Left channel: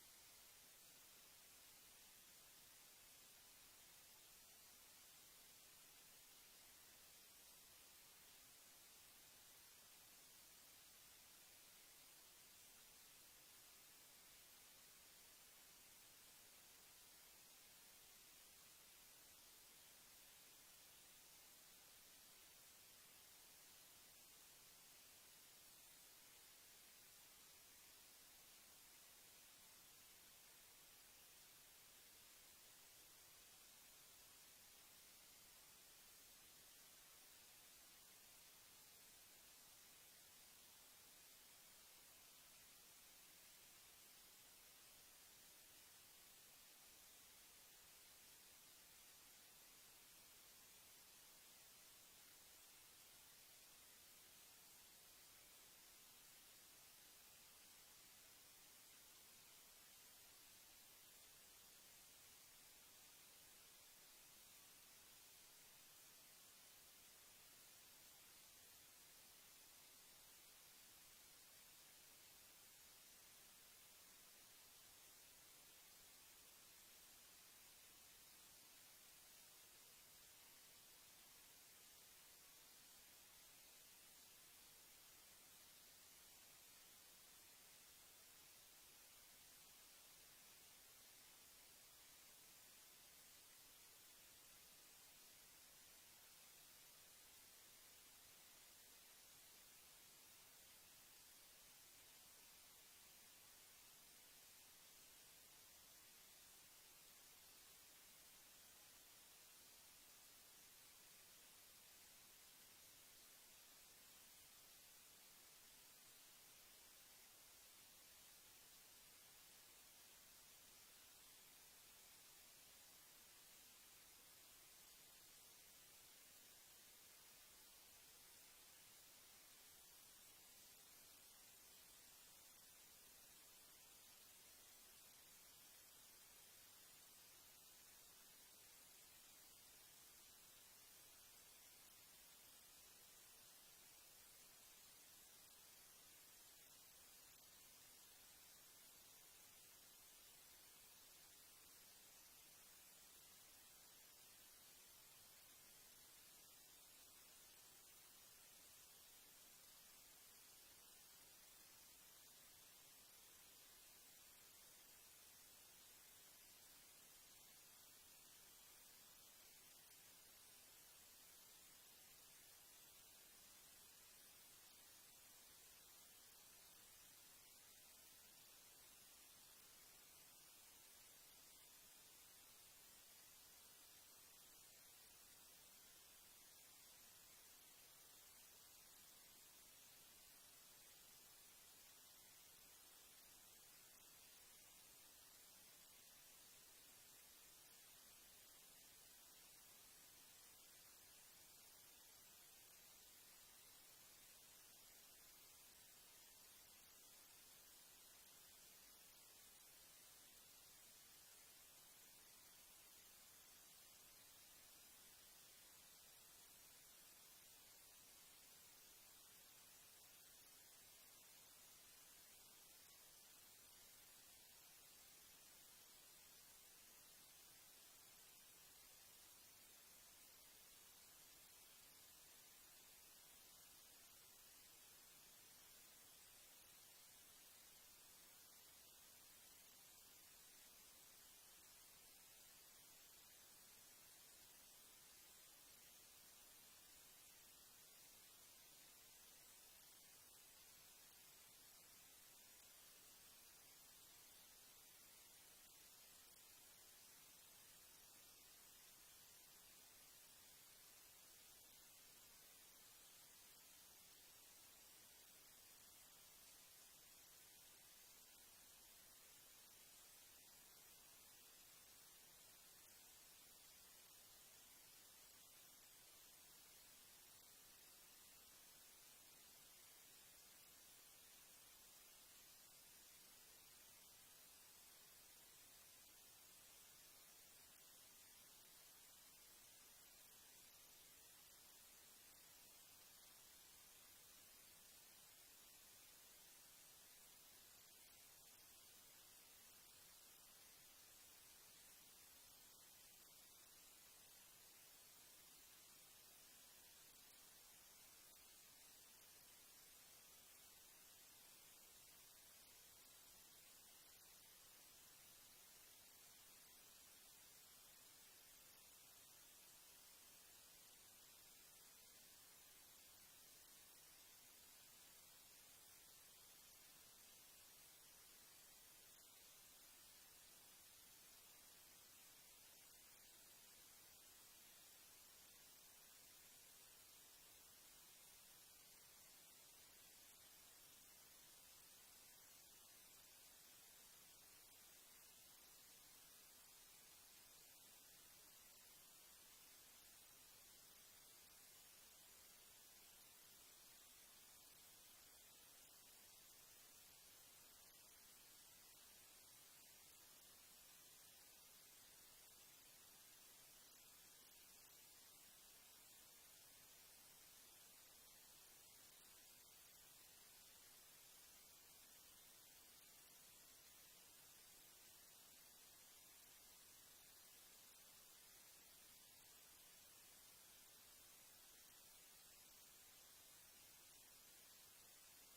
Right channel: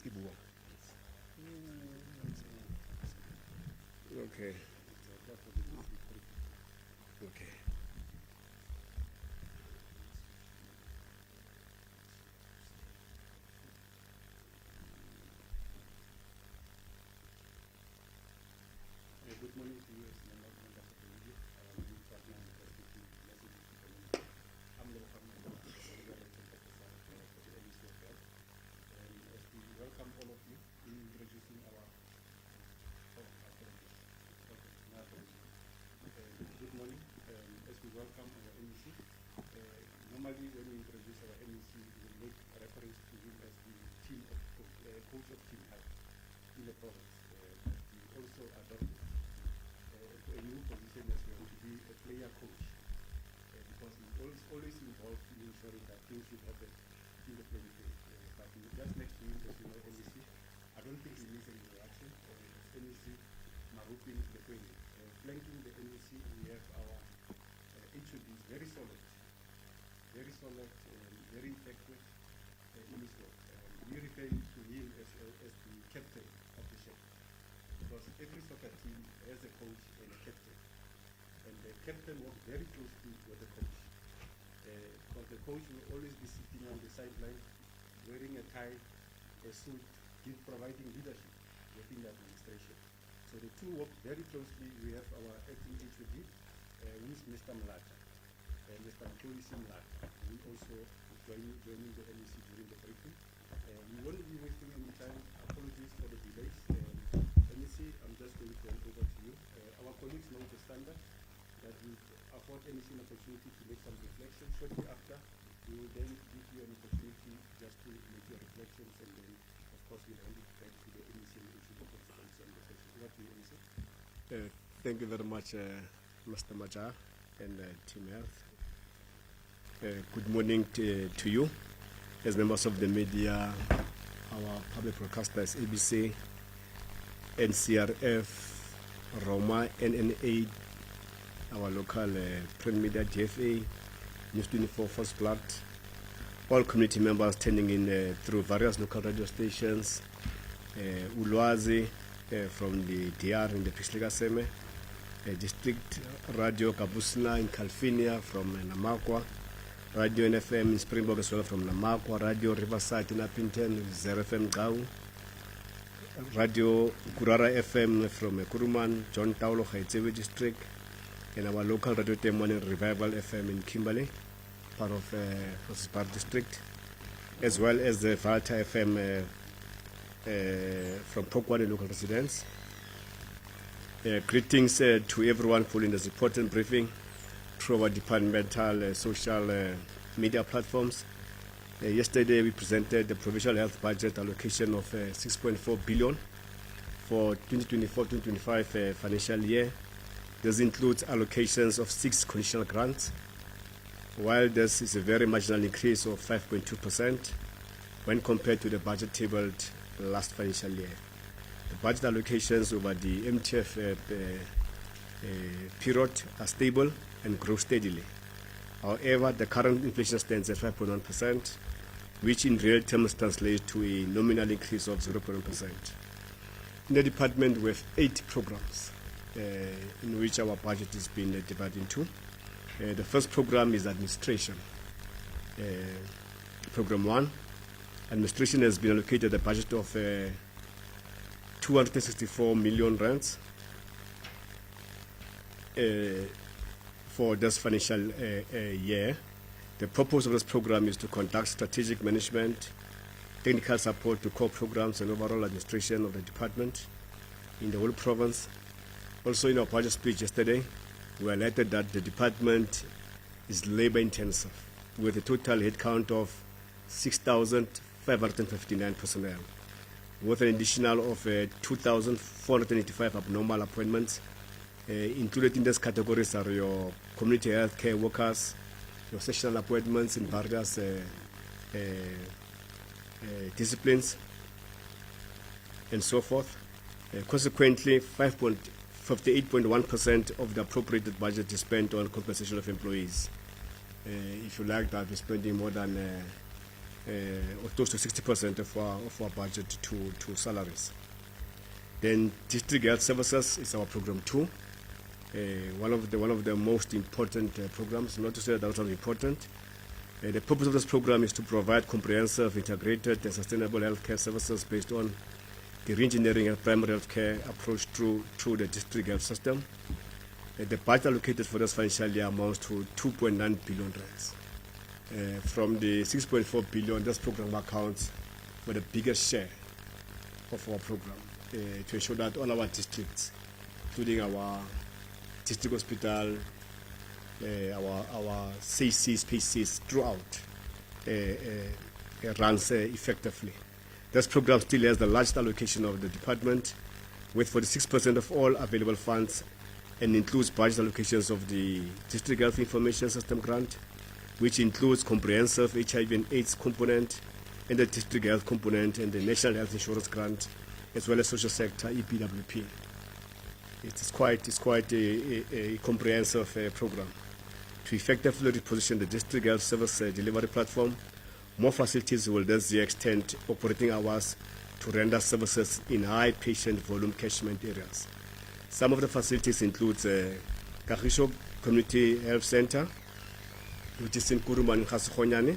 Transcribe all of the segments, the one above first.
Okay. Okay. Good morning to you as members of the committee. I'm as we welcome all of you in introducing our good morning. As we welcome our MEC, normally when we introduce our MEC, we make reference to him as the team of coach of team health in the province. We also adopted a new position as well to be a player coach because he's always involved in ensuring that things should happen in the playing field. But just next to him, as you know, MEC, I don't think he needs an introduction. MEC Maruping Lekwene. Flanking the MEC, we have our Exum, very solid, very effective in his work. We refer to him as the captain of the ship because every soccer team has a coach and a captain. And the captain works very closely with the coach. Because the coach will always be sitting on the sideline, wearing a tie, a suit, providing leadership within the administration. So the two work very closely. We have our acting HOD, who is Mr. Mlatha, and Mr. Mxolisi Mlatha, who also is joining the MEC during the briefing. We won't be wasting any time. Apologies for the delays. MEC, I'm just going to hand over to you. Our colleagues know the standard that we afford MEC an opportunity to make some reflections. Shortly after, we will then give you an opportunity just to make your reflections, and then, of course, we'll hand it back to the MEC and issue the consequences on the session. Over to you, MEC. Thank you very much, Mr. Maja and Team Health. Good morning to you, as members of the media, our public broadcasters, ABC, NCRF, Roma, NNA, our local print media, DFA, News 24, First Blood, all community members turning in through various local radio stations, Ulwazi from the DR in the Pixliga Seme, District Radio Kabusna in California from Namakwa, Radio NFM in Springbok as well from Namakwa, Radio Riverside in Appington, Zero FM Gau, Radio Kurara FM from Kuruman, John Taulo, Haitsewe District, and our local Radio Temone Revival FM in Kimberley, part of Park District, as well as the Valta FM from Pokwane local residents. Greetings to everyone following this important briefing through our departmental social media platforms. Yesterday we presented the provincial health budget allocation of 6.4 billion for 2024-2025 financial year. This includes allocations of 6 conditional grants, while this is a very marginal increase of 5.2% when compared to the budget tabled last financial year. The budget allocations over the MTF period are stable and grow steadily. However, the current inflation stands at 5.1%, which in real terms translates to a nominal increase of 0.1%. In the department, we have 8 programs in which our budget is being divided into. The first program is administration. Program 1, administration has been allocated a budget of 264 million rands for this financial year. The purpose of this program is to conduct strategic management, technical support to core programs, and overall administration of the department in the whole province. Also, in our budget speech yesterday, we highlighted that the department is labor intensive, with a total headcount of 6,559 personnel, with an additional of 2,485 abnormal appointments. Included in these categories are your community health care workers, your sessional appointments in various disciplines, and so forth. Consequently, 58.1% of the appropriated budget is spent on compensation of employees. If you like that, we're spending more than or close to 60% of our budget to salaries. Then district health services is our program 2. One of the most important programs, not to say that are important. The purpose of this program is to provide comprehensive, integrated, and sustainable healthcare services based on the re-engineering of primary healthcare approach through the district health system. The budget allocated for this financial year amounts to 2.9 billion rands. From the 6.4 billion, this program accounts for the biggest share of our program to ensure that all our districts, including our district hospital, our CCs, PCs throughout, runs effectively. This program still has the largest allocation of the department, with 46% of all available funds, and includes budget allocations of the District Health Information System grant, which includes comprehensive HIV and AIDS component, and the district health component, and the National Health Insurance grant, as well as social sector EPWP. It's quite a comprehensive program. To effectively reposition the district health service delivery platform, more facilities will thus extend operating hours to render services in high patient volume catchment areas. Some of the facilities include Kagisho Community Health Center, which is in Kuruma and Khasikhonyane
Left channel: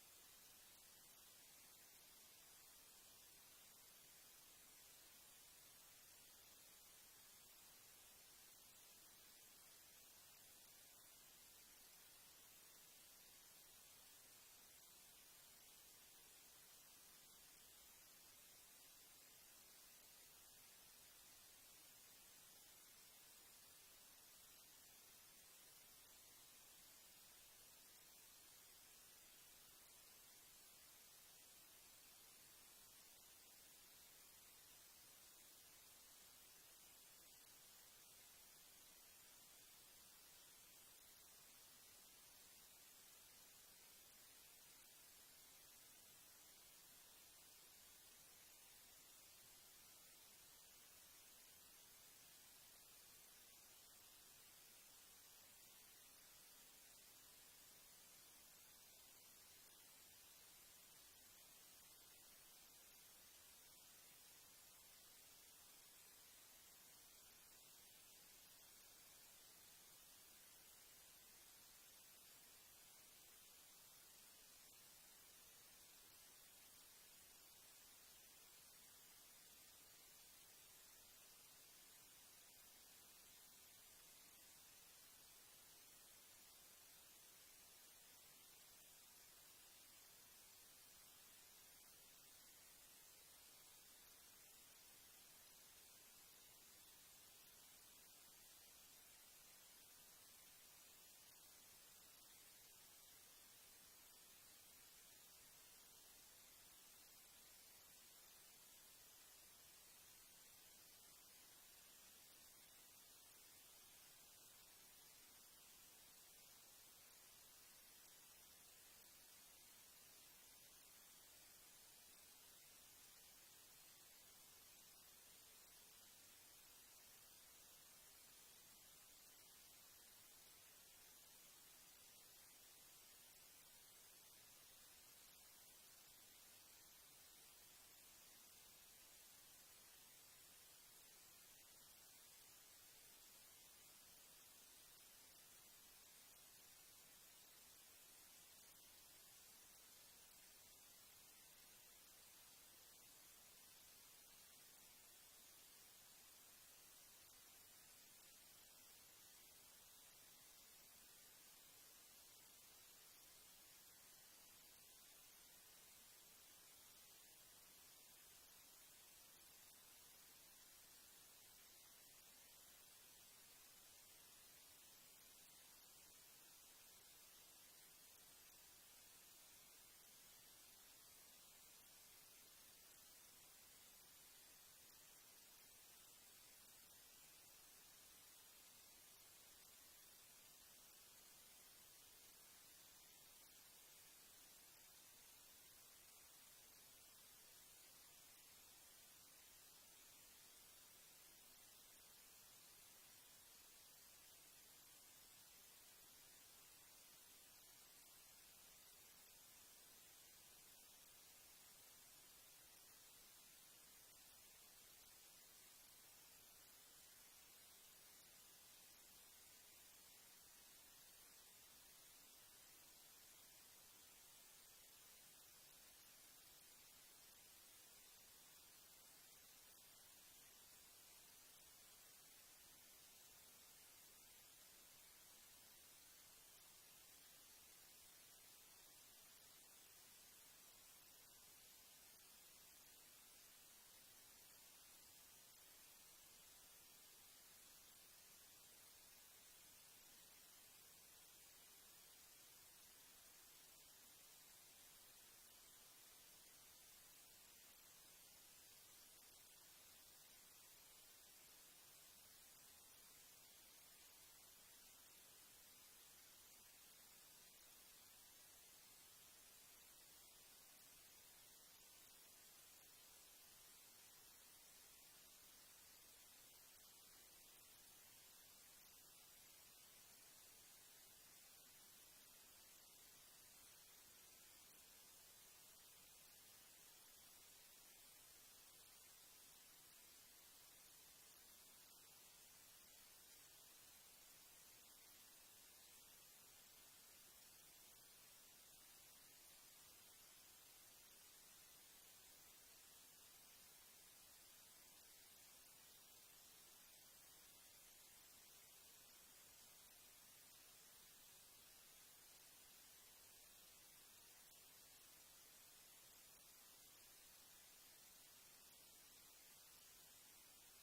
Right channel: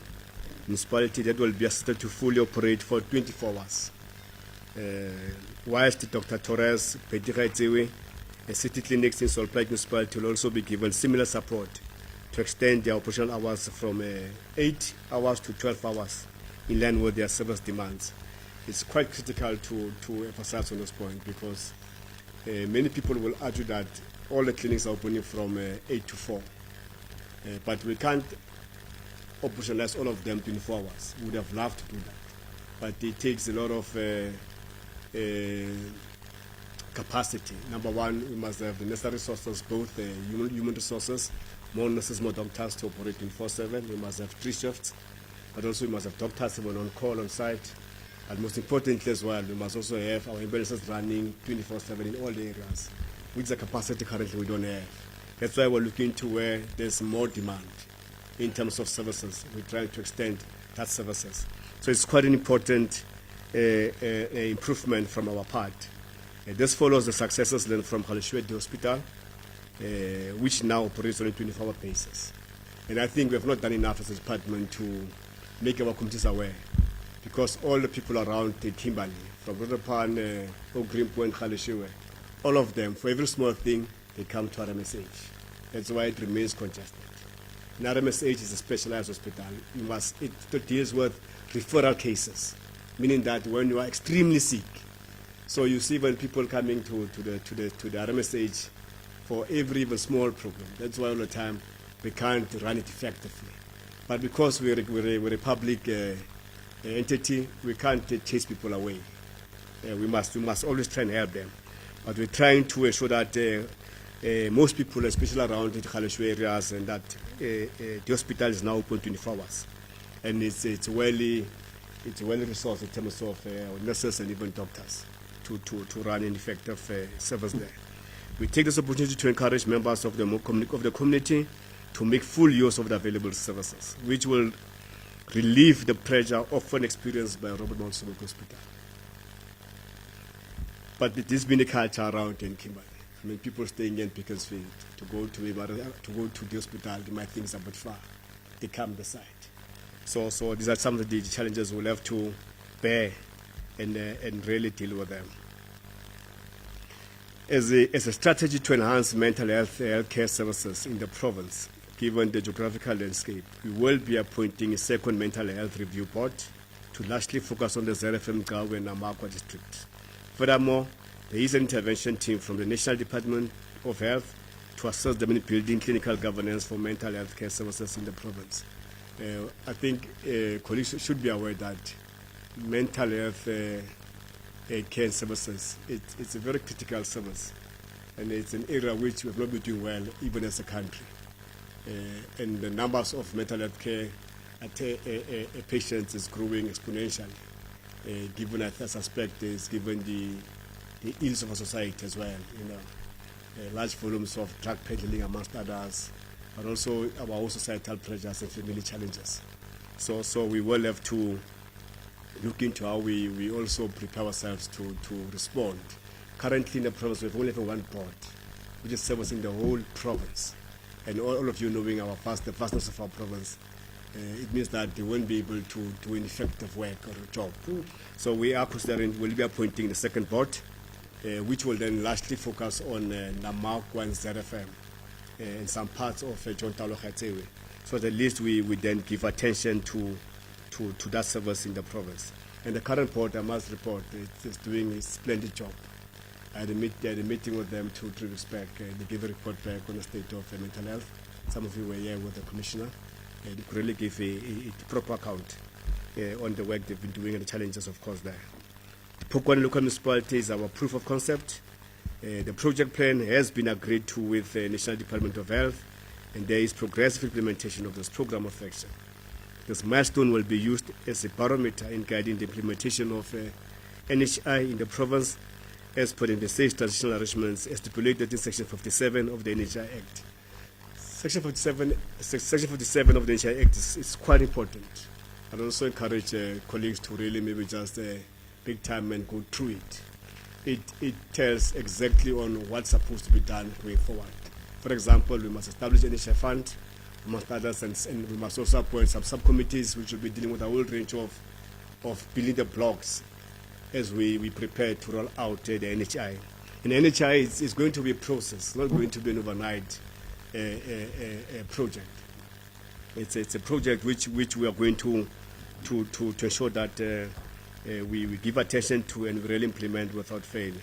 municipality, that will be assisted to fully operate for 24 hours. Whilst Dr. Torres, Pedira Etsewe, and city clinics in Solplaik municipality will also be given similar support to extend their operational hours from 8 hours to 12 hours in line with their service demands. It's quite critical to emphasize on this point, because many people will argue that all the clinics are opening from 8 to 4. But we can't operationalize all of them 24 hours. We would have loved to do that. But it takes a lot of capacity. Number one, we must have the necessary resources, both human resources, more nurses, more doctors to operate 24/7. We must have 3 shifts, but also we must have doctors even on call on site. And most importantly as well, we must also have our ambulances running 24/7 in all the areas, which is a capacity currently we don't have. That's why we're looking to where there's more demand in terms of services. We're trying to extend that services. So it's quite an important improvement from our part. This follows the successes learned from Galeshwe Hospital, which now operates on a 24-hour basis. And I think we have not done enough as a department to make our communities aware, because all the people around Kimberley, from Rotopan, Ogrimpo and Galeshwe, all of them, for every small thing, they come to RMSH. That's why it remains congested. And RMSH is a specialized hospital. It deals with referral cases, meaning that when you are extremely sick, so you see when people coming to the RMSH for every even small problem. That's why all the time we can't run it effectively. But because we're a public entity, we can't chase people away. We must always try and help them. But we're trying to ensure that most people, especially around the Galeshwe areas, and that the hospital is now open 24 hours. And it's well resourced in terms of nurses and even doctors to run an effective service there. We take this opportunity to encourage members of the community to make full use of the available services, which will relieve the pressure often experienced by Robert Mxolisi Hospital. But it has been a culture around in Kimberley. I mean, people staying in Pickersfield to go to the hospital, they might think it's a bit far. They come the site. So these are some of the challenges we'll have to bear and really deal with them. As a strategy to enhance mental health care services in the province, given the geographical landscape, we will be appointing a second mental health review board to largely focus on the ZFM Gawe and Namakwa district. Furthermore, there is an intervention team from the National Department of Health to assist them in building clinical governance for mental health care services in the province. I think colleagues should be aware that mental health care services, it's a very critical service, and it's an area which we have not been doing well even as a country. And the numbers of mental health care patients is growing exponentially, given, I suspect, given the ills of our society as well, large volumes of drug peddling amongst others, but also our own societal pressures and family challenges. So we will have to look into how we also prepare ourselves to respond. Currently in the province, we have only one board, which is servicing the whole province. And all of you knowing the vastness of our province, it means that they won't be able to do an effective work or a job. So we are considering, we'll be appointing the second board, which will then largely focus on Namak 1 ZFM and some parts of John Talo Khatsewe. So at least we then give attention to that service in the province. And the current board, I must report, is doing a splendid job. I had a meeting with them 2-3 weeks back. They gave a report back on the state of mental health. Some of you were here with the commissioner. They could really give a proper account on the work they've been doing and the challenges, of course, there. The Polokwane local municipality is our proof of concept. The project plan has been agreed to with the National Department of Health, and there is progressive implementation of this program of action. This milestone will be used as a barometer in guiding the implementation of NHI in the province as per the state transitional arrangements as stipulated in Section 57 of the NHI Act. Section 57 of the NHI Act is quite important. I'd also encourage colleagues to really maybe just big time and go through it. It tells exactly on what's supposed to be done going forward. For example, we must establish an NHI fund, amongst others, and we must also appoint some subcommittees which will be dealing with a whole range of building the blocks as we prepare to roll out the NHI. And the NHI is going to be a process, not going to be an overnight project. It's a project which we are going to ensure that we give attention to and we really implement without fail.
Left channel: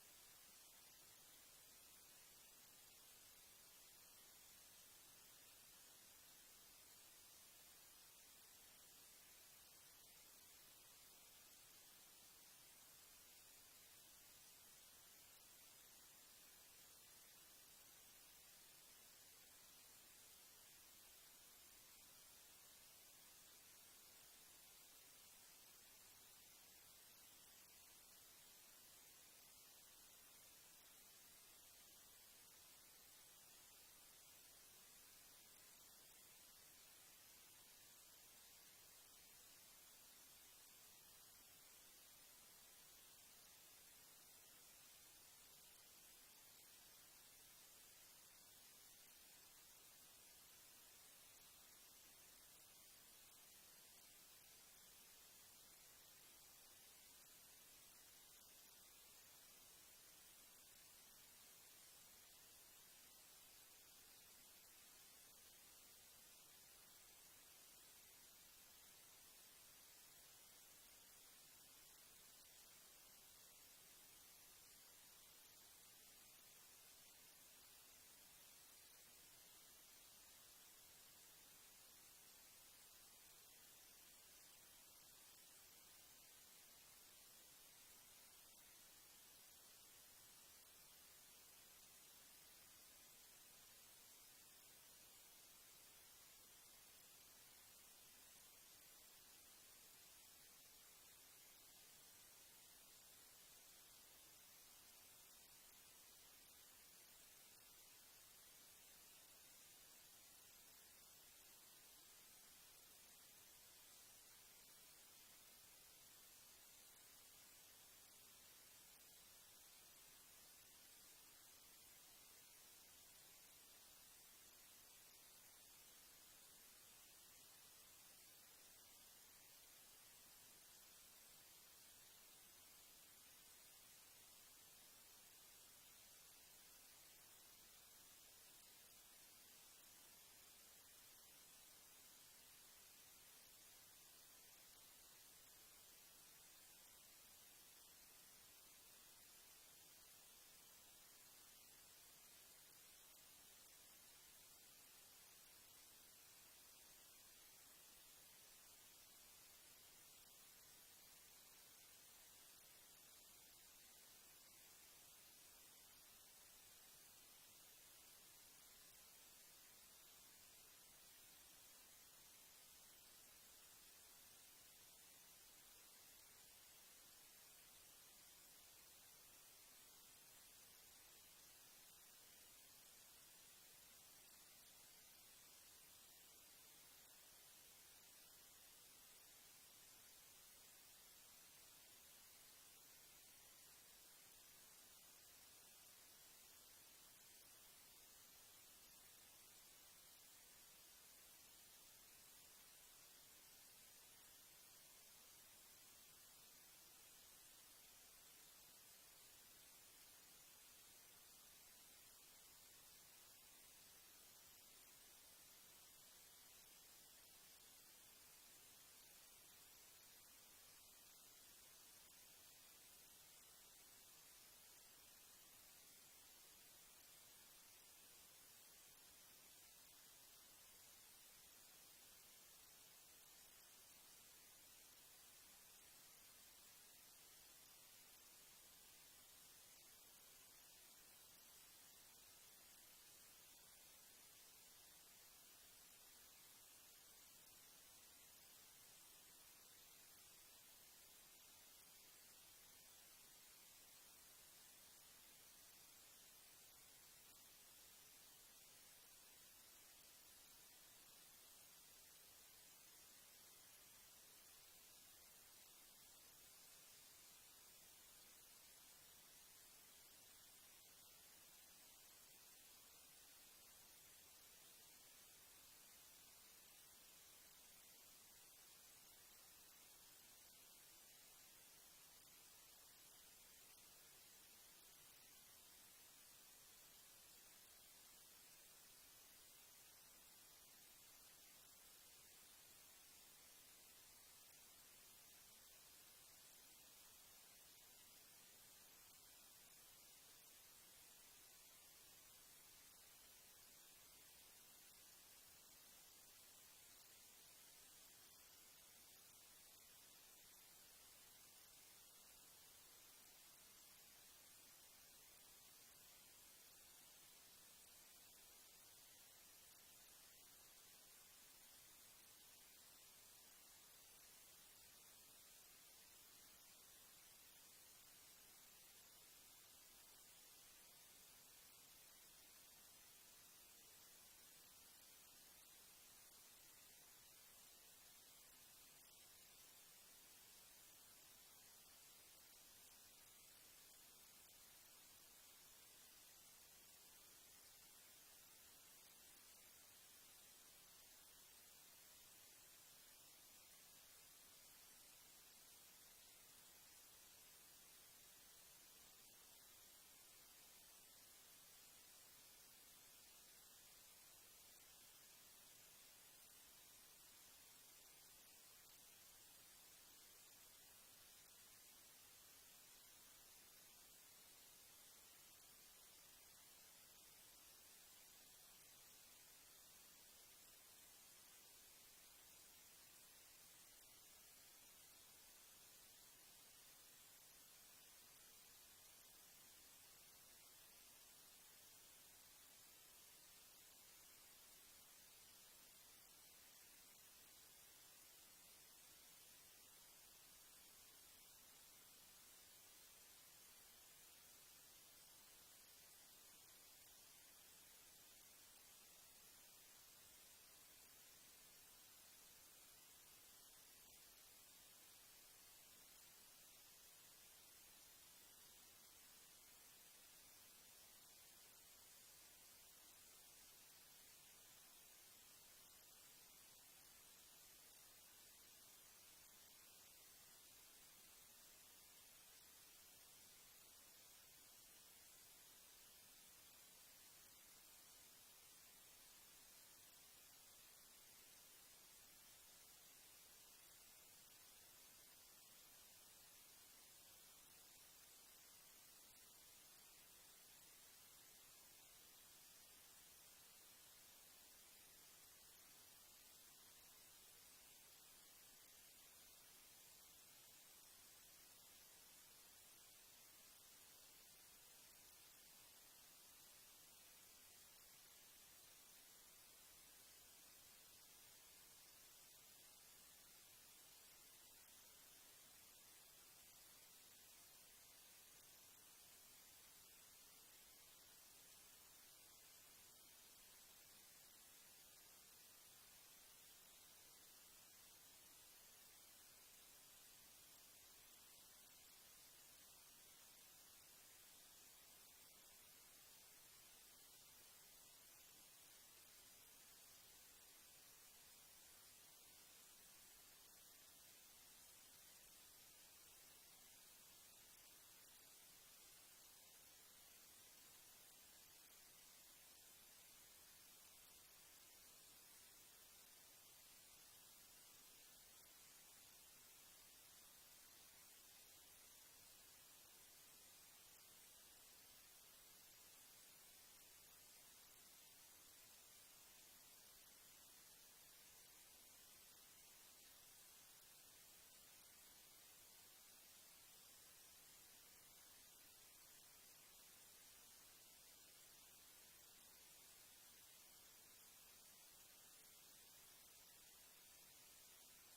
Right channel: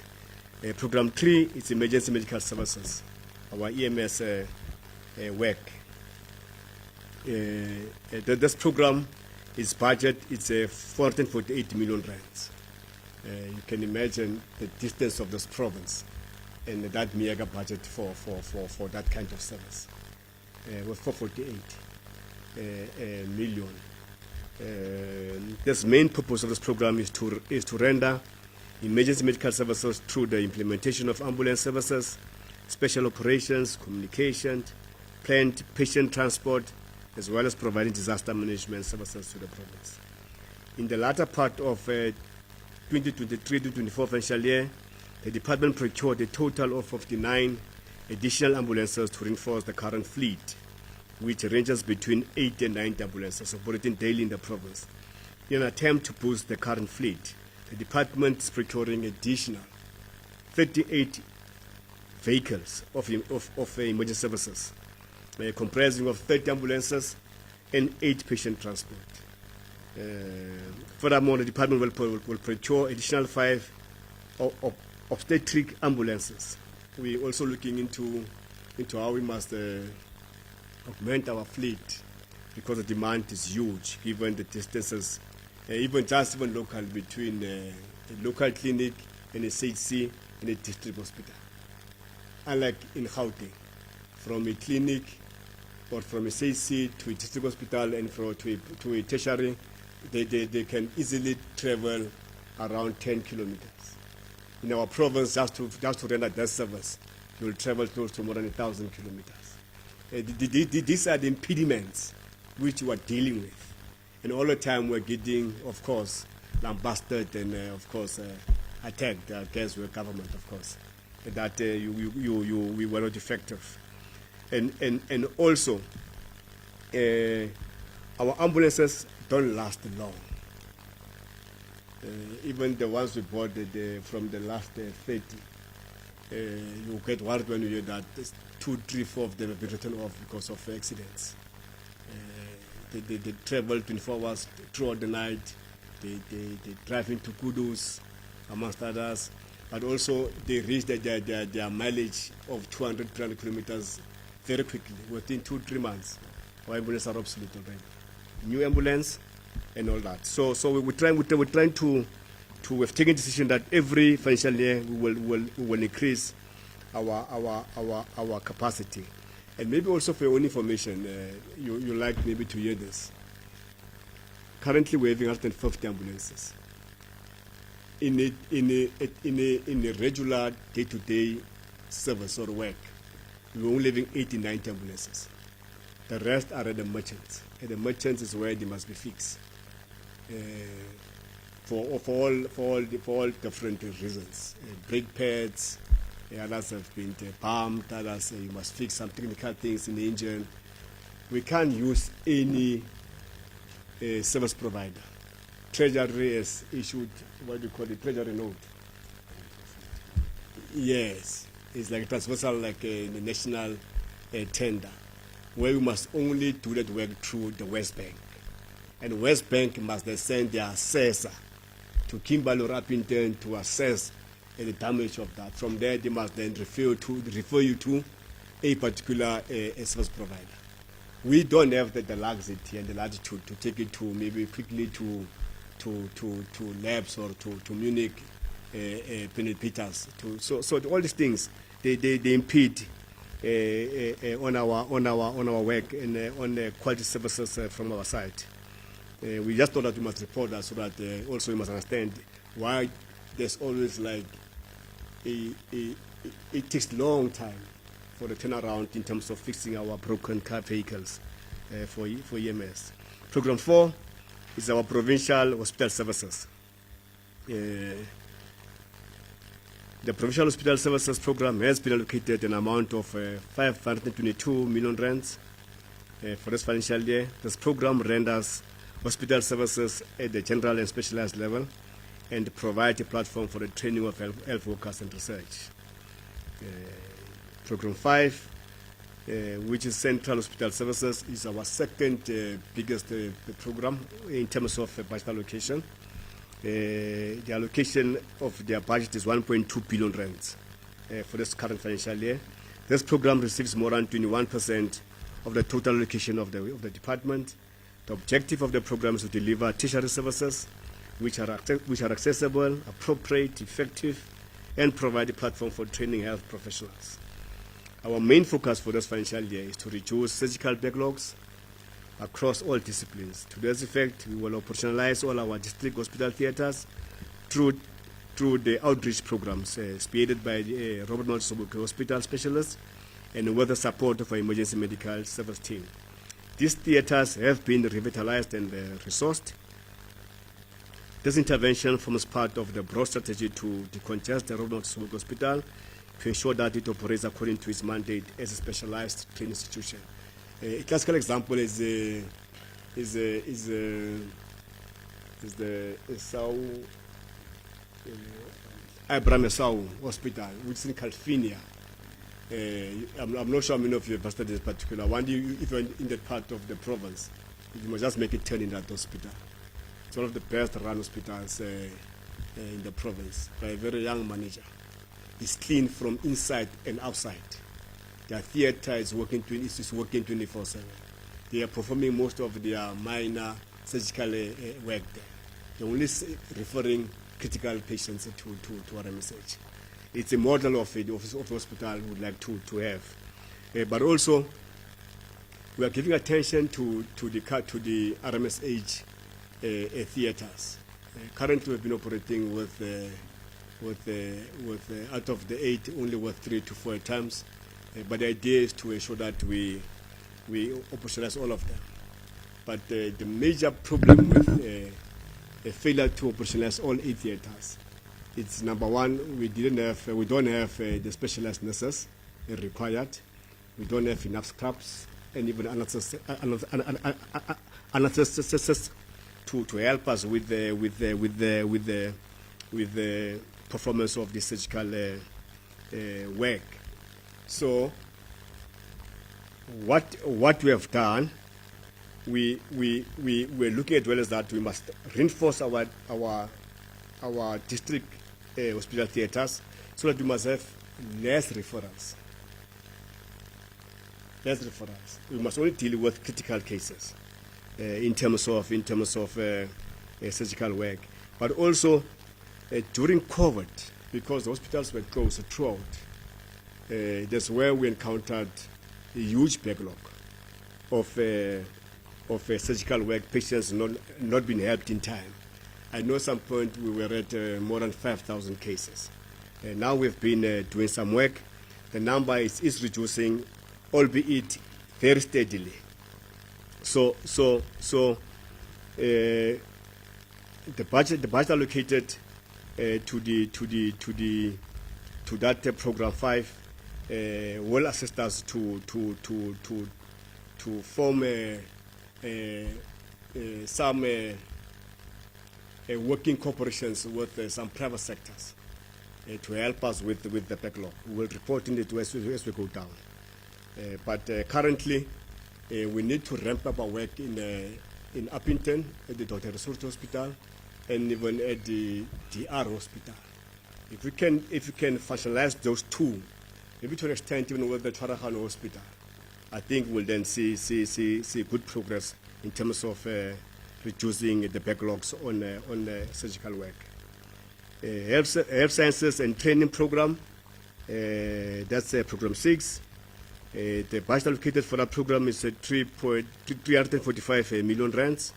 Program 3 is emergency medical services, our EMS work. This program is budget, it's 448 million rands. You can imagine the distance of this province and that mega budget for that kind of service. With 448 million. This main purpose of this program is to render emergency medical services through the implementation of ambulance services, special operations, communication, planned patient transport, as well as providing disaster management services to the province. In the latter part of 2023-24 financial year, the department procured a total of 59 additional ambulances to reinforce the current fleet, which ranges between 8 and 9 ambulances operating daily in the province. In an attempt to boost the current fleet, the department is procuring additional 38 vehicles of emergency services, comprising of 30 ambulances and 8 patient transport. Furthermore, the department will procure additional 5 obstetric ambulances. We're also looking into how we must augment our fleet because the demand is huge given the distances, even local between a local clinic and a CHC and a district hospital. Unlike in Gauteng, from a clinic or from a CHC to a district hospital and to a tertiary, they can easily travel around 10 kilometers. In our province, just to render that service, you will travel close to more than 1,000 kilometers. These are the impediments which we are dealing with. And all the time we're getting, of course, lambasted and, of course, attacked against the government, of course, that we were not effective. And also, our ambulances don't last long. Even the ones we bought from the last 30, you get worried when you hear that 2, 3, 4 of them have been written off because of accidents. They travel 24 hours throughout the night. They drive into Kudus, amongst others. But also they reach their mileage of 200, 300 kilometers very quickly, within 2-3 months. Our ambulances are obsolete already. New ambulance and all that. So we're trying to have taken a decision that every financial year we will increase our capacity. And maybe also for your own information, you like maybe to hear this. Currently we're having 150 ambulances. In a regular day-to-day service or work, we're only having 89 ambulances. The rest are at the merchants. And the merchants is where they must be fixed. for all different reasons. Brake pads, others have been bumped, others you must fix some technical things in the engine. We can't use any service provider. Treasury has issued what do you call it, treasury note. Yes, it's like transversal, like a national tender, where we must only do that work through the West Bank. And West Bank must then send their assessor to Kimberley or Maruping to assess the damage of that. From there, they must then refer you to a particular service provider. We don't have the laxity and the latitude to take it to maybe quickly to labs or to Munich, Peters. So all these things they impede on our work and on the quality services from our side. We just thought that we must report that so that also we must understand why there's always like it takes long time for the turnaround in terms of fixing our broken car vehicles for EMS. Program 4 is our provincial hospital services. The Provincial Hospital Services Program has been allocated an amount of 522 million rands for this financial year. This program renders hospital services at the general and specialized level and provide a platform for the training of health workers and research. Program 5, which is Central Hospital Services, is our second biggest program in terms of budget allocation. The allocation of their budget is 1.2 billion rands for this current financial year. This program receives more than 21% of the total allocation of the department. The objective of the program is to deliver tertiary services which are accessible, appropriate, effective, and provide a platform for training health professionals. Our main focus for this financial year is to reduce surgical backlogs across all disciplines. To this effect, we will operationalize all our district hospital theatres through the outreach programs spearheaded by the Robert Mxolisi Hospital specialists and with the support of our emergency medical service team. These theatres have been revitalized and resourced. This intervention forms part of the broad strategy to decongest the Robert Mxolisi Hospital to ensure that it operates according to its mandate as a specialized training institution. A classical example is the Abraham Esau Hospital, which is in California. I'm not sure how many of you have visited this particular one. If you're in that part of the province, you must just make a turn in that hospital. It's one of the best run hospitals in the province by a very young manager. It's clean from inside and outside. Their theatre is working 24/7. They are performing most of their minor surgical work there. They're only referring critical patients to RMSH. It's a model of hospital we would like to have. But also, we are giving attention to the RMSH theatres. Currently, we've been operating with out of the 8, only with 3 to 4 times. But the idea is to ensure that we operationalize all of them. But the major problem with a failure to operationalize all 8 theatres, it's number one, we don't have the specialized nurses required. We don't have enough scraps and even anesthetists to help us with the performance of the surgical work. So what we have done, we're looking at well as that we must reinforce our district hospital theatres so that we must have less referrals. We must only deal with critical cases in terms of surgical work. But also during COVID, because the hospitals were closed throughout, that's where we encountered a huge backlog of surgical work, patients not being helped in time. I know at some point we were at more than 5,000 cases. Now we've been doing some work. The number is reducing, albeit very steadily. So the budget allocated to that program 5 will assist us to form some working corporations with some private sectors to help us with the backlog. We will report in it as we go down. But currently, we need to ramp up our work in Uppington at the Dr. Research Hospital and even at the DR Hospital. If we can functionalize those two, maybe to an extent even with the Twarahano Hospital, I think we'll then see good progress in terms of reducing the backlogs on surgical work. Health sciences and training program, that's program 6. The budget allocated for that program is 345 million rands.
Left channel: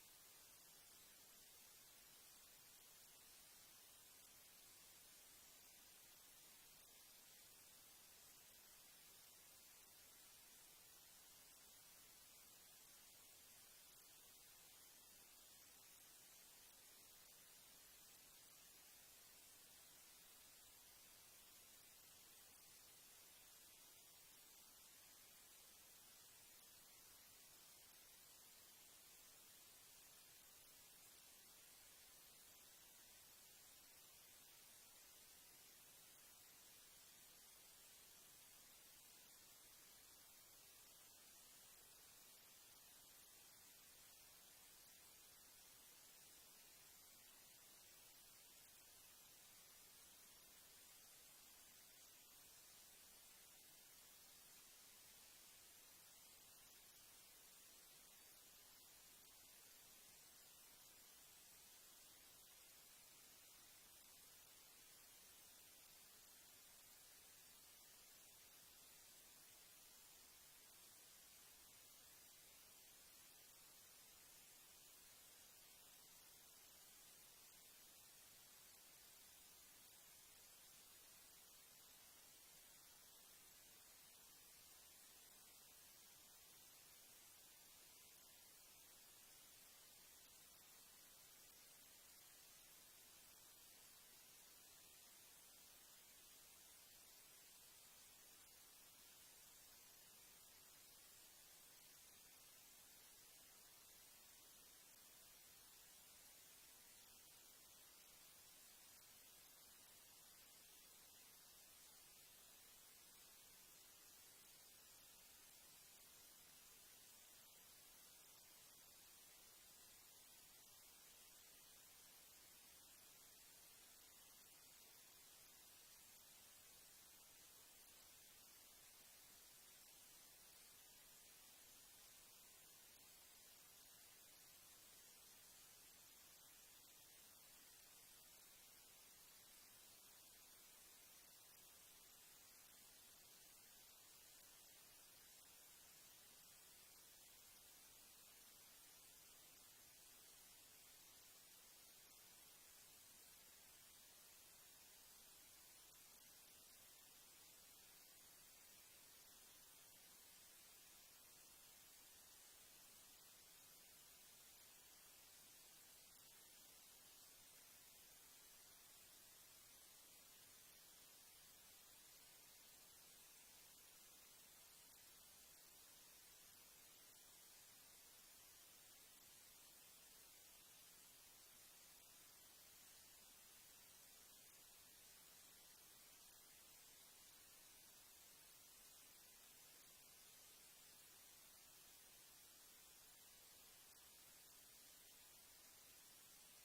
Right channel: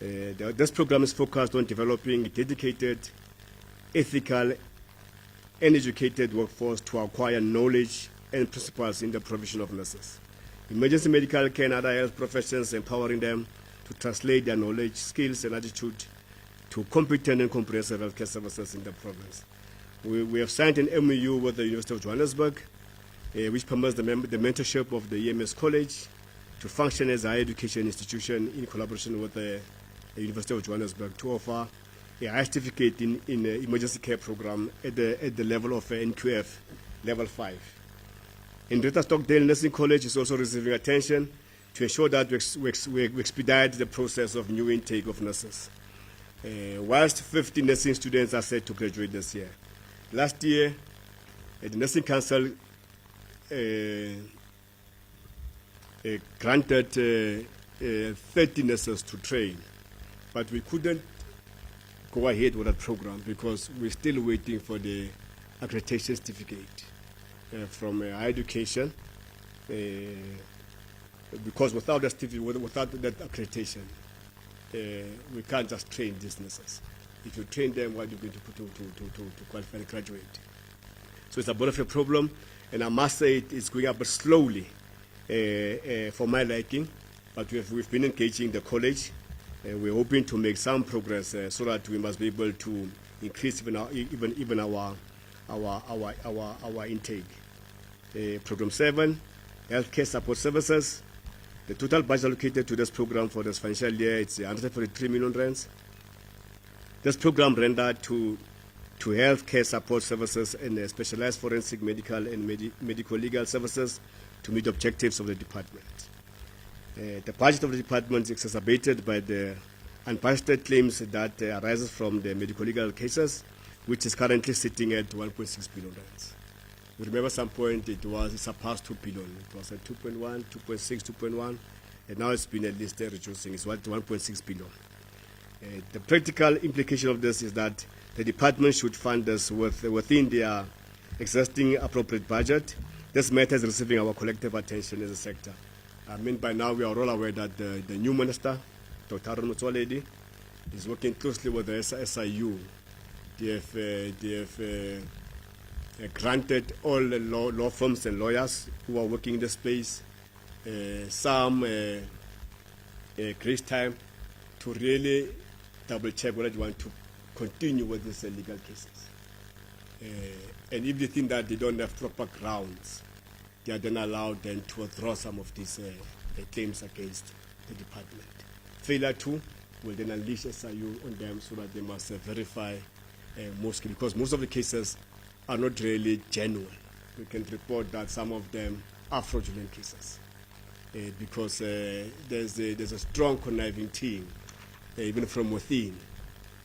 This program is focused on developing a dedicated, ethical, and educated workforce to acquire knowledge and principles in the provision of nurses, emergency medical care and other health professions, empowering them to translate their knowledge, skills, and attitude to competent and comprehensive healthcare services in the province. We have signed an MOU with the University of Johannesburg, which permits the mentorship of the EMS College to function as a higher education institution in collaboration with the University of Johannesburg to offer a high certificate in emergency care program at the level of NQF level 5. In Greater Stockdale Nursing College is also receiving attention to ensure that we expedite the process of new intake of nurses. Whilst 50 nursing students are set to graduate this year. Last year, the Nursing Council granted 30 nurses to train, but we couldn't go ahead with that program because we're still waiting for the accreditation certificate from higher education, because without that certificate, without that accreditation, we can't just train these nurses. If you train them, what are you going to put to qualify to graduate? So it's a bit of a problem, and I must say it's going up slowly for my liking, but we've been engaging the college. We're hoping to make some progress so that we must be able to increase even our intake. Program 7, healthcare support services. The total budget allocated to this program for this financial year is 143 million rands. This program rendered to healthcare support services and specialized forensic medical and medical legal services to meet objectives of the department. The budget of the department is exacerbated by the unbudgeted claims that arises from the medical legal cases, which is currently sitting at 1.6 billion rands. We remember some point it surpassed 2 billion. It was at 2.1, 2.6, 2.1, and now it's been at least reducing. It's 1.6 billion. The practical implication of this is that the department should fund this within their existing appropriate budget. This matter is receiving our collective attention as a sector. I mean, by now we are all aware that the new minister, Dr. Mxolisi, is working closely with the SIU. They have granted all the law firms and lawyers who are working in the space some grace time to really double check whether they want to continue with these legal cases. And if they think that they don't have proper grounds, they are then allowed then to withdraw some of these claims against the department. Failure to will then unleash SIU on them so that they must verify because most of the cases are not really genuine. We can report that some of them are fraudulent cases because there's a strong conniving team, even from within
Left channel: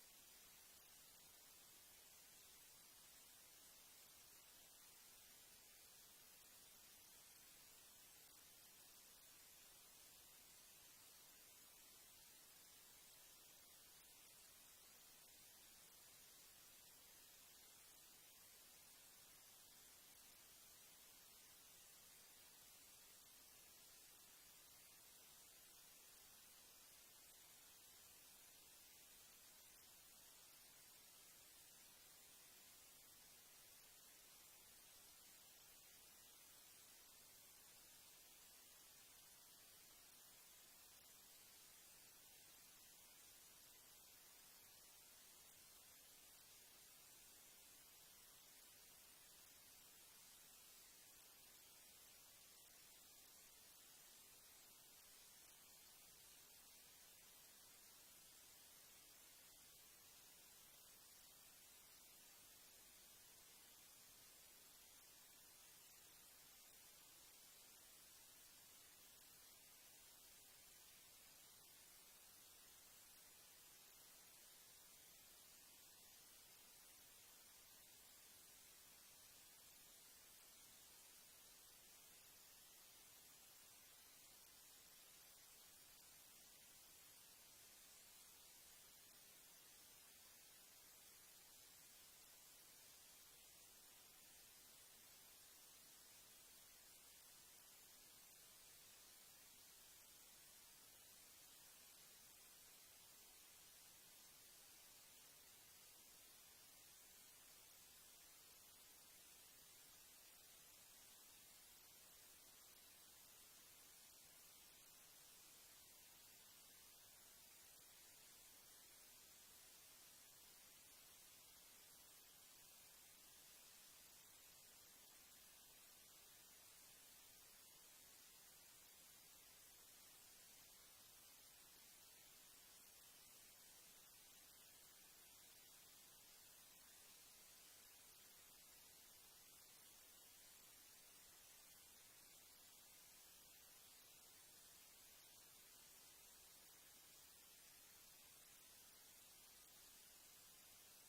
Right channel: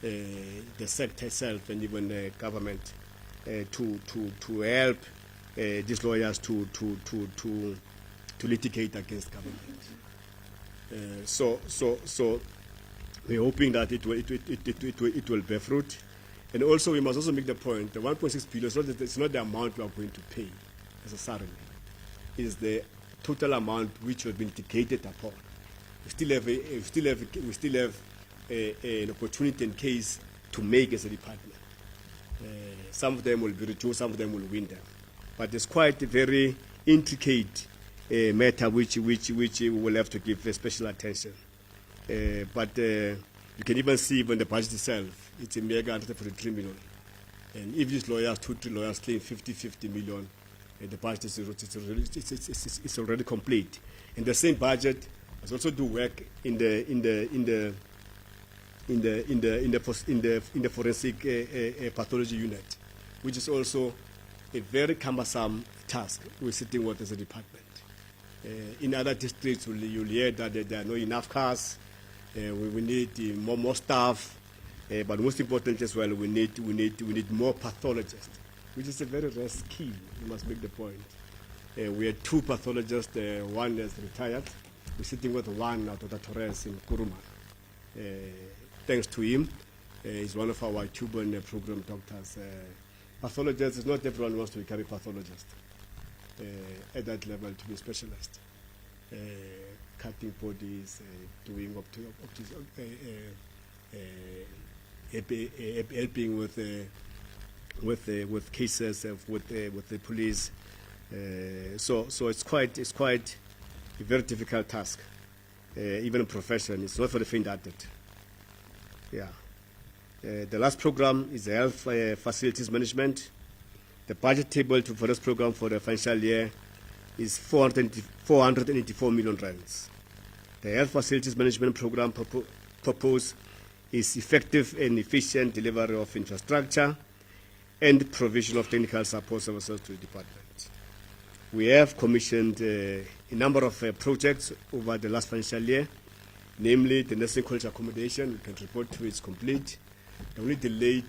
the sector itself and even the government, to help these lawyers to litigate against government. So we're hoping that it will bear fruit. And also, we must also make the point, the 1.6 billion, it's not the amount we are going to pay necessarily. It's the total amount which has been indicated upon. We still have an opportunity and case to make as a department. Some of them will be reduced, some of them will win them. But it's quite a very intricate matter which we will have to give special attention. But You can even see even the budget itself, it's a mega 143 million. And if these lawyers, 2-3 lawyers claim 50 million, the budget is it's already complete. And the same budget has also do work in the forensic pathology unit, which is also a very cumbersome task we're sitting with as a department. In other districts, you'll hear that there are not enough cars. We need more staff, but most important as well, we need more pathologists, which is a very rare skill. You must make the point. We had 2 pathologists. One is retired. We're sitting with one out of the Torres in Kuruma. Thanks to him, he's one of our Cuban program doctors. Pathologists, not everyone wants to become a pathologist at that level, to be a specialist. Cutting bodies, doing helping with cases with the police. So it's quite a very difficult task. Even in profession, it's not for the faint-hearted. Yeah. The last program is the health facilities management. The budget table for this program for the financial year is 484 million rands. The health facilities management program proposed is effective and efficient delivery of infrastructure and provision of technical support services to the department. We have commissioned a number of projects over the last financial year, namely the nursing college accommodation. We can report to it's complete. The only delay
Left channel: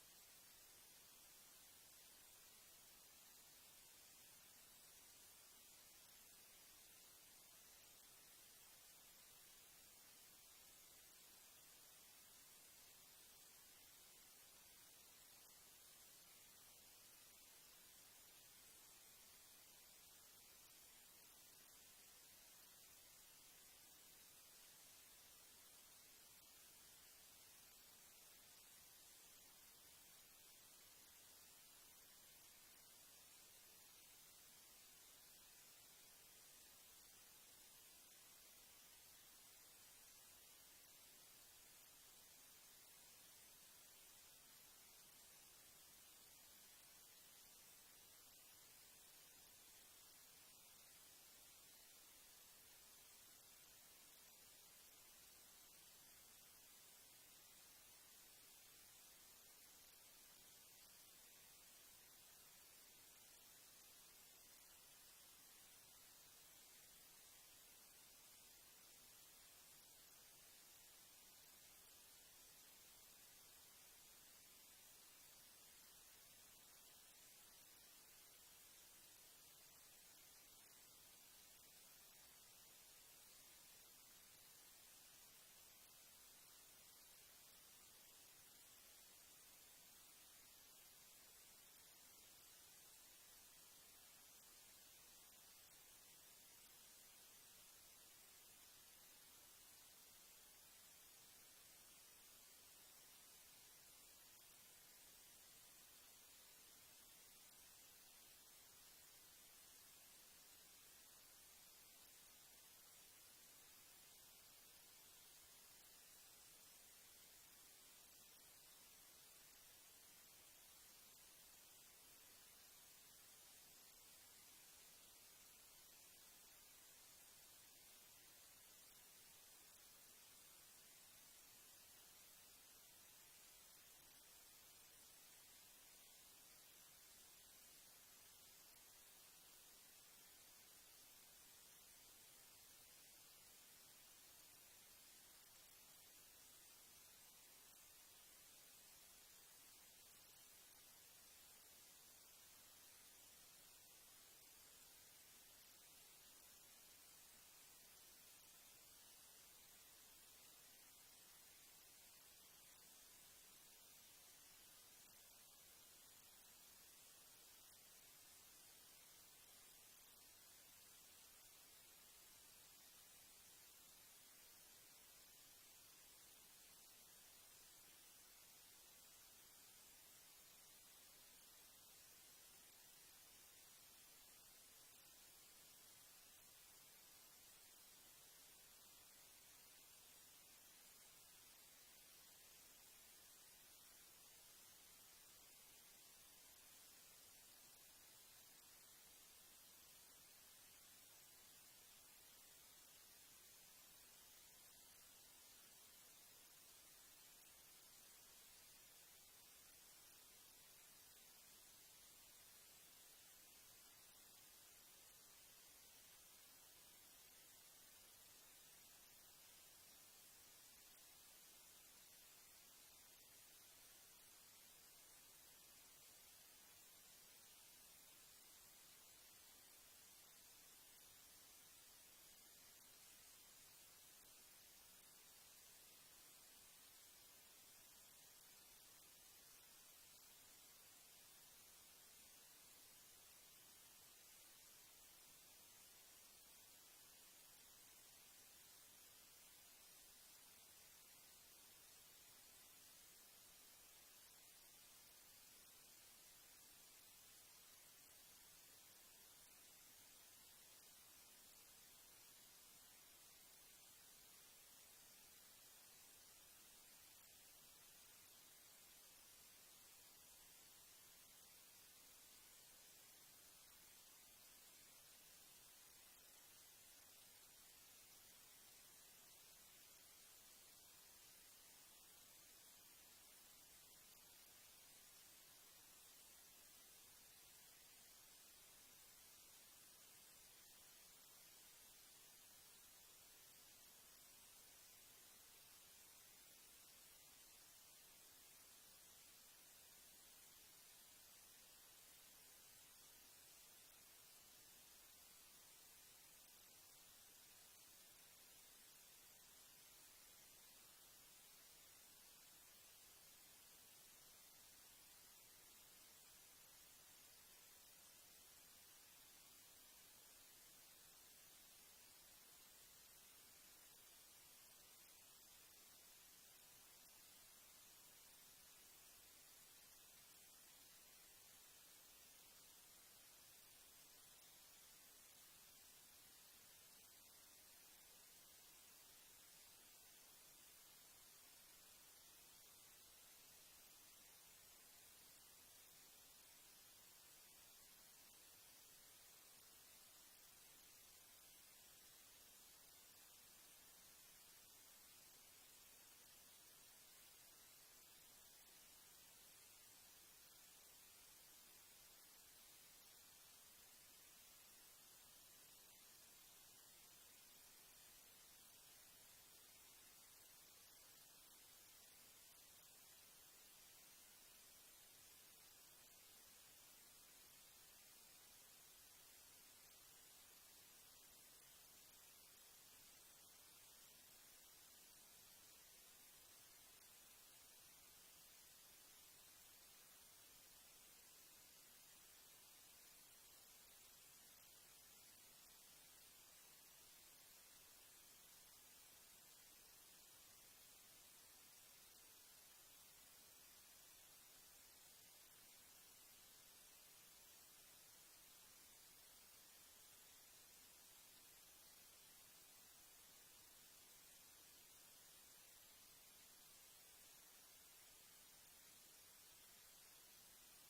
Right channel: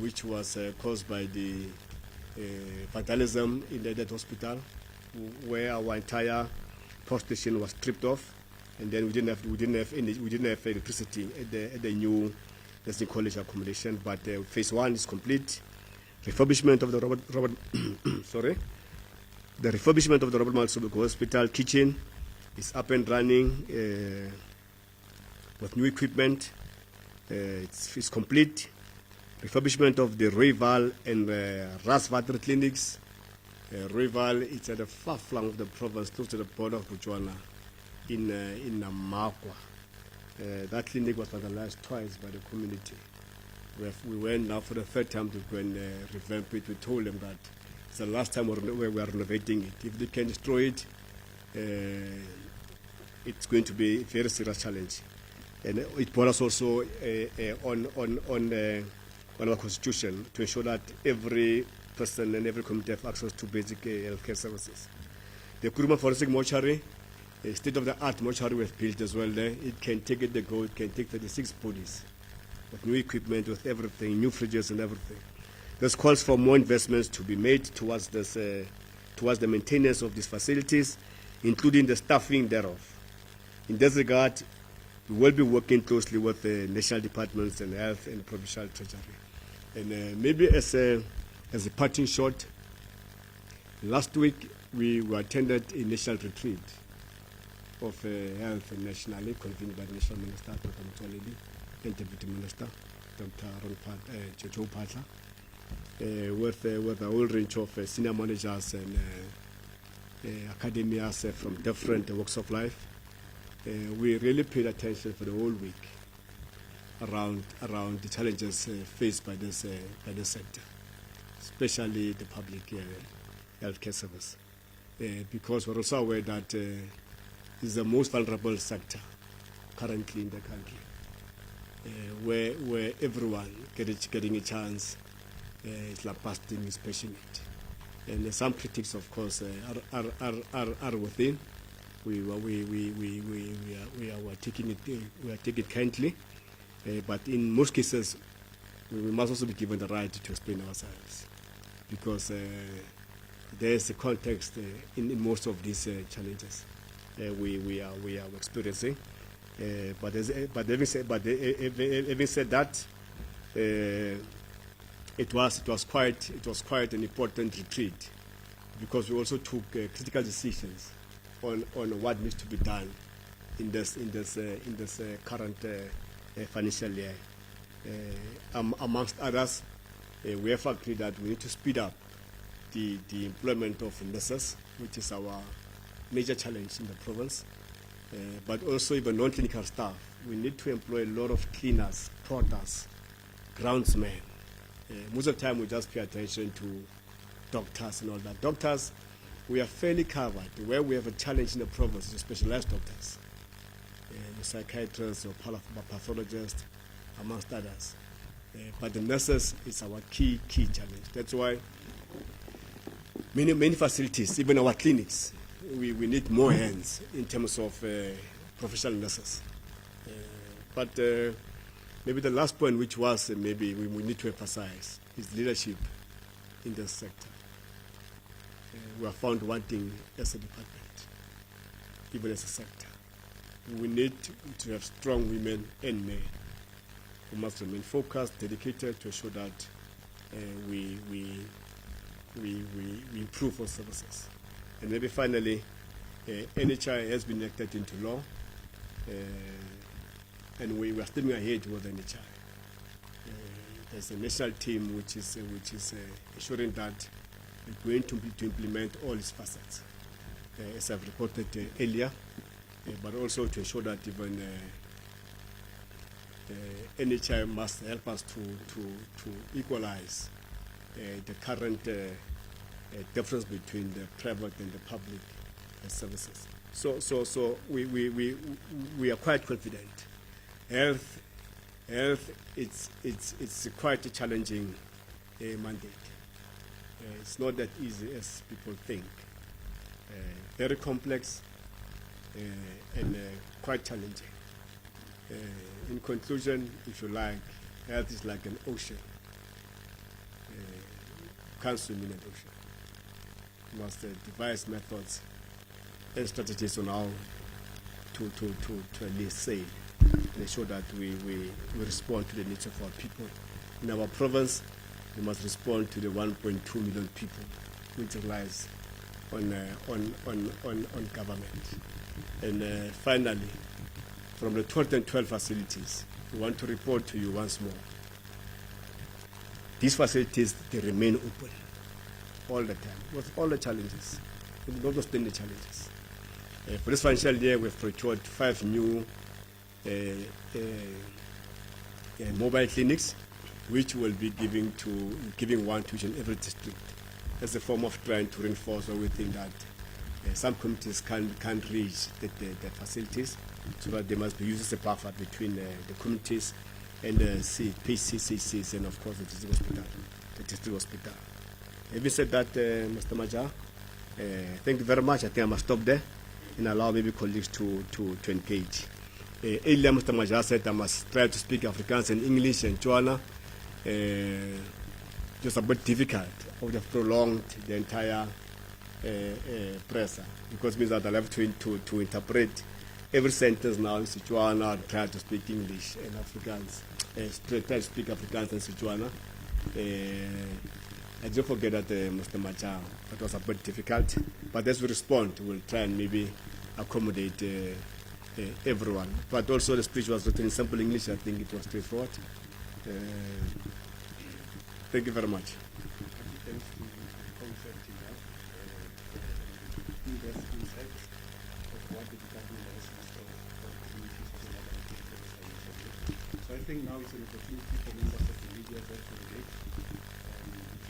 which was caused by the vandalism in that hospital, where our entire post station was stripped off, and then we didn't have electricity at the new nursing college accommodation. But phase 1 is complete. Refurbishment of the Robert the refurbishment of the Robert Mxolisi Hospital kitchen is up and running with new equipment. It's complete. Refurbishment of the Royval and Rasvatri clinics. Royval is at the far flank of the province, close to the border of Botswana, in Namakwa. That clinic was vandalized twice by the community. We went now for the 3rd time to go and revamp it. We told them that it's the last time we are renovating it. If they can destroy it, it's going to be a very serious challenge. And it brought us also on our constitution to ensure that every person and every community have access to basic healthcare services. The Kuruma Forensic Mortuary, a state-of-the-art mortuary was built as well there. It can take it can take 36 bodies with new equipment, with everything, new fridges and everything. This calls for more investments to be made towards the maintenance of these facilities, including the staffing thereof. In this regard, we will be working closely with the national departments and health and provincial treasury. And maybe as a parting shot, last week we attended a national retreat of health nationally, convened by the National Minister, Dr. Mxolisi, and Deputy Minister, Dr. Joe Patla, with a whole range of senior managers and academias from different walks of life. We really paid attention for the whole week around the challenges faced by this sector, especially the public healthcare service, because we're also aware that it's the most vulnerable sector currently in the country, where everyone getting a chance is busting is passionate. And some critics, of course, are within. We are taking it kindly, but in most cases, we must also be given the right to explain ourselves, because there is a context in most of these challenges we are experiencing. But having said that, it was quite an important retreat, because we also took critical decisions on what needs to be done in this current financial year. Amongst others, we have agreed that we need to speed up the employment of nurses, which is our major challenge in the province, but also even non-clinical staff we need to employ a lot of cleaners, porters, groundsmen. Most of the time we just pay attention to doctors and all that. Doctors, we are fairly covered. Where we have a challenge in the province is specialized doctors, your psychiatrists, your pathologists, amongst others. But the nurses is our key challenge. That's why many facilities, even our clinics, we need more hands in terms of professional nurses. But maybe the last point, which was maybe we need to emphasize, is leadership in this sector. We are found wanting as a department, even as a sector. We need to have strong women and men who must remain focused, dedicated to ensure that we improve our services. And maybe finally, NHI has been enacted into law, and we are stepping ahead with NHI. There's a national team which is ensuring that we're going to implement all its facets, as I've reported earlier, but also to ensure that even NHI must help us to equalize the current difference between the private and the public services. So we are quite confident. Health, it's quite a challenging mandate. It's not that easy as people think. Very complex and quite challenging. In conclusion, if you like, health is like an ocean. You can't swim in an ocean. You must devise methods and strategies on how to at least sail and ensure that we respond to the needs of our people. In our province, we must respond to the 1.2 million people which relies on government. And finally, from the 212 facilities, we want to report to you once more. These facilities, they remain open all the time, with all the challenges, notwithstanding the challenges. For this financial year, we've procured 5 new mobile clinics, which will be giving one to each and every district as a form of trying to reinforce where we think that some communities can't reach the facilities, so that they must be used as a buffer between the communities and the PCCCs and of course the district hospital. Having said that, Mr. Maja, thank you very much. I think I must stop there and allow maybe colleagues to engage. Earlier, Mr. Maja said I must try to speak Afrikaans and English and Tswana. Just a bit difficult. I would have prolonged the entire presser, because it means that I'll have to interpret every sentence now in Setswana, try to speak English and Afrikaans, try to speak Afrikaans and Setswana. I don't forget that, Mr. Macha, it was a bit difficult, but as we respond, we'll try and maybe accommodate everyone. But also the speech was written in simple English. I think it was straightforward. Thank you very much. Thanks to the concept you have, in-depth insight of what the department has in store for communities as well as the. So I think now it's an opportunity for members of the media that to relate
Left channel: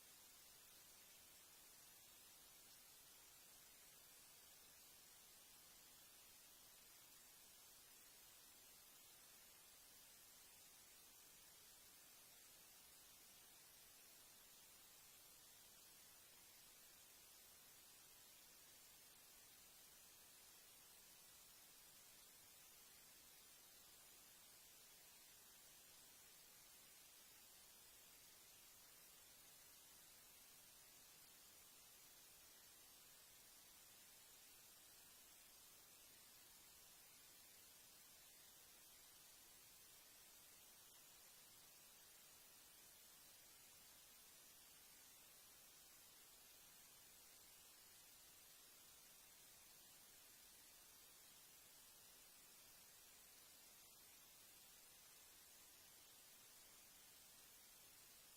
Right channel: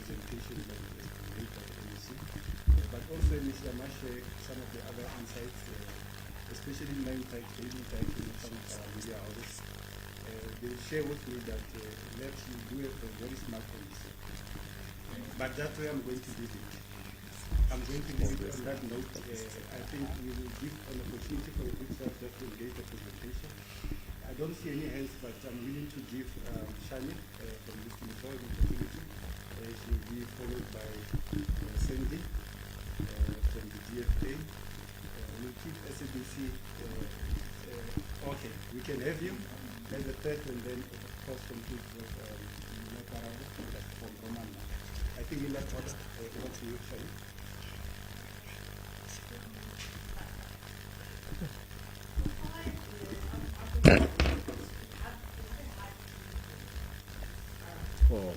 presentation that is made by the MEC, but also MEC I must share some of the other insights, especially daily interaction with some of our media houses. They share with me that let's do a very smart policy. But that way I'm going to leave it. I'm going to leave it on that note. I think we will give an opportunity for the good staff just to engage the presentation. I don't see any hands, but I'm willing to give Shani from this Ministry an opportunity. She will be followed by Sandy from the DFA. We'll keep SABC. Okay, we can have you as the third, and then of course complete with Mlatha from Roman. I think in that order, what's the Shani? Oh.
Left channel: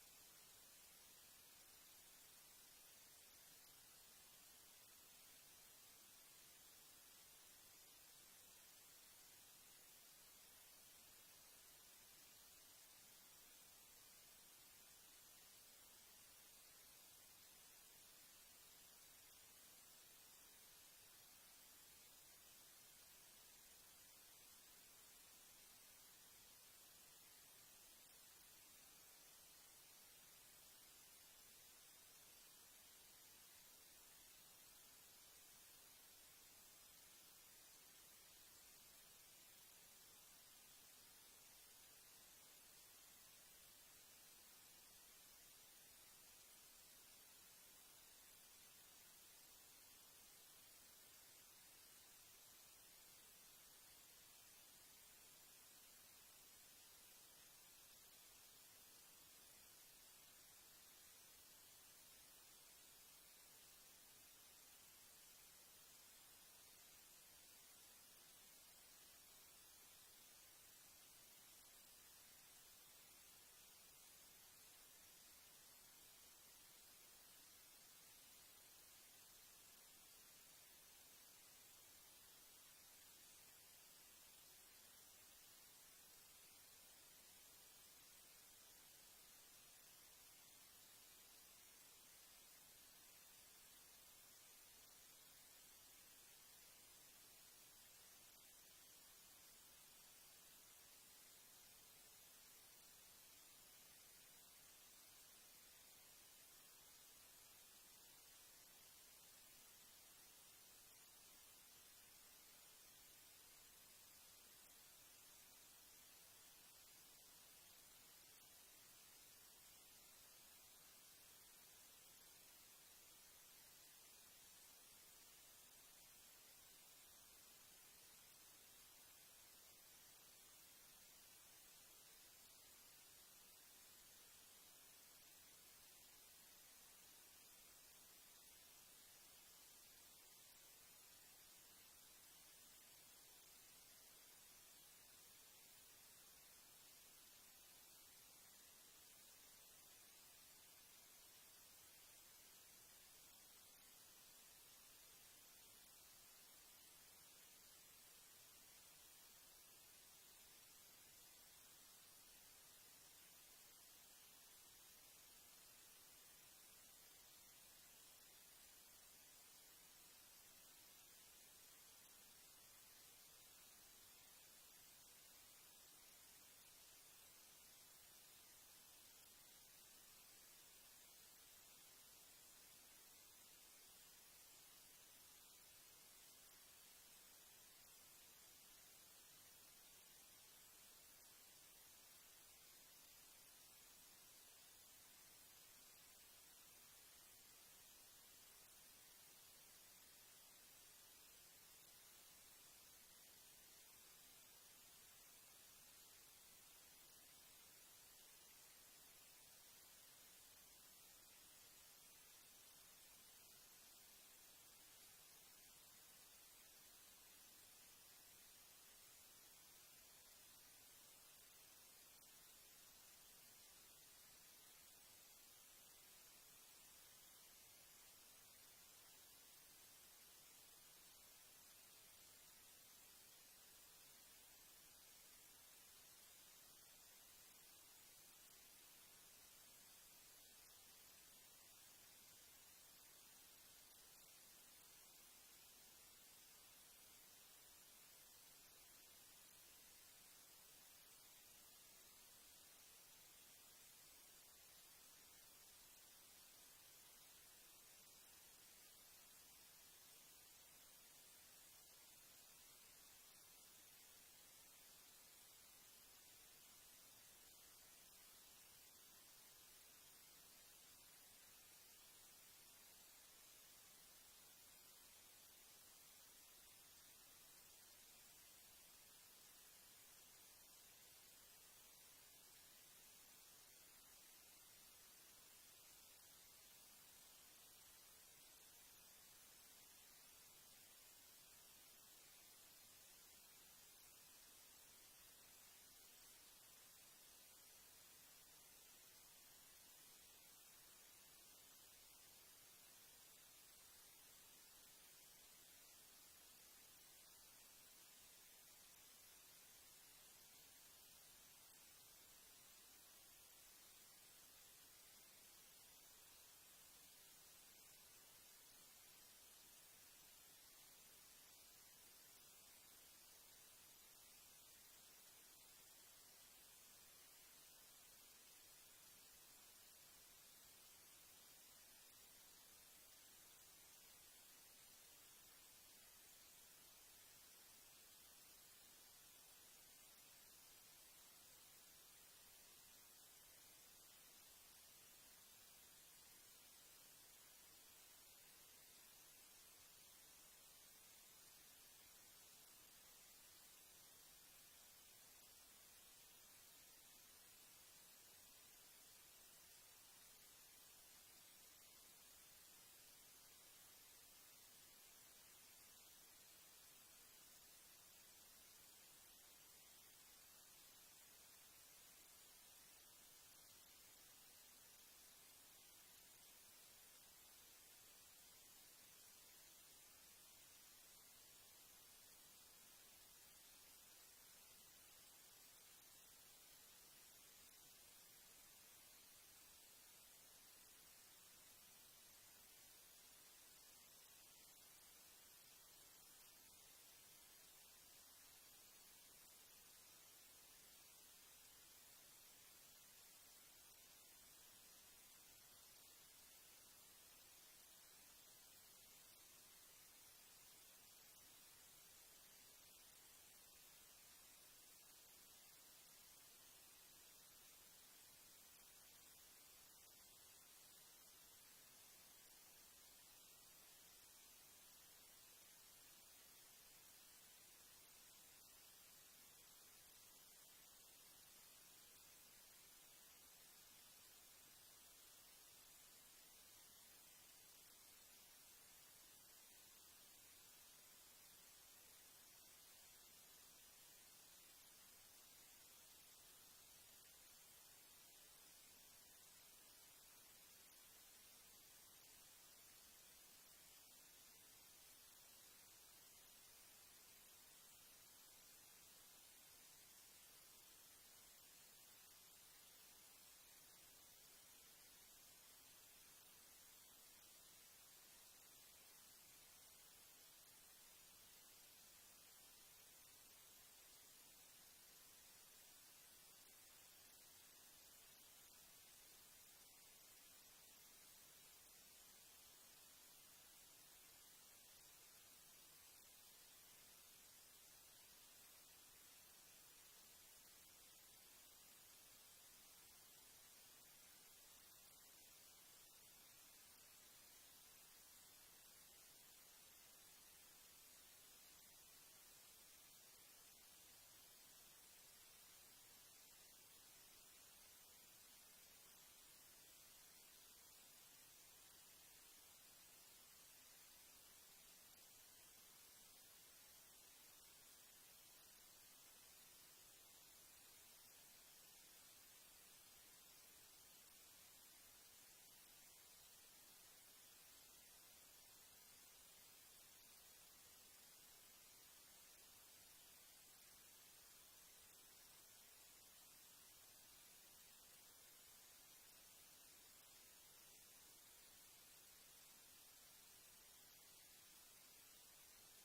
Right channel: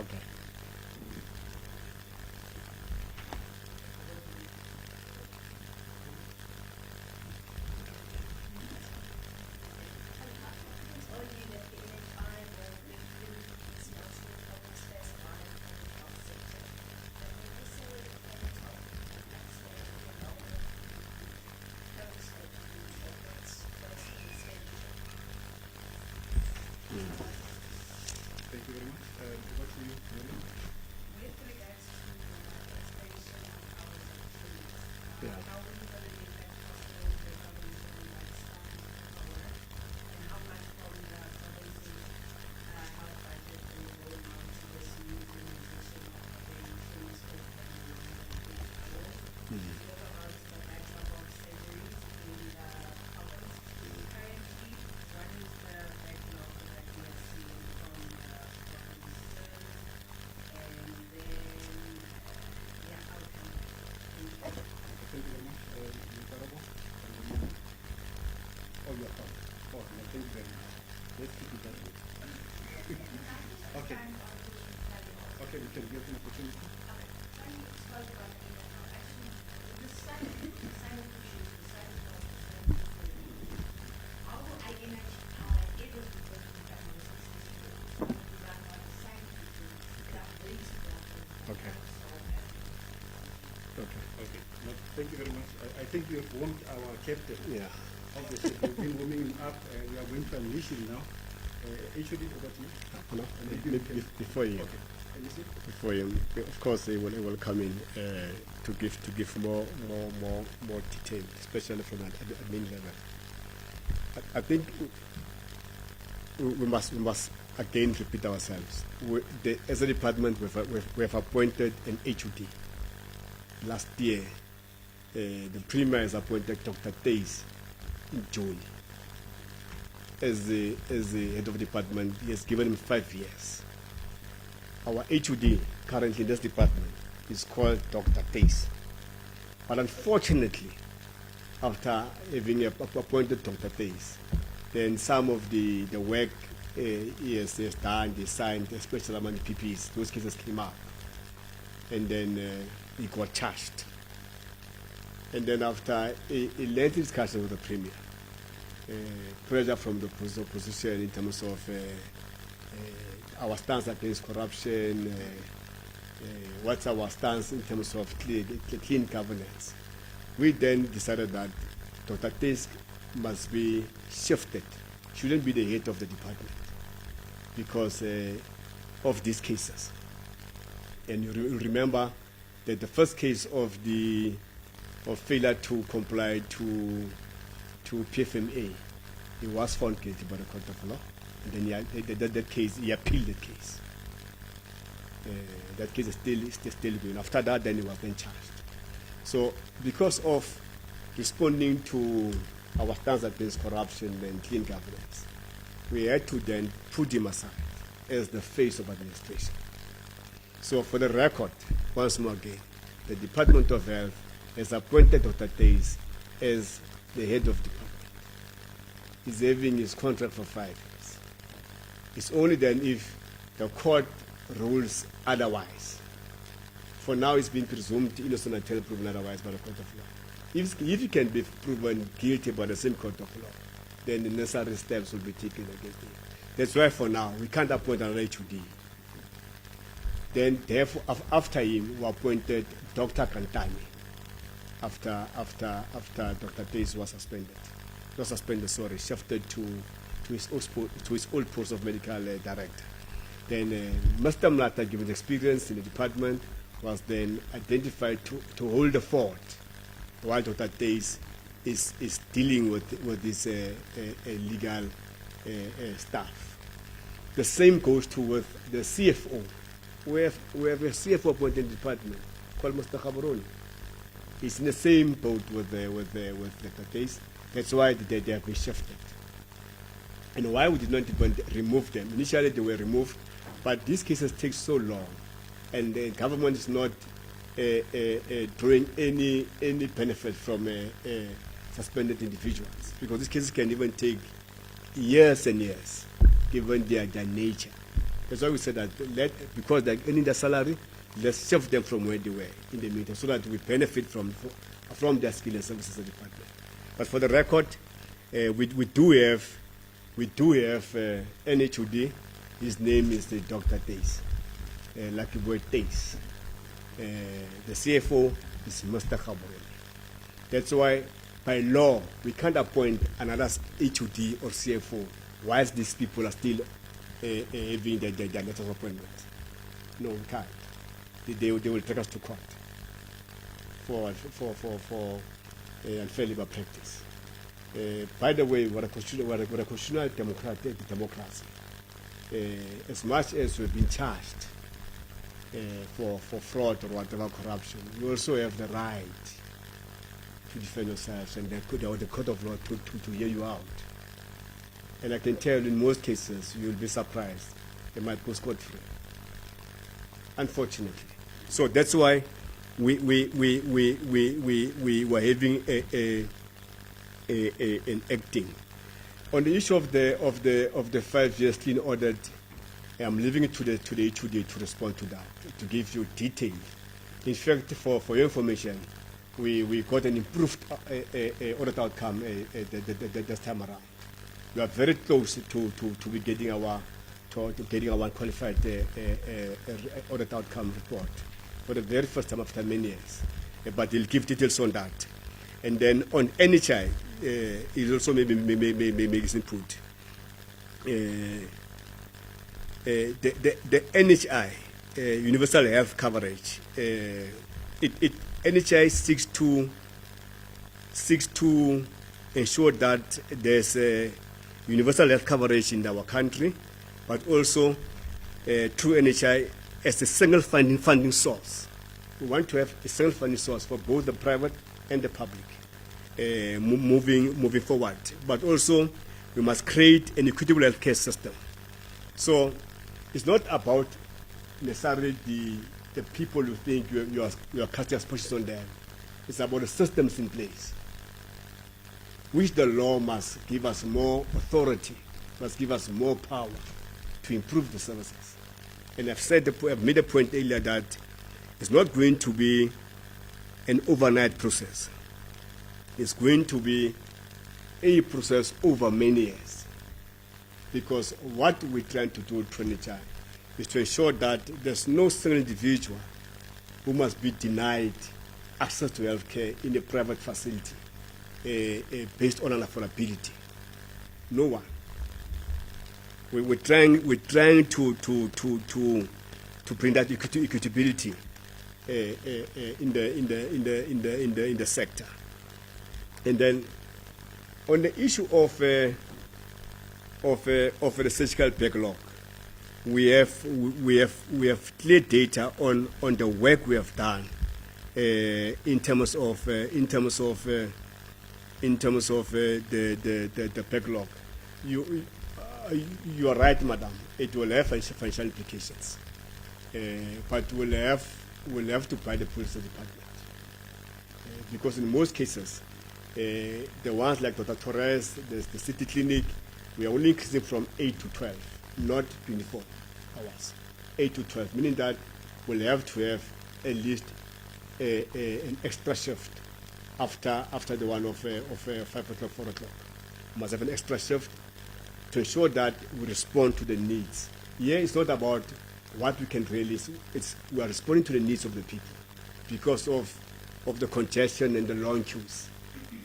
Okay. Thank you very much. Over to you, Kimberley. Yeah. Thank you very much. Honorable. Oh, you are fine. Oh, no, thank you very much. Let's keep it that way. Okay. Okay, we can give an opportunity. Okay. Okay. Okay. No, thank you very much. I think you have warmed our captain. Yeah. Obviously, we've been warming him up. We are going to unleash him now. Actually, over to you. No, Maybe we can. before you, Okay. Can you see? before you, of course, they will come in to give more detail, especially from an admin level. I think we must again repeat ourselves. As a department, we have appointed an HOD. Last year, the Premier has appointed Dr. Tays in June. As the head of department, he has given him 5 years. Our HOD currently in this department is called Dr. Tays. But unfortunately, after having appointed Dr. Tays, then some of the work he has done, they signed, especially among the PPs, those cases came up. And then he got charged. And then after a lengthy discussion with the Premier, pressure from the opposition in terms of our stance against corruption, what's our stance in terms of clean governance, we then decided that Dr. Tays must be shifted, shouldn't be the head of the department because of these cases. And you remember that the first case of failure to comply to PFMA, he was found guilty by the court of law, and then he appealed the case. That case is still going. After that, then he was then charged. So, because of responding to our stance against corruption and clean governance, we had to then put him aside as the face of administration. So, for the record, once more again, the Department of Health has appointed Dr. Tays as the head of department. He's having his contract for 5 years. It's only then if the court rules otherwise. For now, it's been presumed innocent until proven otherwise by the court of law. If he can be proven guilty by the same court of law, then the necessary steps will be taken against him. That's why for now, we can't appoint another HOD. Then, therefore, after him, we appointed Dr. Kantani after Dr. Tays was suspended. Not suspended, sorry, shifted to his old post of medical director. Then Mr. Mlatha, given experience in the department, was then identified to hold the fort while Dr. Tays is dealing with this legal staff. The same goes to with the CFO. We have a CFO appointed in the department called Mr. Khabaroni. He's in the same boat with Dr. Tays. That's why they have been shifted. And why we did not even remove them? Initially they were removed, but these cases take so long, and the government is not drawing any benefit from suspended individuals, because these cases can even take years and years, given their nature. That's why we said that because they're earning their salary, let's shift them from where they were in the meantime so that we benefit from their skill and services department. But for the record, we do have NHOD. His name is Dr. Days, Lucky Boy Days. The CFO is Mr. Khabore. That's why, by law, we can't appoint another HOD or CFO whilst these people are still having their letters of appointment. No, we can't. They will take us to court for unfair labor practice. By the way, we're a constitutional democracy. As much as we've been charged for fraud or whatever corruption, you also have the right to defend yourselves and the court of law to hear you out. And I can tell you, in most cases, you'll be surprised. They might go scot-free, unfortunately. So that's why we were having an acting. On the issue of the 5 years clean audit, I'm leaving it to the HOD to respond to that, to give you detail. In fact, for your information, we got an improved audit outcome this time around. We are very close to be getting our qualified audit outcome report for the very first time after many years. But he'll give details on that. And then on NHI, he'll also maybe make his input. The NHI, universal health coverage, NHI seeks to ensure that there's universal health coverage in our country, but also through NHI as a single funding source. We want to have a single funding source for both the private and the public moving forward. But also, we must create an equitable healthcare system. So it's not about necessarily the people who think you are casting aspersions on them. It's about the systems in place, which the law must give us more authority, must give us more power to improve the services. And I've made a point earlier that it's not going to be an overnight process. It's going to be a process over many years. Because what we're trying to do through NHI is to ensure that there's no single individual who must be denied access to health care in a private facility based on an affordability. No one. We're trying to bring that equitability in the sector. And then on the issue of the surgical backlog, we have clear data on the work we have done in terms of the backlog. You are right, madam. It will have financial implications, but we'll have to buy the police department because in most cases, the ones like Dr. Torres, the city clinic, we are only increasing from 8 to 12, not 24 hours. 8 to 12, meaning that we'll have to have at least an extra shift after the one of 5 o'clock, 4 o'clock. We must have an extra shift to ensure that we respond to the needs. Here, it's not about what we can release. We are responding to the needs of the people because of the congestion and the long queues.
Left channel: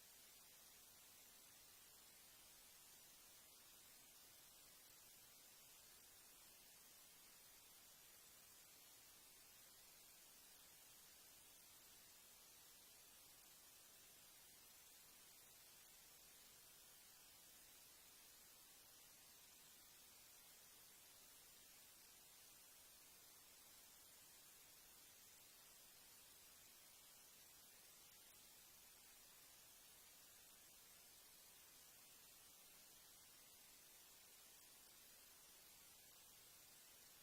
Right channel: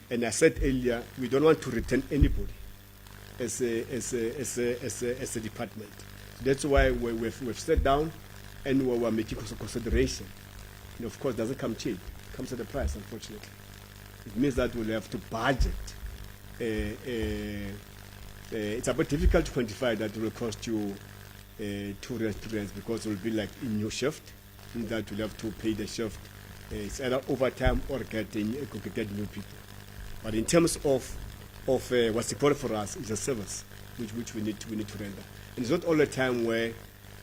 And I said earlier, we don't want to return anybody as a department. That's why we've sat down and we're making consideration. And of course, it doesn't come cheap. It comes at a price, unfortunately. It means that we'll have to budget. It's a bit difficult to quantify that it will cost you 2 rents because it will be like in your shift, in that you'll have to pay the shift. It's either overtime or get new people. But in terms of what's important for us is a service which we need to render. And it's not all the time where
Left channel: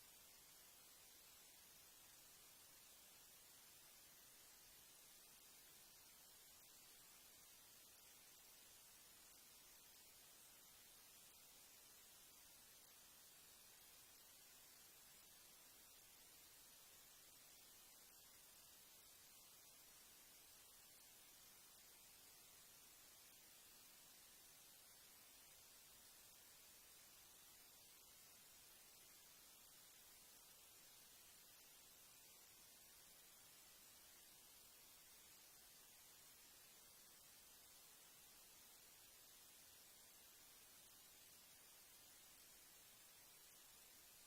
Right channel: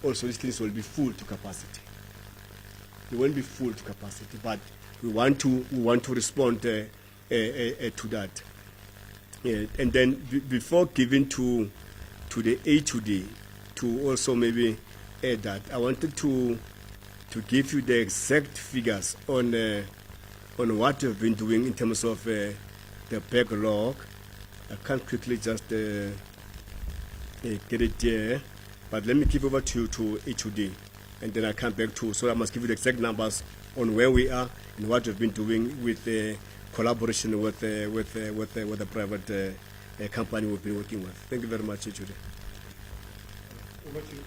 also these clinics will be full to capacity. They won't be full to capacity, but we want to respond to that. And then before giving to the HOD to also maybe add that. I wanted to give you the exact figures on what we've been doing in terms of the backlog. I can't quickly just get it there, but let me give over to you to HUD, and then I come back to. So I must give you the exact numbers on where we are and what we've been doing with collaboration with the private company we've been working with. Thank you very much, HUD. Over to you.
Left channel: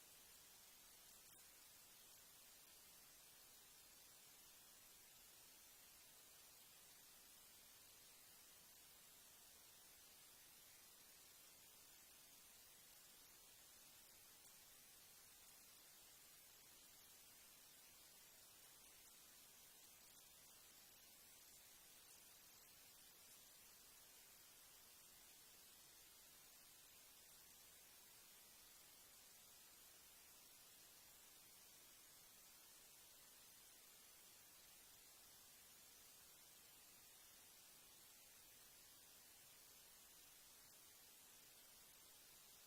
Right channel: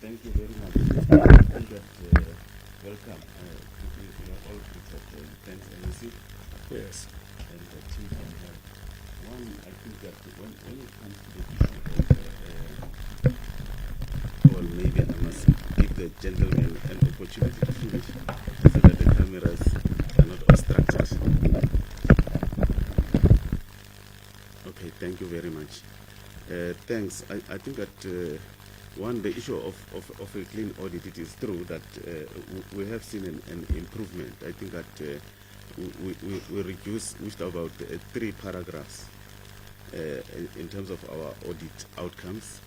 Thank you very much. And that, welcome. You are all good at defense NEC Yes. and the team from here. One, I think that when it comes to the issue of, or maybe I must give the gentleman an opportunity to finish so that the cameras are not obstructed. Okay, thank you very much. Thanks. I think that one, the issue of a clean audit, it is true that we have seen an improvement. I think that we reduced about 3 paragraphs in terms of our audit outcomes.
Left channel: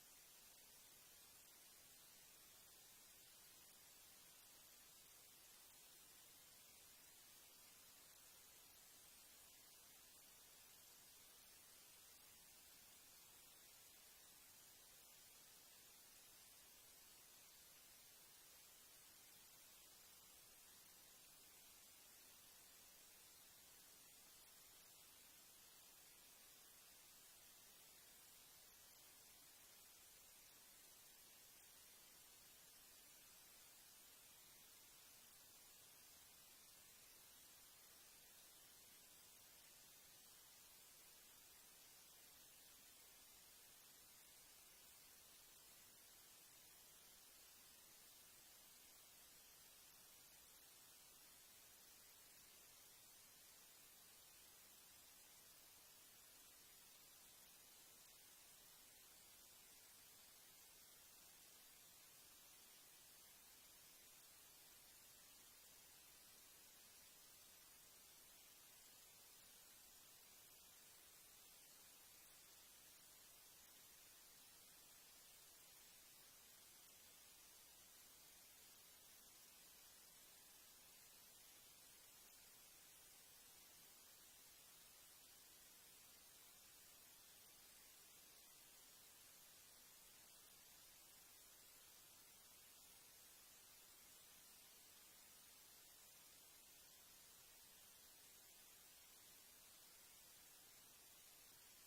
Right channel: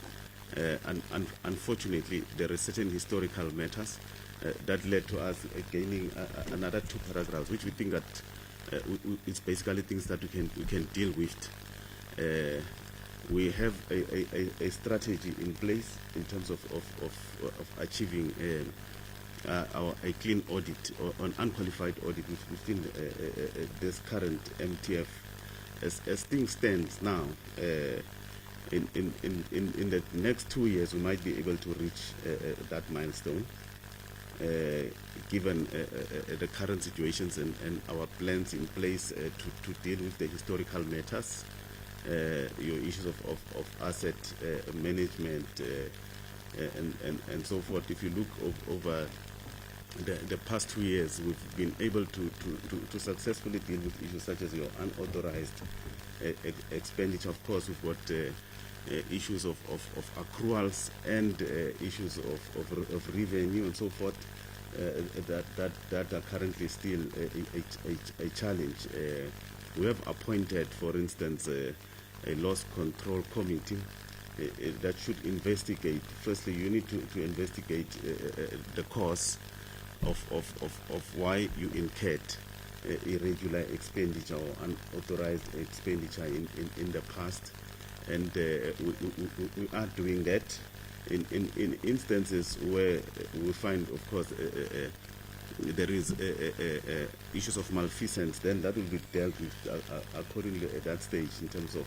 And unfortunately, there are certain historical matters that led to us gaining another 2 paragraphs, which we think that it's basically things that we can deal with. We have a strategy in place in terms of achieving a clean audit or an unqualified audit within this current MTF. As things stand now, in the next 2 years, we might be able to reach that milestone, given the current situations and our plans in place to deal with the historical matters. Your issues of asset management and so forth. If you look over the past 2 years, we've been able to successfully deal with issues such as your unauthorized expenditure. Of course, we've got issues of accruals and issues of revenue and so forth that are currently still a challenge. We have appointed, for instance, a loss control committee that should investigate. Firstly, you need to investigate the cause of why you incurred irregular expenditure or unauthorized expenditure in the past, and we are doing that. In instances where we find, of course, there is issues of malfeasance, then that will be dealt with accordingly at that stage in terms of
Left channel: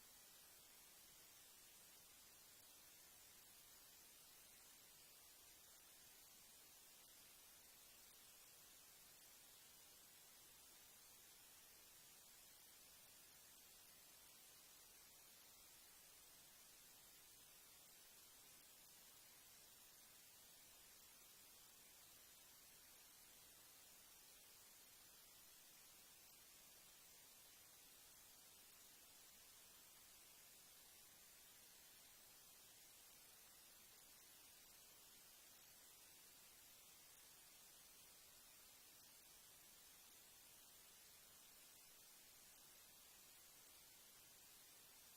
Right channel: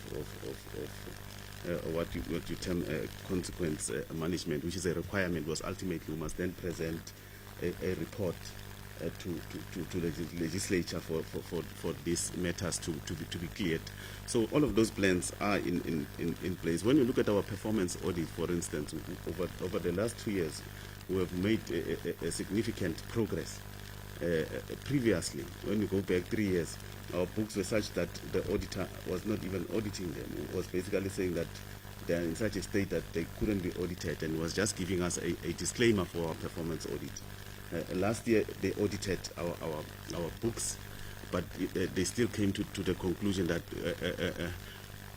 what you term consequence management, which is a requirement, because ultimately we must then present a report to the legislature for these matters to be cleared. So all of those plans are in place. When you look at our performance audit, for instance, over the last 2 years, we have made a significant progress. Previously, when you go back 3 years, our books were such that the auditor was not even auditing them. It was basically saying that they are in such a state that they couldn't be audited, and was just giving us a disclaimer for our performance audit. Last year, they audited our books, but they still came to the conclusion that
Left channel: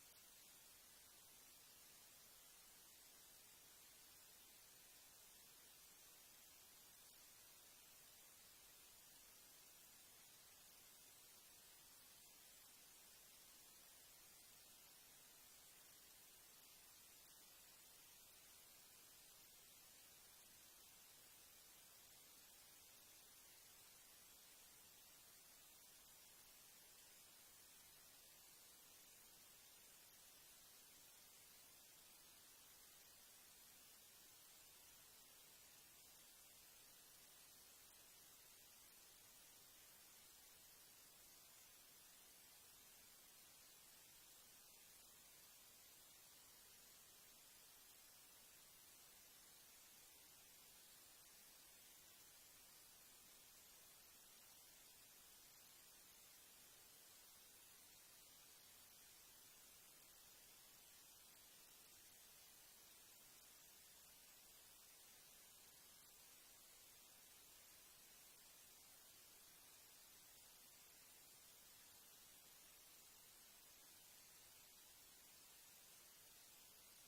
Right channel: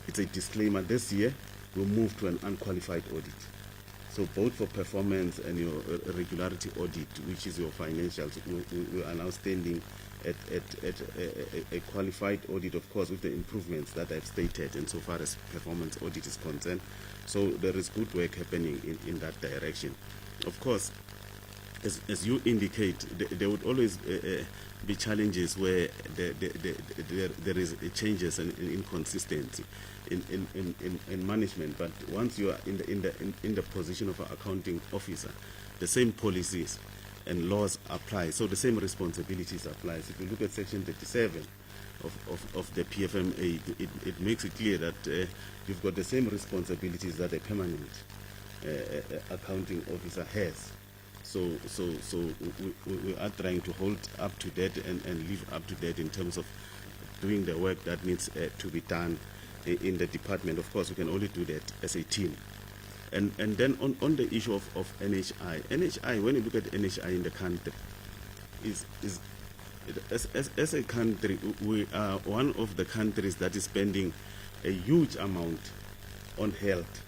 it's a disclaimer. This year, we'll move to an unqualified audit. So both for performance and your regularity audit, which is your financials, we are now standing at a qualified audit, of course, with the improvements that I've stated, and so far as performance audit is concerned. So there is good work happening in that direction. Of course, as you indicate, there would always be challenges where there is changes and inconsistency in management. But once you are in the position of an accounting officer, the same policies and laws apply, so the same responsibilities apply. So if you look at section 37 of the PFMA, it makes it clear that you've got the same responsibilities that a permanent accounting officer has. So we are trying to hold up to that and live up to that in terms of doing the work that needs to be done in the department. Of course, we can only do that as a team. And then on the issue of NHI, when you look at NHI in the country, as a country, we are one of the countries that is spending a huge amount on health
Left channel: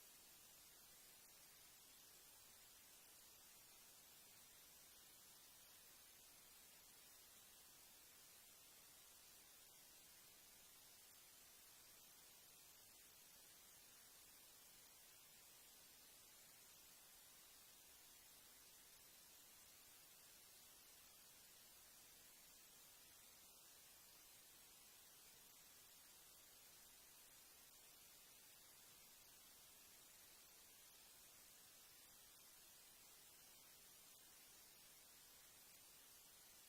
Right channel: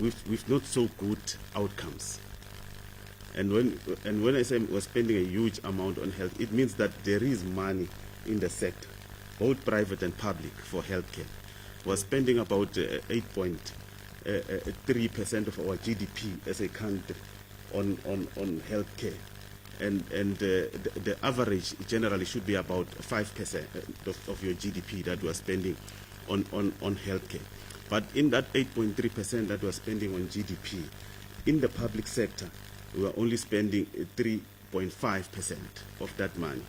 with not so good outcomes. And when I say we're spending a huge amount on health, it means that there is money in the sector, both private and public, for healthcare. We're spending about 8.3% of our GDP as a country on healthcare. And the average generally should be about 5% of your GDP that we're spending on healthcare. But in that 8.3% that we're spending on GDP, in the public sector, we are only spending 3.5% of that money,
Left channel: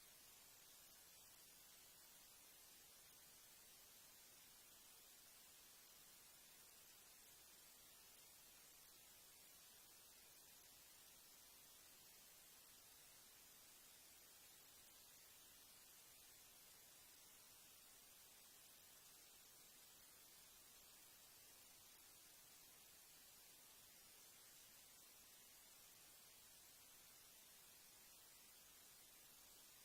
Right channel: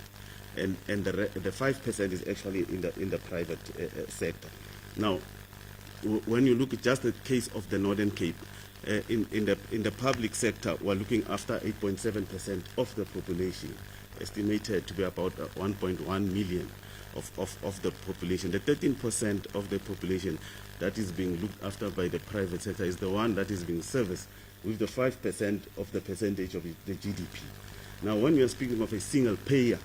and the 5% is actually in the private sector. Now, when you look at just the case of the Northern Cape, in the public sector, we're looking after 8.7% of the population, estimated to be about 1.1 million of the population. The 13% of the population that is being looked after by the private sector is the one that is being serviced with the 5% of the percentage of the GDP. Now, when we are speaking of a single payer,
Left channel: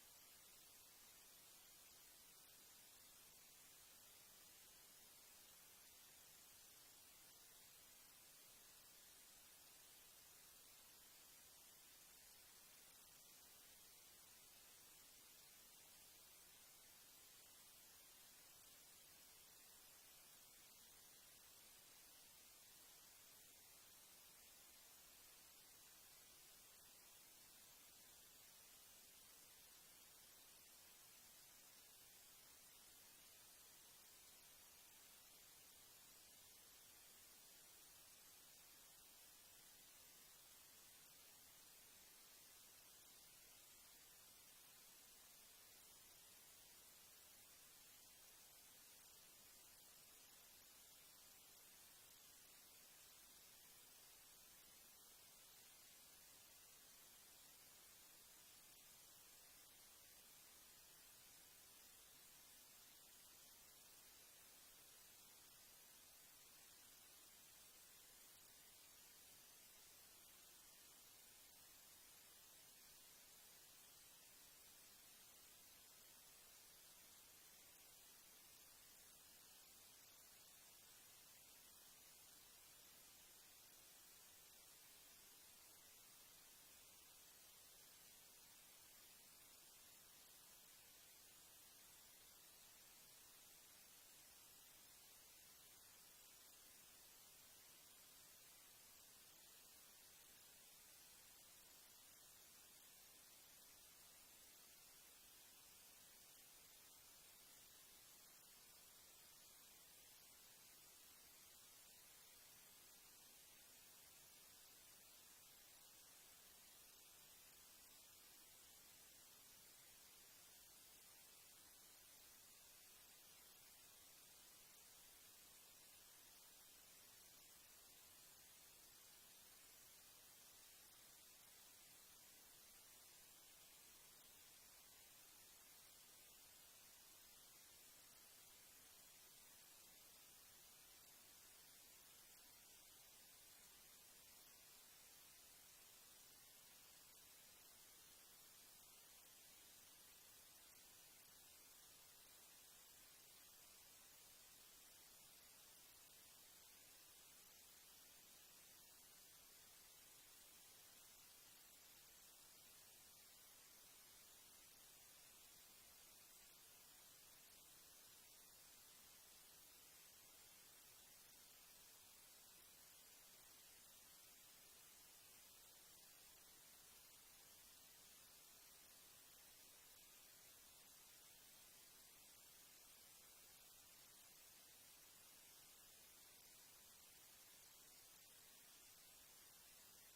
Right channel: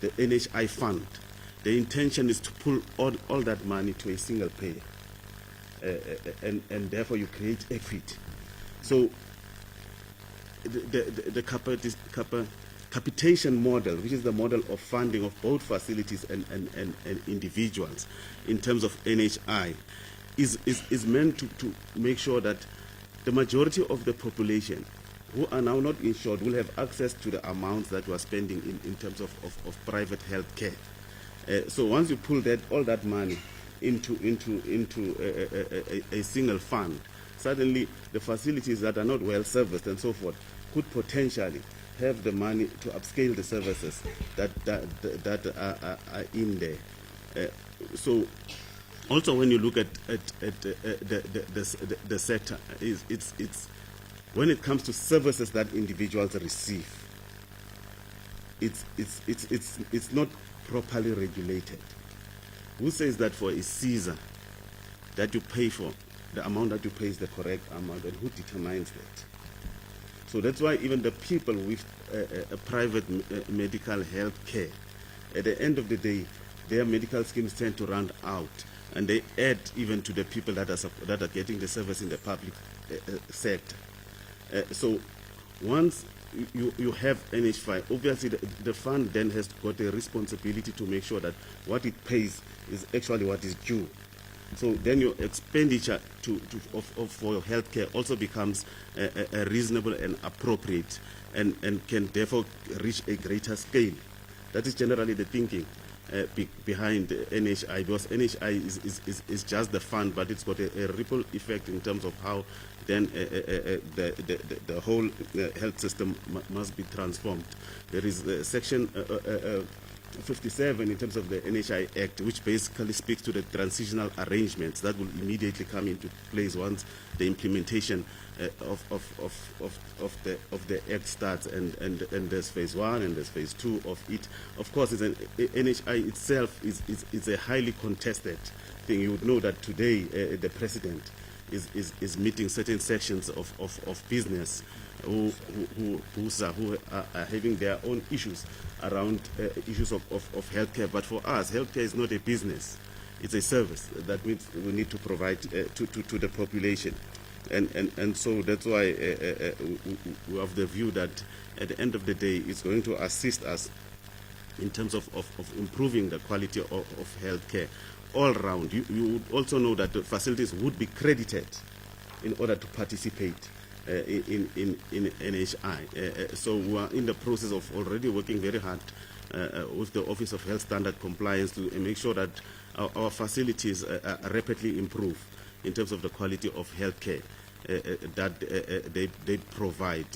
the NHI fund, the intention is to pull all that money to a single payer, and therefore you create equity. So the capitation model, which is the model of funding of both facilities and individuals in terms of NHI, is meant to make sure that the majority of the population who are now not insured will have access to the amounts that we are spending in terms of private health care. So once you pull all that money into a single fund, suddenly the facilities that are not well serviced and so forth could potentially have the money to upscale the services that are in there. So also when you look at the sector, it's when it comes to services that individuals receive, it's not properly regulated. Who says that for a Caesar that you pay for, the amount that you pay is the correct amount, and who determines that? So that's why even the people with a private medical health care, at the end of the day, their medical schemes tend to run out, and they add even to the people that are getting the service in the public sector. So once you have NH5, obviously the fund then has got a responsibility to make sure that what it pays is actually what is due. So then your expenditure for your healthcare also becomes reasonable and appropriate, and can therefore reach a greater scale. That is generally the thinking behind NHI, because NHI is just the fund, but it's got a ripple effect in terms of how then the whole health system must be transformed. There is section 57 in terms of the NHI Act, which basically speaks to the transitional arrangements that will immediately come into place once the implementation of the Act starts, and there's phase 1 and there's phase 2 of it. Of course, NHI itself is a highly contested thing. You would know that today the president is meeting certain sections of business who are having their own issues around issues of healthcare. But for us, healthcare is not a business; it's a service that we need to provide to the population, and so that's why we have the view that at the end of the day, it's going to assist us in terms of improving the quality of healthcare all round. You would also know that the facilities would be credited in order to participate in NHI. So we are in the process of already working very hard with the Office of Health Standard Compliance to make sure that our facilities rapidly improve in terms of the quality of healthcare that they provide.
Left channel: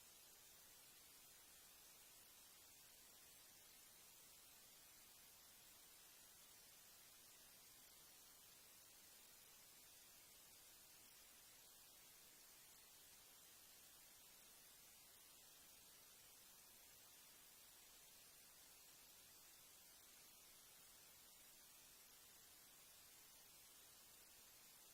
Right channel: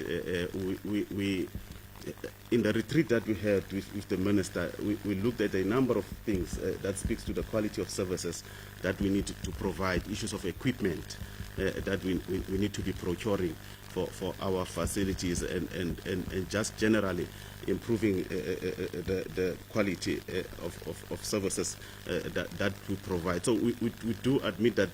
We in the retreat that we had with the minister, we looked at a number of things that speaks to the quality of services that we need to provide, issues of equipment that we need to be procuring for our facilities, and just generally improving the quality of services that we provide. So we do admit that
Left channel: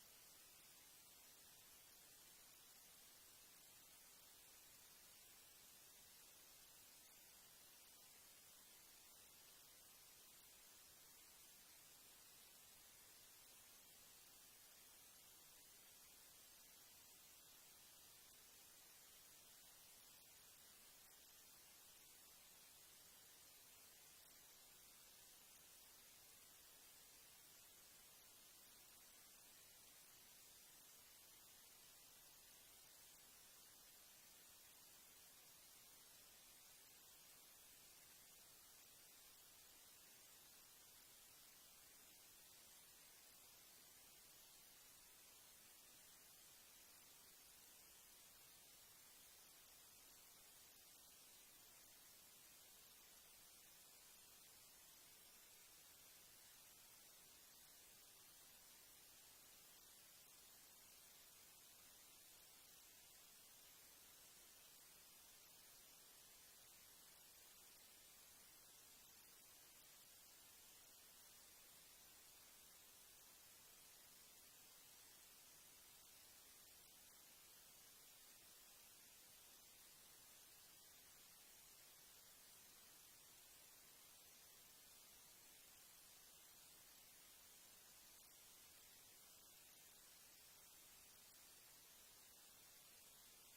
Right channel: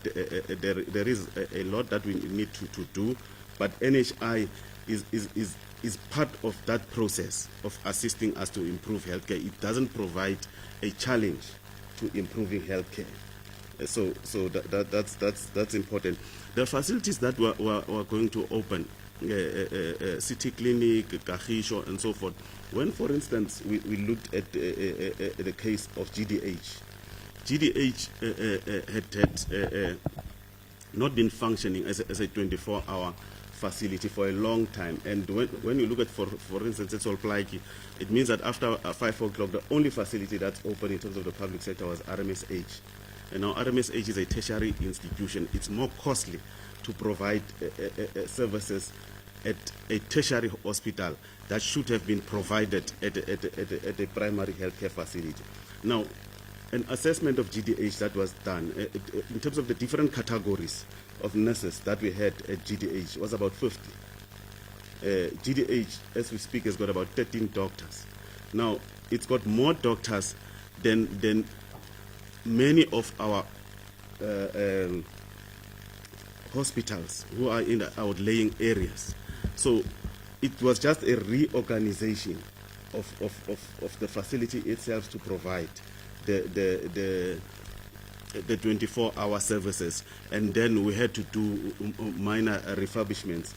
there is a lot that we need to do, but NHI is part of that process of assisting us to improve healthcare. It doesn't provide a challenge to improving healthcare. That's important. The facilities that we're going to open, City Clinic, Kagisho, and so forth. When, for instance, we looked at the case of GDH, had not been functioning as a 24-hour facility for a long time. And when you look at, for instance, it's all Plaiki, it means that after 5 o'clock, the only facility that's open in terms of the public sector was RMSH. And now RMSH is a tertiary institution. It's more costly to provide services at a tertiary hospital that should have been provided at a primary healthcare facility. Now, an assessment of GDH that was done in terms of the different categories of nurses that we had at GDH was about 50. GDH, as we speak, has got about 13 doctors. Now, it's got more doctors than many of our hospitals who are in the outlying areas. So it was just a reorganization of the facility itself to provide the 24-hour services, and then we had to do minor refurbishments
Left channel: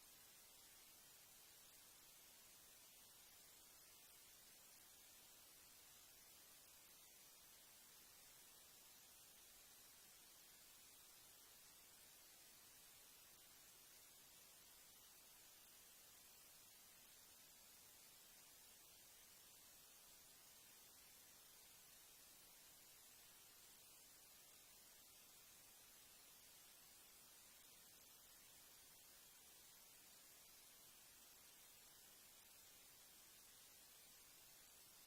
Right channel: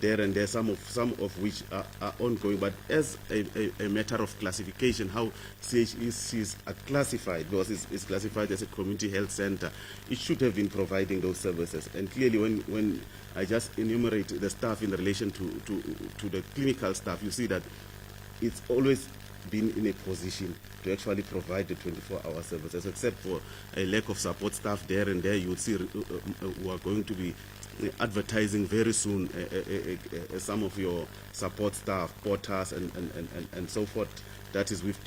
there and there, some of which are ongoing. But as a matter of classification, how CHECs are classified, because it's classified as a community health center, it should have been providing those services. And clearly, when I just enumerate the staff in relation to the clinical staff, you see that it's always been in a position to actually provide the 24-hour services, except for a lack of support staff there and there. You would see we are going to be advertising very soon some of your support staff, porters, and so forth. That is with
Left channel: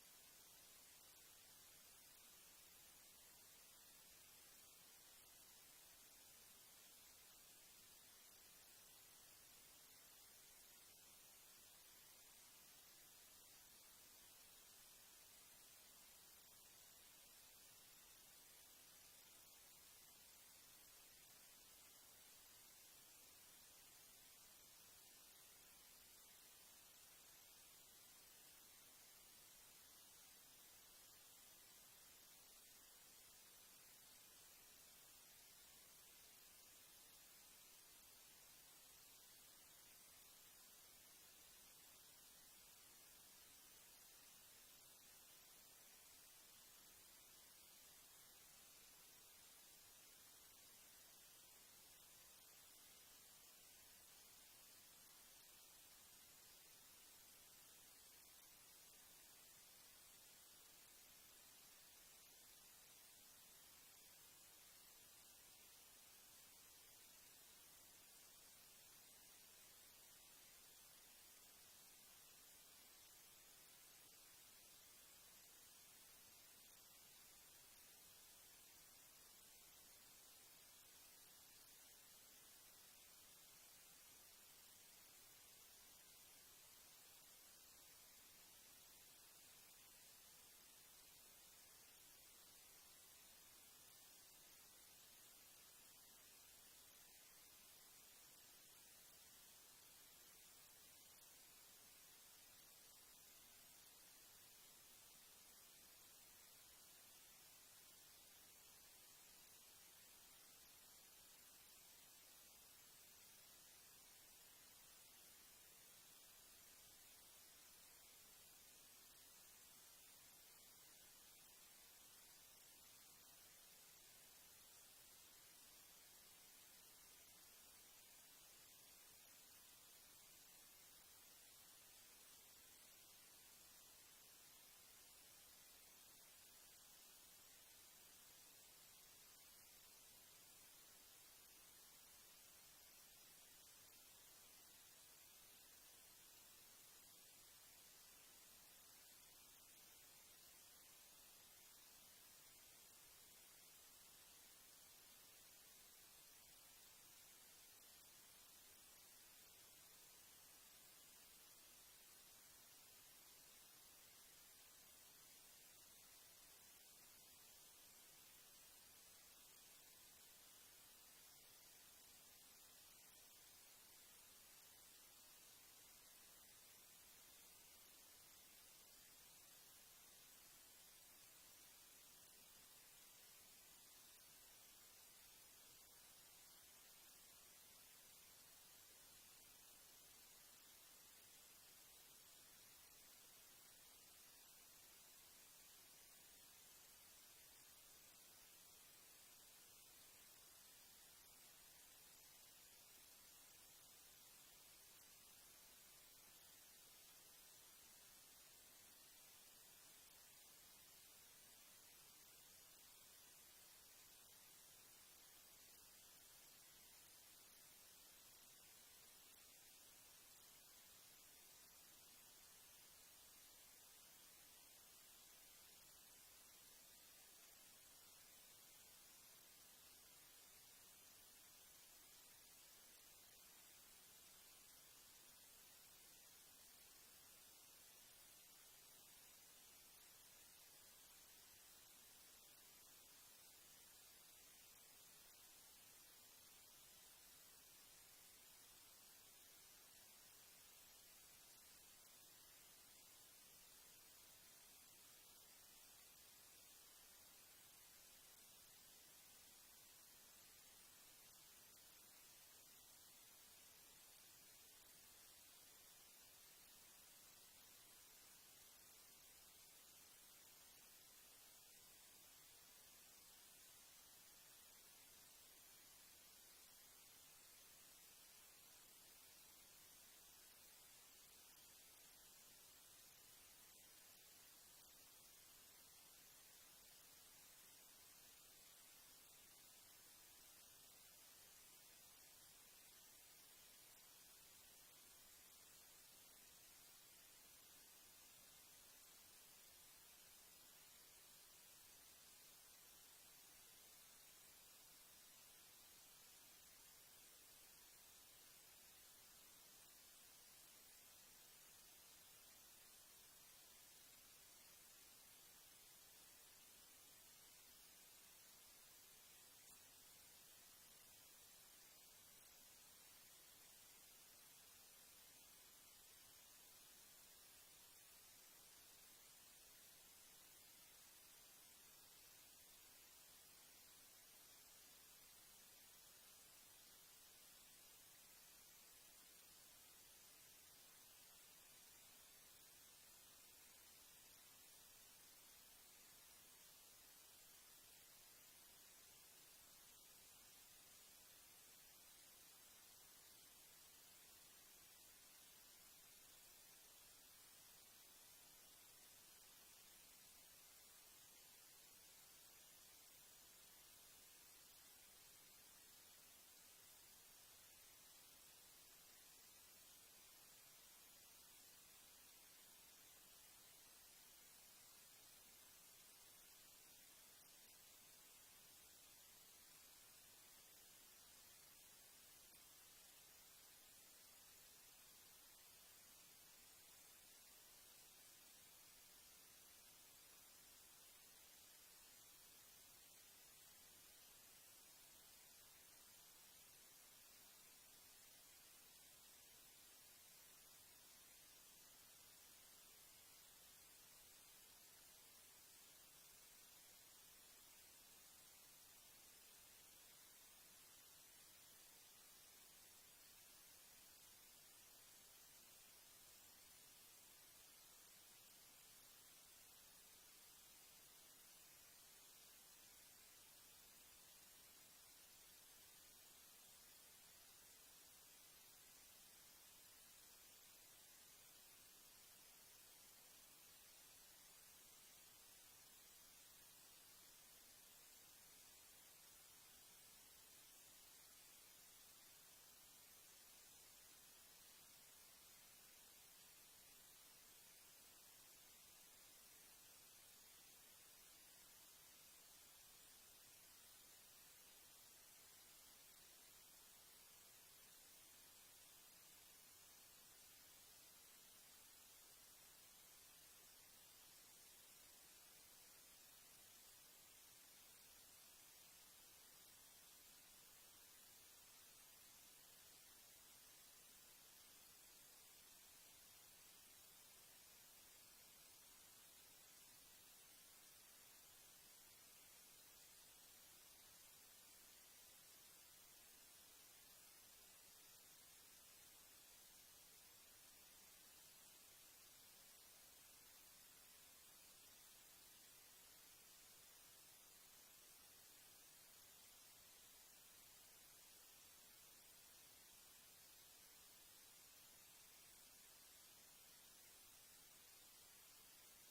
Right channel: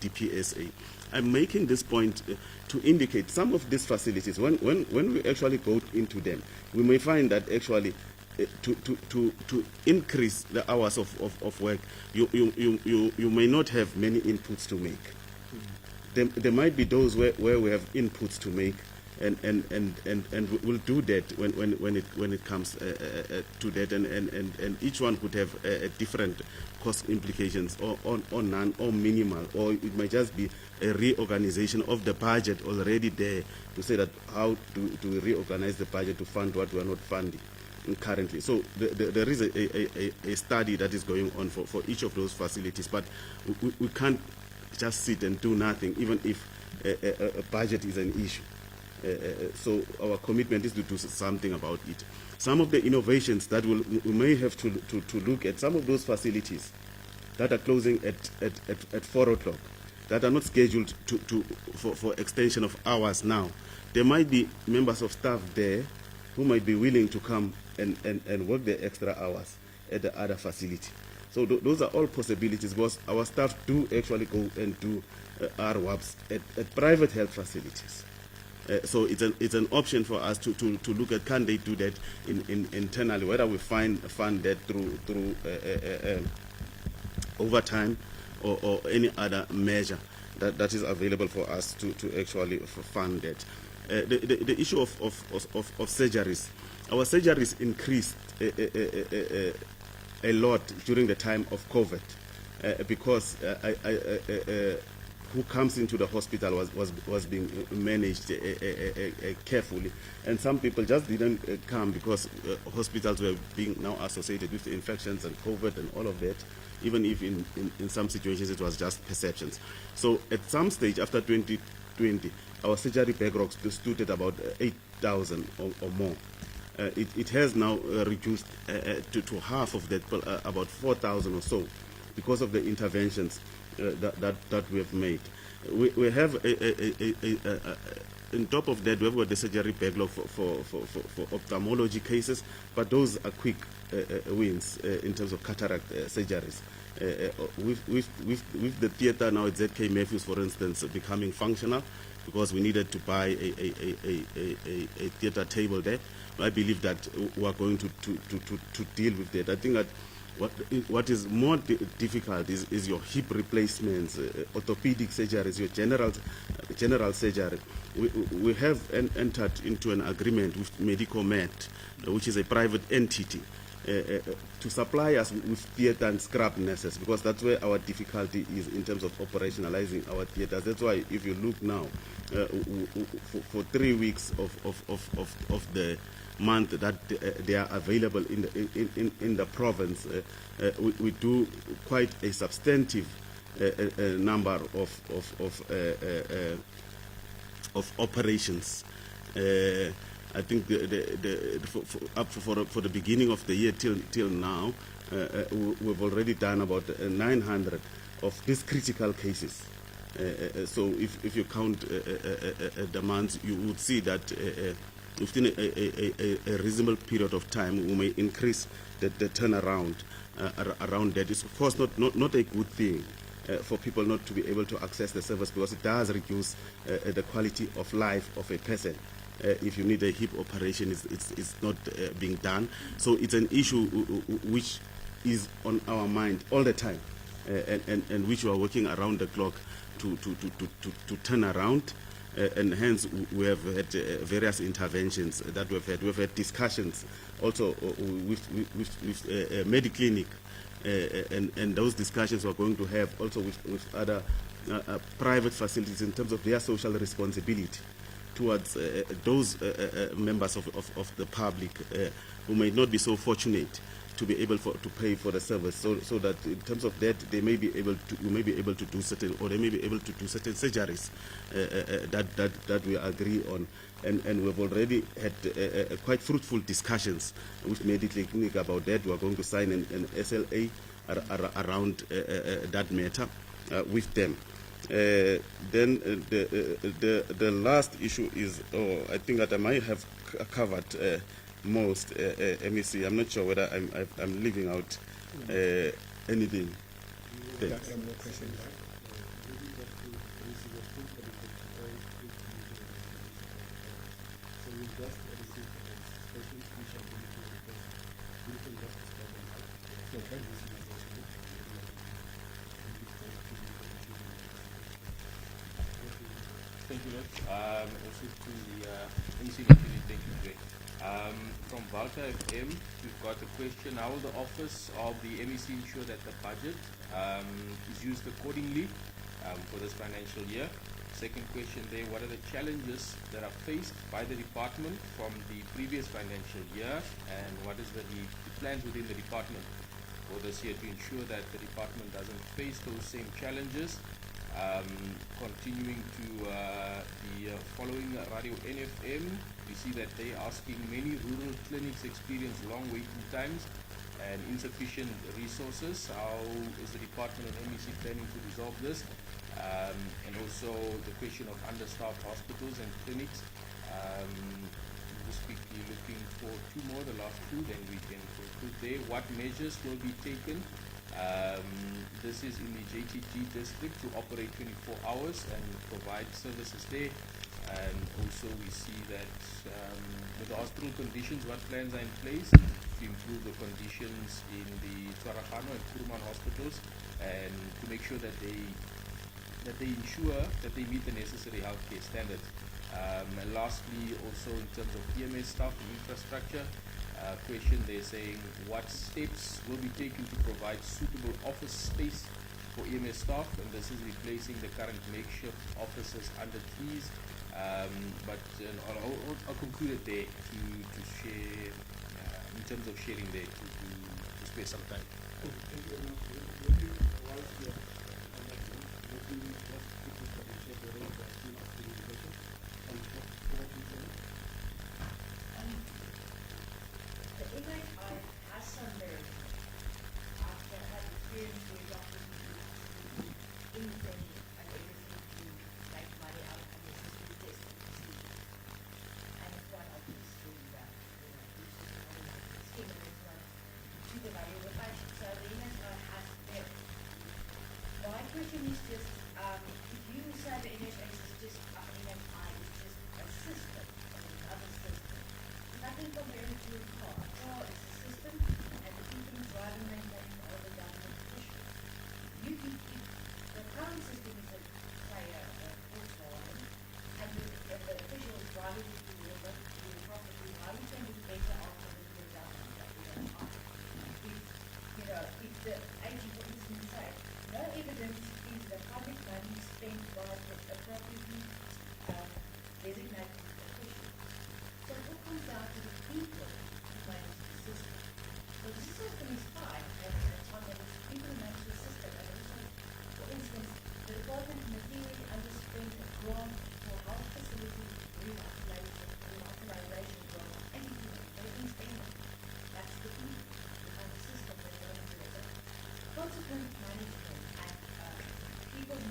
DPSA. I'm making this point to indicate some of these facilities, when we actually go into them, we may find that actually to increase the hours of work, you may not have many inputs to make. There might be those where we have inputs to make, and we'll do that when it comes to that, and each one could have different cost implications, or none, or minimal, or it might just be a reorganization of the budget already there to say that how do we reorganize the budget to fund what we are not funding currently. So there is a study that is going on for each of those facilities, but we can't just sit and do nothing, even if a budget is an issue. So our commitment is to do something about it. Some of the innovations that we may have to look at, some of those facilities that are closing at 4 o'clock, that are not scheduled for extension of hours now. There might be members of staff there who might be willing to come and work their extra hours at the other facility. So those are all possibilities, because our staff do actually go and do RWAPs at private health facilities. So it's an option for us to look at, can they do that internally, whether we fund that through overtime or any other measure that is available for us to actually fund that. The issue of surgeries. Our surgeries increased a lot during the time of COVID because who comes into the hospital was being managed carefully, and some people just didn't come because hospitals were being now associated with infections and COVID and all of that, even if in some situations it was just perceptions. So at some stage after 2020, our surgery backlog stood at about 8,000 or more. It has now reduced to half of that, about 4,000 or so, because of the interventions that we have made. We have on top of that, we've got the surgery backlog for ophthalmology cases, but those are quick wins in terms of cataract surgeries. With the theatre now at ZK Matthews, for instance, becoming functional, because we needed to buy a theatre table there. I believe that we are going to deal with that. I think that what is more difficult is your hip replacements, orthopedic surgeries, your general surgery. We have entered into an agreement with Medicomed, which is a private entity, to supply us with theatre and scrub nurses, because that's where our difficulty is in terms of operationalizing our theatres. That's why if you look now, for 3 weeks of the month that they are available in the province. We do quite a substantive number of operations. I think for the beginning of the year till now, we've already done about 900 of these critical cases. So if you count the months, you would see that within a reasonable period of time, we may increase the turnaround around that. It's of course not a good thing for people not to be able to access the service, because it does reduce the quality of life of a person. If you need a hip operation, it's not being done. So it's an issue which is on our mind all the time, and which we are working around the clock to turn around. And hence we have had various interventions that we've had. We've had discussions also with Mediclinic, and those discussions we're going to have also with other private facilities in terms of their social responsibility towards those members of the public who may not be so fortunate to be able to pay for the service, so that in terms of that they may be able to, we may be able to do certain, or they may be able to do certain surgeries that we agree on, and we've already had quite fruitful discussions with Medical Clinic about that. We are going to sign an SLA around that matter with them. Then the last issue is, I think that I might have covered most MEC. I'm not sure whether I'm leaving out anything. Thanks. Thank you, Rich. Also to the MEC community, thank you, Greg. From Walter FM, we've got a question: how will the office of the MEC ensure that the budget is used accordingly for this financial year? Second question there: what are the challenges that are faced by the department from the previous financial year, and what is the plans within the department for this year to ensure that the department doesn't face those same challenges? Continuing to the following Radio NFM, we see that they are asking many rural clinics experience long waiting times and insufficient resources. How is the department and MEC planning to resolve this? And also the question of understaffed hospitals and clinics. Just quickly looking for two more, the last two, then we can conclude there. What measures will be taken? This is in the JTG district to operate 24 hours and provide services there. And also we see that with the hospital conditions, what plans are in place to improve the conditions in the Tshwaragano and Kuruman hospitals, and to make sure that they ensure that they meet the necessary healthcare standards. And lastly, also in terms of EMS staff and infrastructure, question they're saying: what steps will be taken to provide suitable office space for EMS staff? And this is replacing the current makeshift offices under trees. But I'll conclude it there to share in terms of sharing there to spare some time.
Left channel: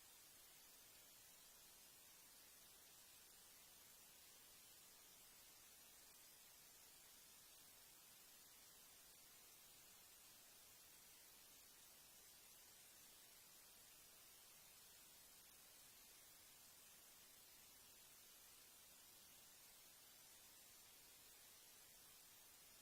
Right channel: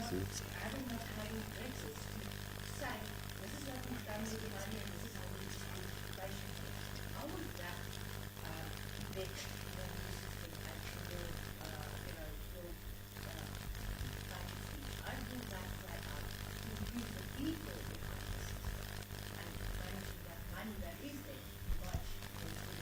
having not having access to say, this is what we've done with the money and this is how we distribute participation. How would that let the new system actually build capacity? I think that right out to use the people behind the system and managing that money that is there much more prudently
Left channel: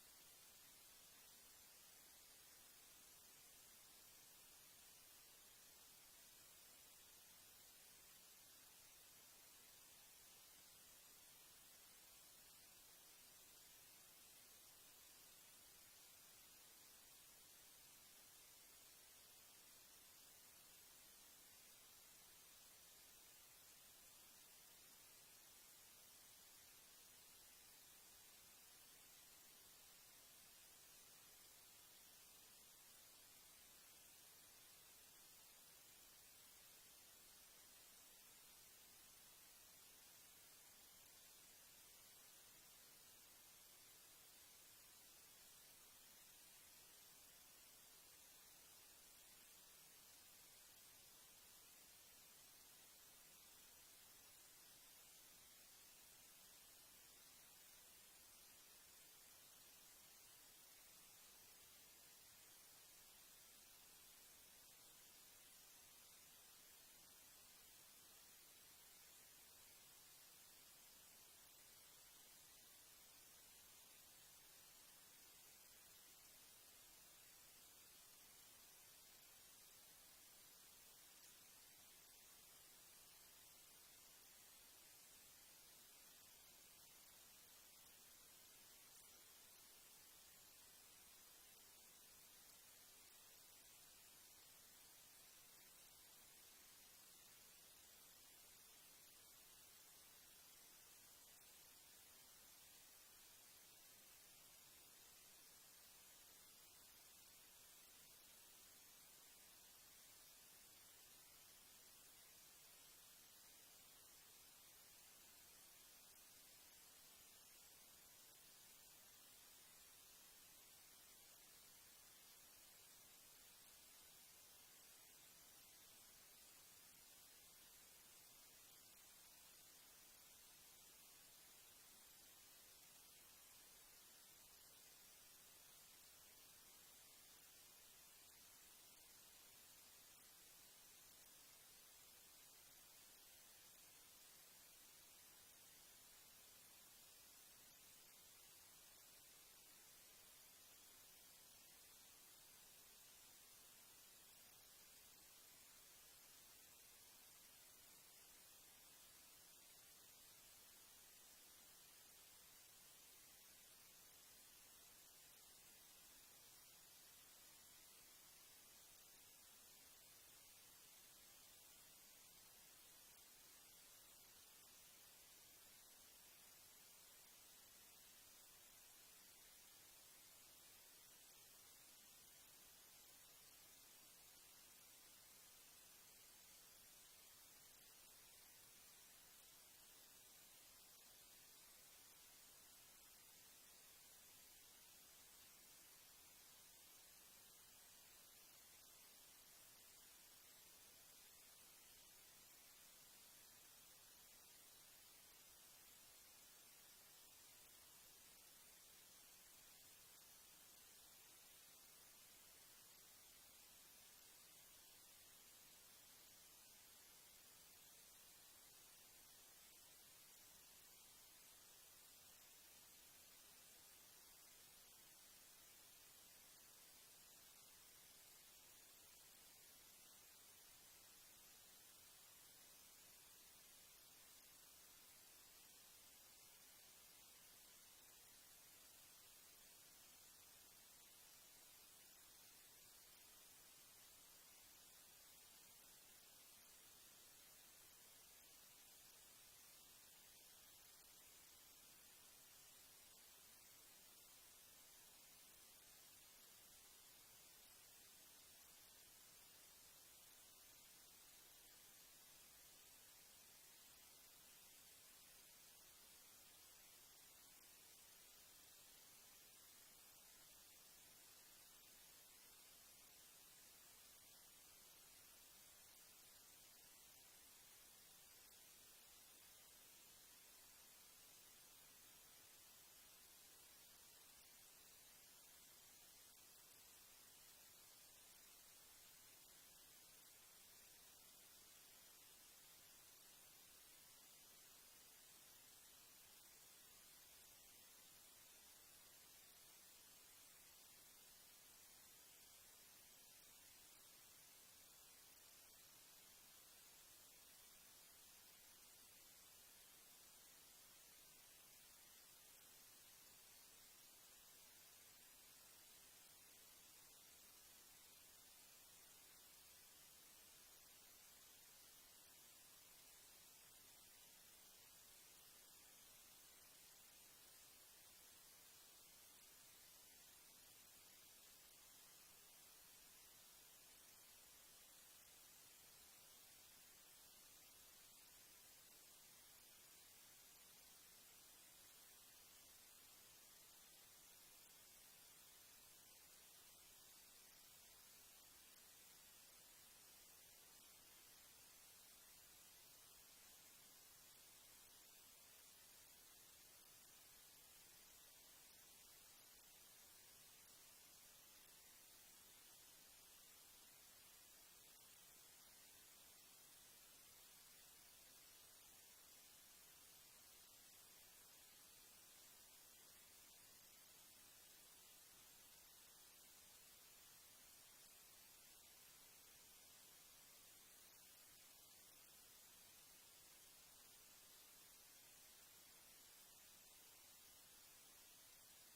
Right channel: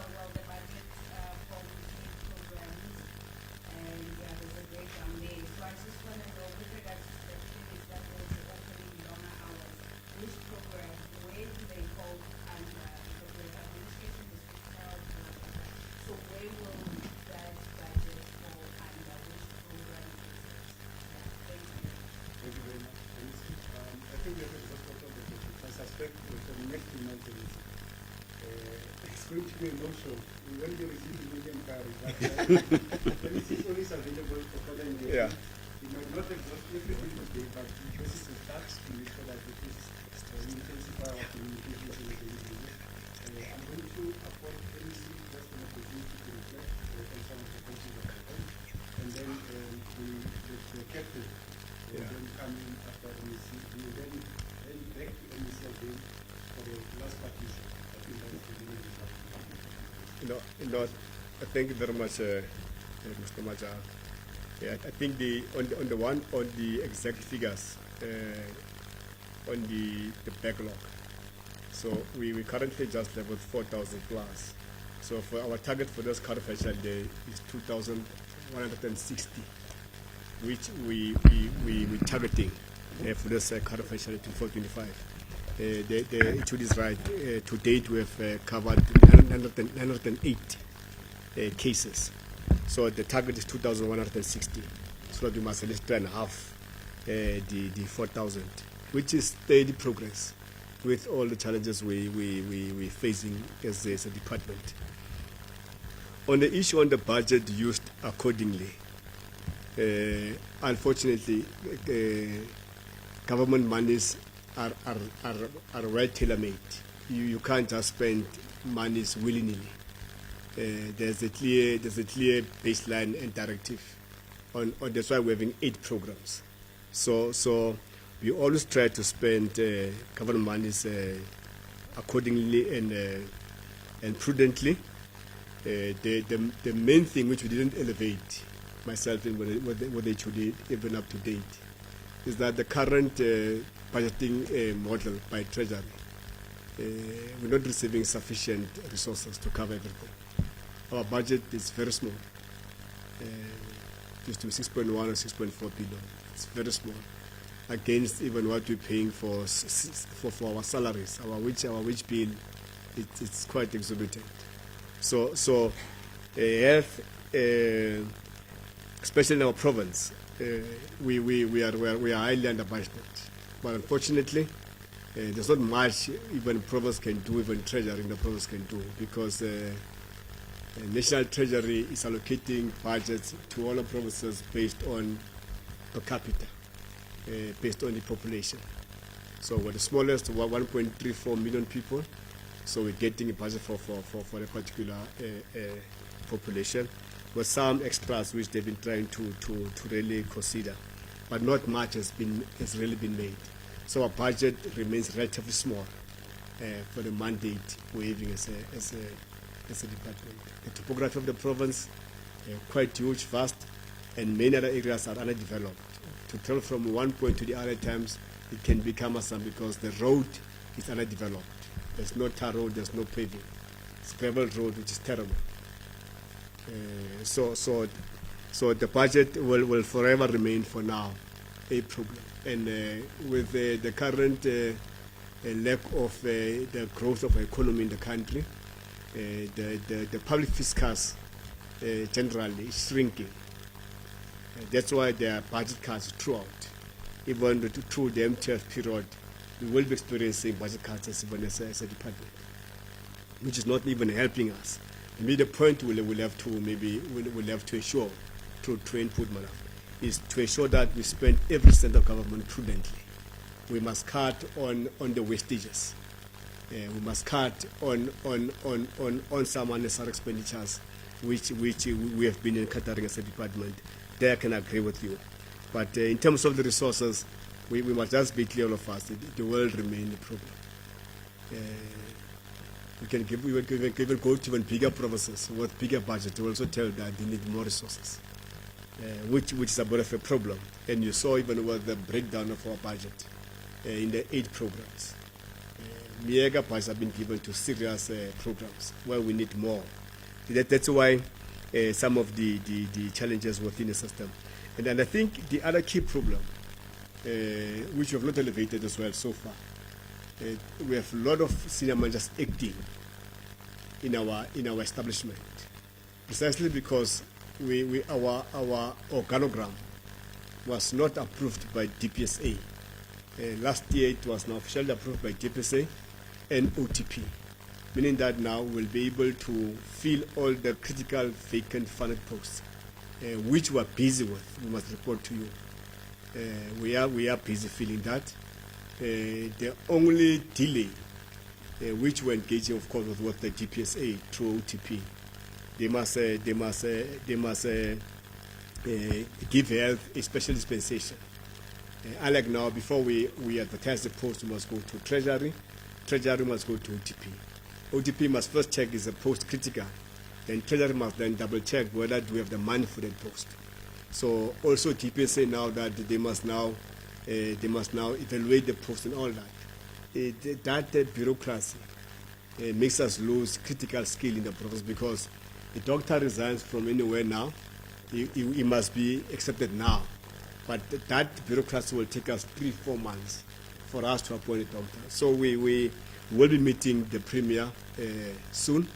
on the budget. Going to be a no-show. We won't be receiving million cards, but this is always available for further engagement. We might not exhaust everything today, but this is a start to make sure that we intensify our communication with the individuals. I'm going to afford NEC just an opportunity to reflect on some of the questions that I have. And then the captain will then come in after NEC. We will then back to NEC again for the last partition. I think that's the beginning of thank you very much, Mr. Maja. I think on the exact figures on the backlog. So we currently just level 4,000 plus. So for our target for this current financial day is 2,160, which we targeting for this current financial day to 425. The issue is right. To date, we have covered 908 cases. So the target is 2,160. So that we must at least try and half the 4,000, which is steady progress with all the challenges we're facing as a department. On the issue on the budget used accordingly, unfortunately, government monies are well tailor-made. You can't just spend monies willy-nilly. There's a clear baseline and directive. On that's why we're having 8 programs. So We always try to spend government monies accordingly and prudently. The main thing which we didn't elevate, myself and whether it should be even up to date, is that the current budgeting model by Treasury, we're not receiving sufficient resources to cover everything. Our budget is very small. Just to 6.1 or 6.4 billion. It's very small against even what we're paying for our salaries. Our wage bill, it's quite exorbitant. So health, especially in our province, we are highly under budget. But unfortunately, there's not much even province can do, even treasury in the province can do, because National Treasury is allocating budgets to all the provinces based on per capita, based on the population. So we're the smallest, 1.34 million people. So we're getting a budget for a particular population, with some extras which they've been trying to really consider, but not much has really been made. So our budget remains relatively small for the mandate we're having as a department. The topography of the province quite huge, vast, and many other areas are underdeveloped. To travel from one point to the other times, it can be cumbersome because the road is underdeveloped. There's no tar road, there's no paving. It's gravel road, which is terrible. So the budget will forever remain for now a problem. And with the current lack of the growth of the economy in the country, the public fiscus generally is shrinking. That's why there are budget cuts throughout. Even through the MTF period, we will be experiencing budget cuts as a department, which is not even helping us. Maybe the point we'll have to ensure through input, Mlatha, is to ensure that we spend every cent of government prudently. We must cut on the wastages. We must cut on some unnecessary expenditures, which we have been incurring as a department. There I can agree with you. But in terms of the resources, we must just be clear, all of us, the world remains a problem. We can even go to even bigger provinces with bigger budget to also tell that they need more resources, which is a bit of a problem. And you saw even with the breakdown of our budget in the 8 programs. Mega budgets have been given to serious programs where we need more. That's why some of the challenges within the system. And I think the other key problem, which we have not elevated as well so far, we have a lot of senior managers acting in our establishment, precisely because our organogram was not approved by DPSA. Last year it was now officially approved by DPSA and OTP, meaning that now we'll be able to fill all the critical vacant funded posts, which we're busy with. We must report to you. We are busy filling that. The only delay, which we're engaging, of course, with the DPSA through OTP, they must give health a special dispensation. Unlike now, before we advertise the post, we must go to Treasury. Treasury must go to OTP. OTP must first check is the post critical. Then Treasury must then double check whether we have the money for that post. So also DPSA now that they must now evaluate the post and all that. That bureaucracy makes us lose critical skill in the process, because the doctor resigns from anywhere now. He must be accepted now. But that bureaucracy will take us 3-4 months for us to appoint a doctor. So we will be meeting the Premier soon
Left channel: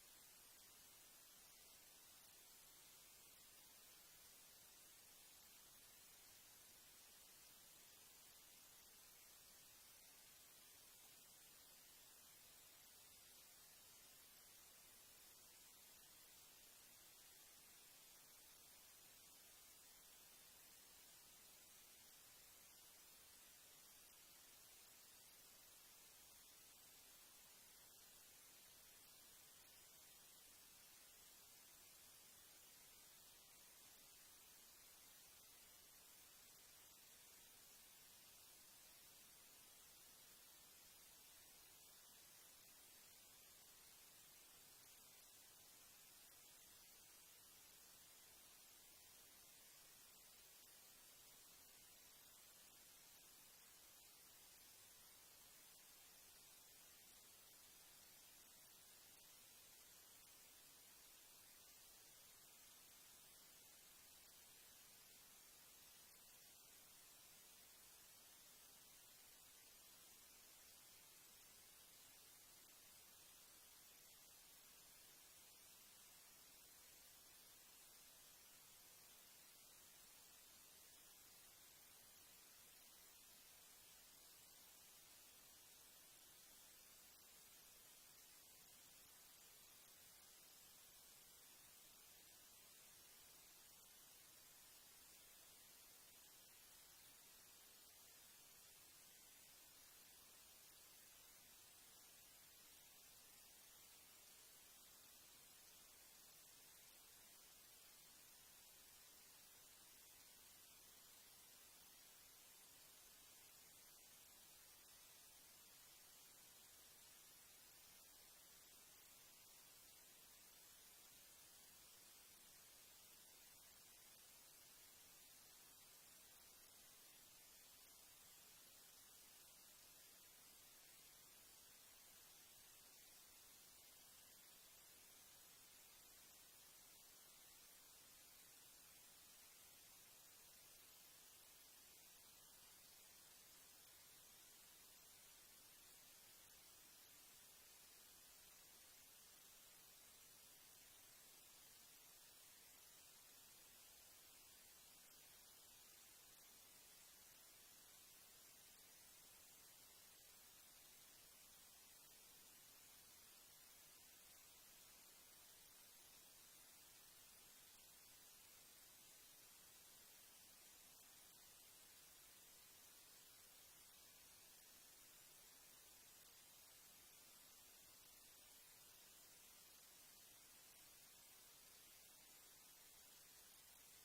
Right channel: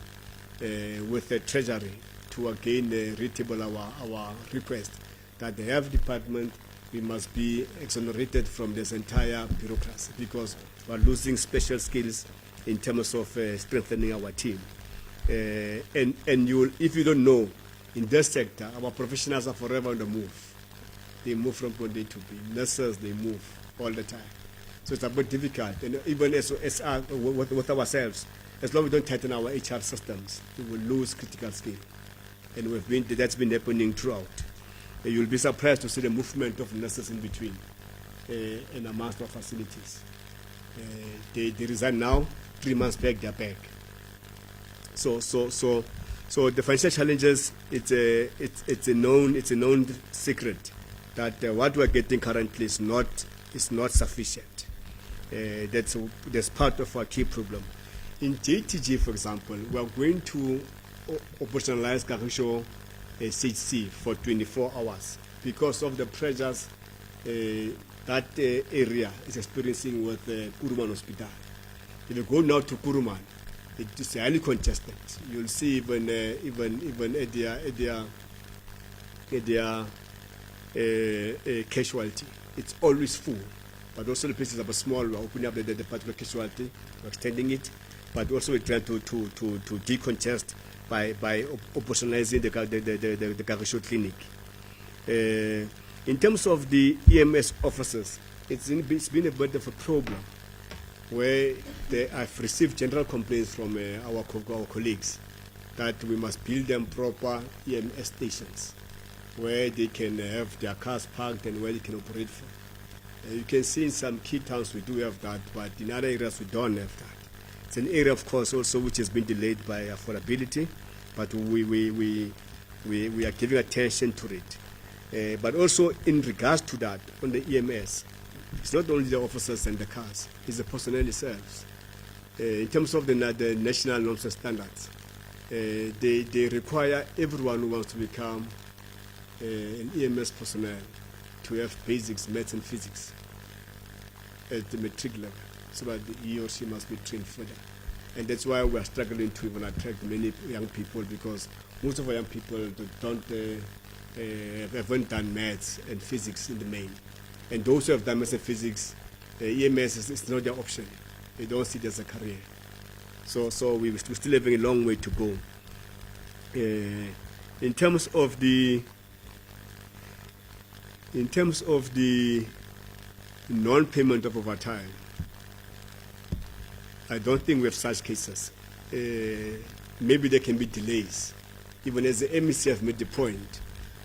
with the Treasury to again retable our request that the health department, we must be exonerated from this entire bureaucracy, because we are losing special skills in terms of strengthening our team. And if you don't know, in this sector, our professionals are forever on the move. They move from point A to B. Nurses, they move all the time. So it's a bit difficult. And even with ourselves, as long as we don't tighten our HR systems, we will lose critical skill. And that's been happening throughout. You'll be surprised to see the movement of nurses in between. and amongst our facilities. They resign now. 3 months back, they're back. So the financial challenges, it's a known secret that what we're getting currently is not sufficient. That's part of our key problem. In JTG, for example, we are going to operationalize Kagisho CHC for 24 hours because of the pressures that area is experiencing with Kuruman Hospital. If you go now to Kuruman, it is highly congested. You'll see even at their casualty, it's always full. But also the places are small. We're opening up the particular casualty, we're extending it, but also we're trying to decongest by operationalizing the Kagisho clinic. In terms of the EMS officers, it's been a bit of a problem where I've received general complaints from our colleagues that we must build them proper EMS stations where they can have their cars parked and where they can operate from. You can see in some key towns we do have that, but in other areas we don't have that. It's an area, of course, also which has been delayed by affordability, but we are giving attention to it. But also in regards to that, on the EMS, it's not only the officers and the cars, it's the personnel themselves. In terms of the national norms and standards, they require everyone who wants to become an EMS personnel to have basics, maths and physics at the matric level, so that he or she must be trained further. And that's why we are struggling to even attract many young people, because most of our young people haven't done maths and physics in the main. And those who have done maths and physics, EMS is not their option. They don't see it as a career. So we're still having a long way to go. In terms of the non-payment of overtime, I don't think we have such cases. Maybe there can be delays. Even as the MEC have made the point,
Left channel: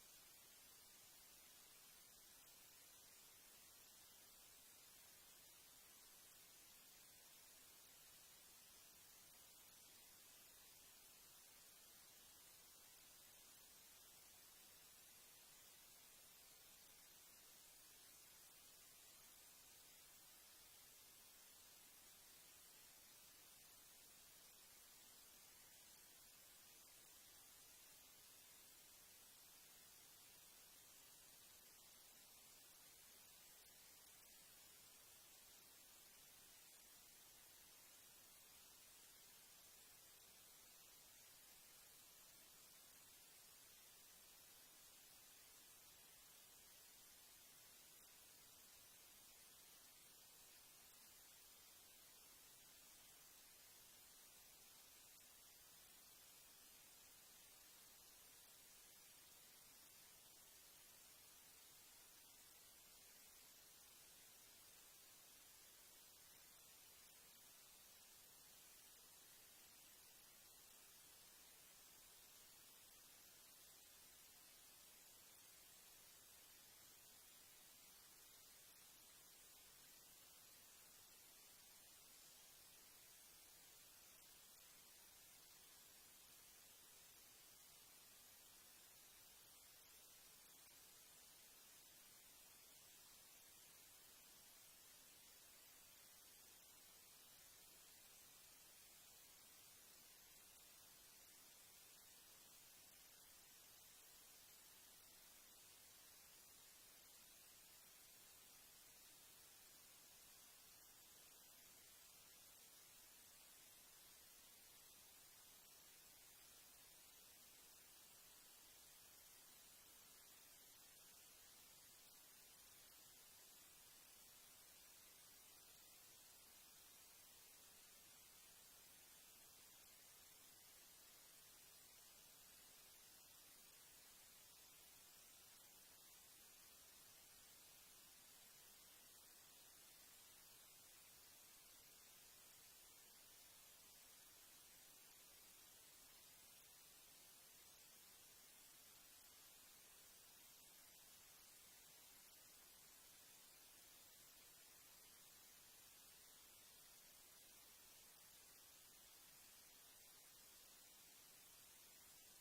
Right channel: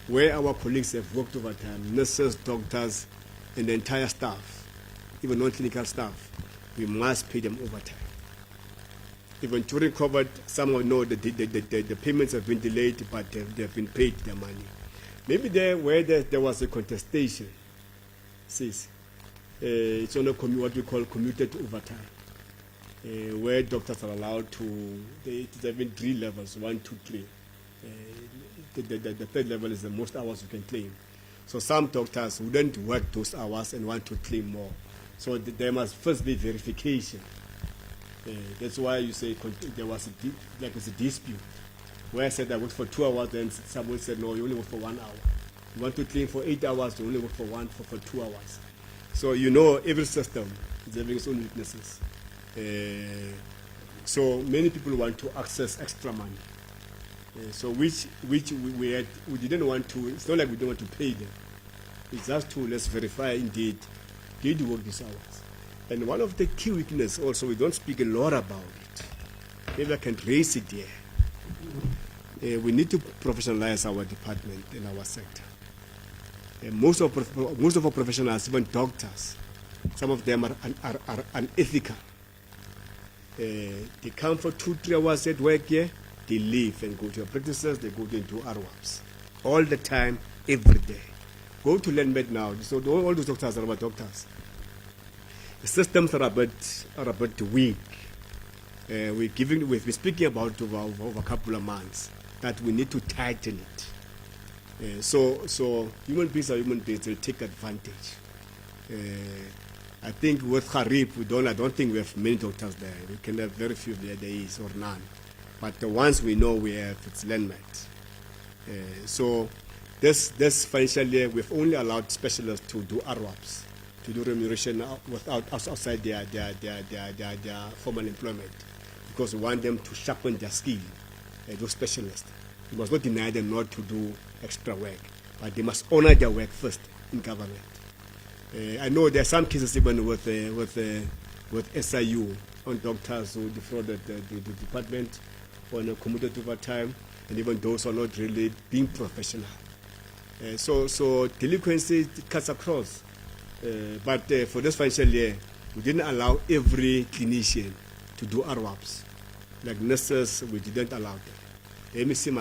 where our colleagues have worked overtime, nurses, doctors, and the entire staff, even non-clinical staff, we must pay them overtime. Even during COVID, some will know that the payments have been delayed, but they have been paid their money. Maybe where there was a contestation, it's on what we call commuted overtime, where doctors are allowed to, it's even 3 levels, 1, 2, 3. The third level is the most hours you can claim. So some doctors wouldn't work those hours and want to claim more. So there must first be verification. That's why you say there was a dispute where I said I worked for 2 hours, then someone said no, you only work for 1 hour. You want to claim for 8 hours, you only work for 2 hours. So every system is having its own weaknesses. So many people want to access extra money. So which we didn't want to. It's not like we don't want to pay them. It's just to let's verify indeed did you work these hours. And one of the key weaknesses also, we don't speak a lot about it. Maybe I can raise it here. We need to professionalize our department in our sector. Most of our professionals, even doctors, some of them are unethical. They come for 2-3 hours at work here, they leave and go to their practices, they go into RWAPs. All the time, every day. Go to LandMed now. So all those doctors are about doctors. The systems are a bit weak. We've been speaking about over a couple of months that we need to tighten it. So human beings are human beings. They take advantage. I think with Harib, I don't think we have many doctors there. We can have very few there is or none. But the ones we know we have, it's LandMed. So this financial year, we've only allowed specialists to do RWAPs, to do remuneration outside their formal employment, because we want them to sharpen their skill, those specialists. We must not deny them not to do extra work, but they must honor their work first in government. I know there are some cases even with SIU on doctors who defrauded the department on a commuted overtime, and even those who are not really being professional. So delinquency cuts across. But for this financial year, we didn't allow every clinician to do RWAPs. Like nurses, we didn't allow them. The MEC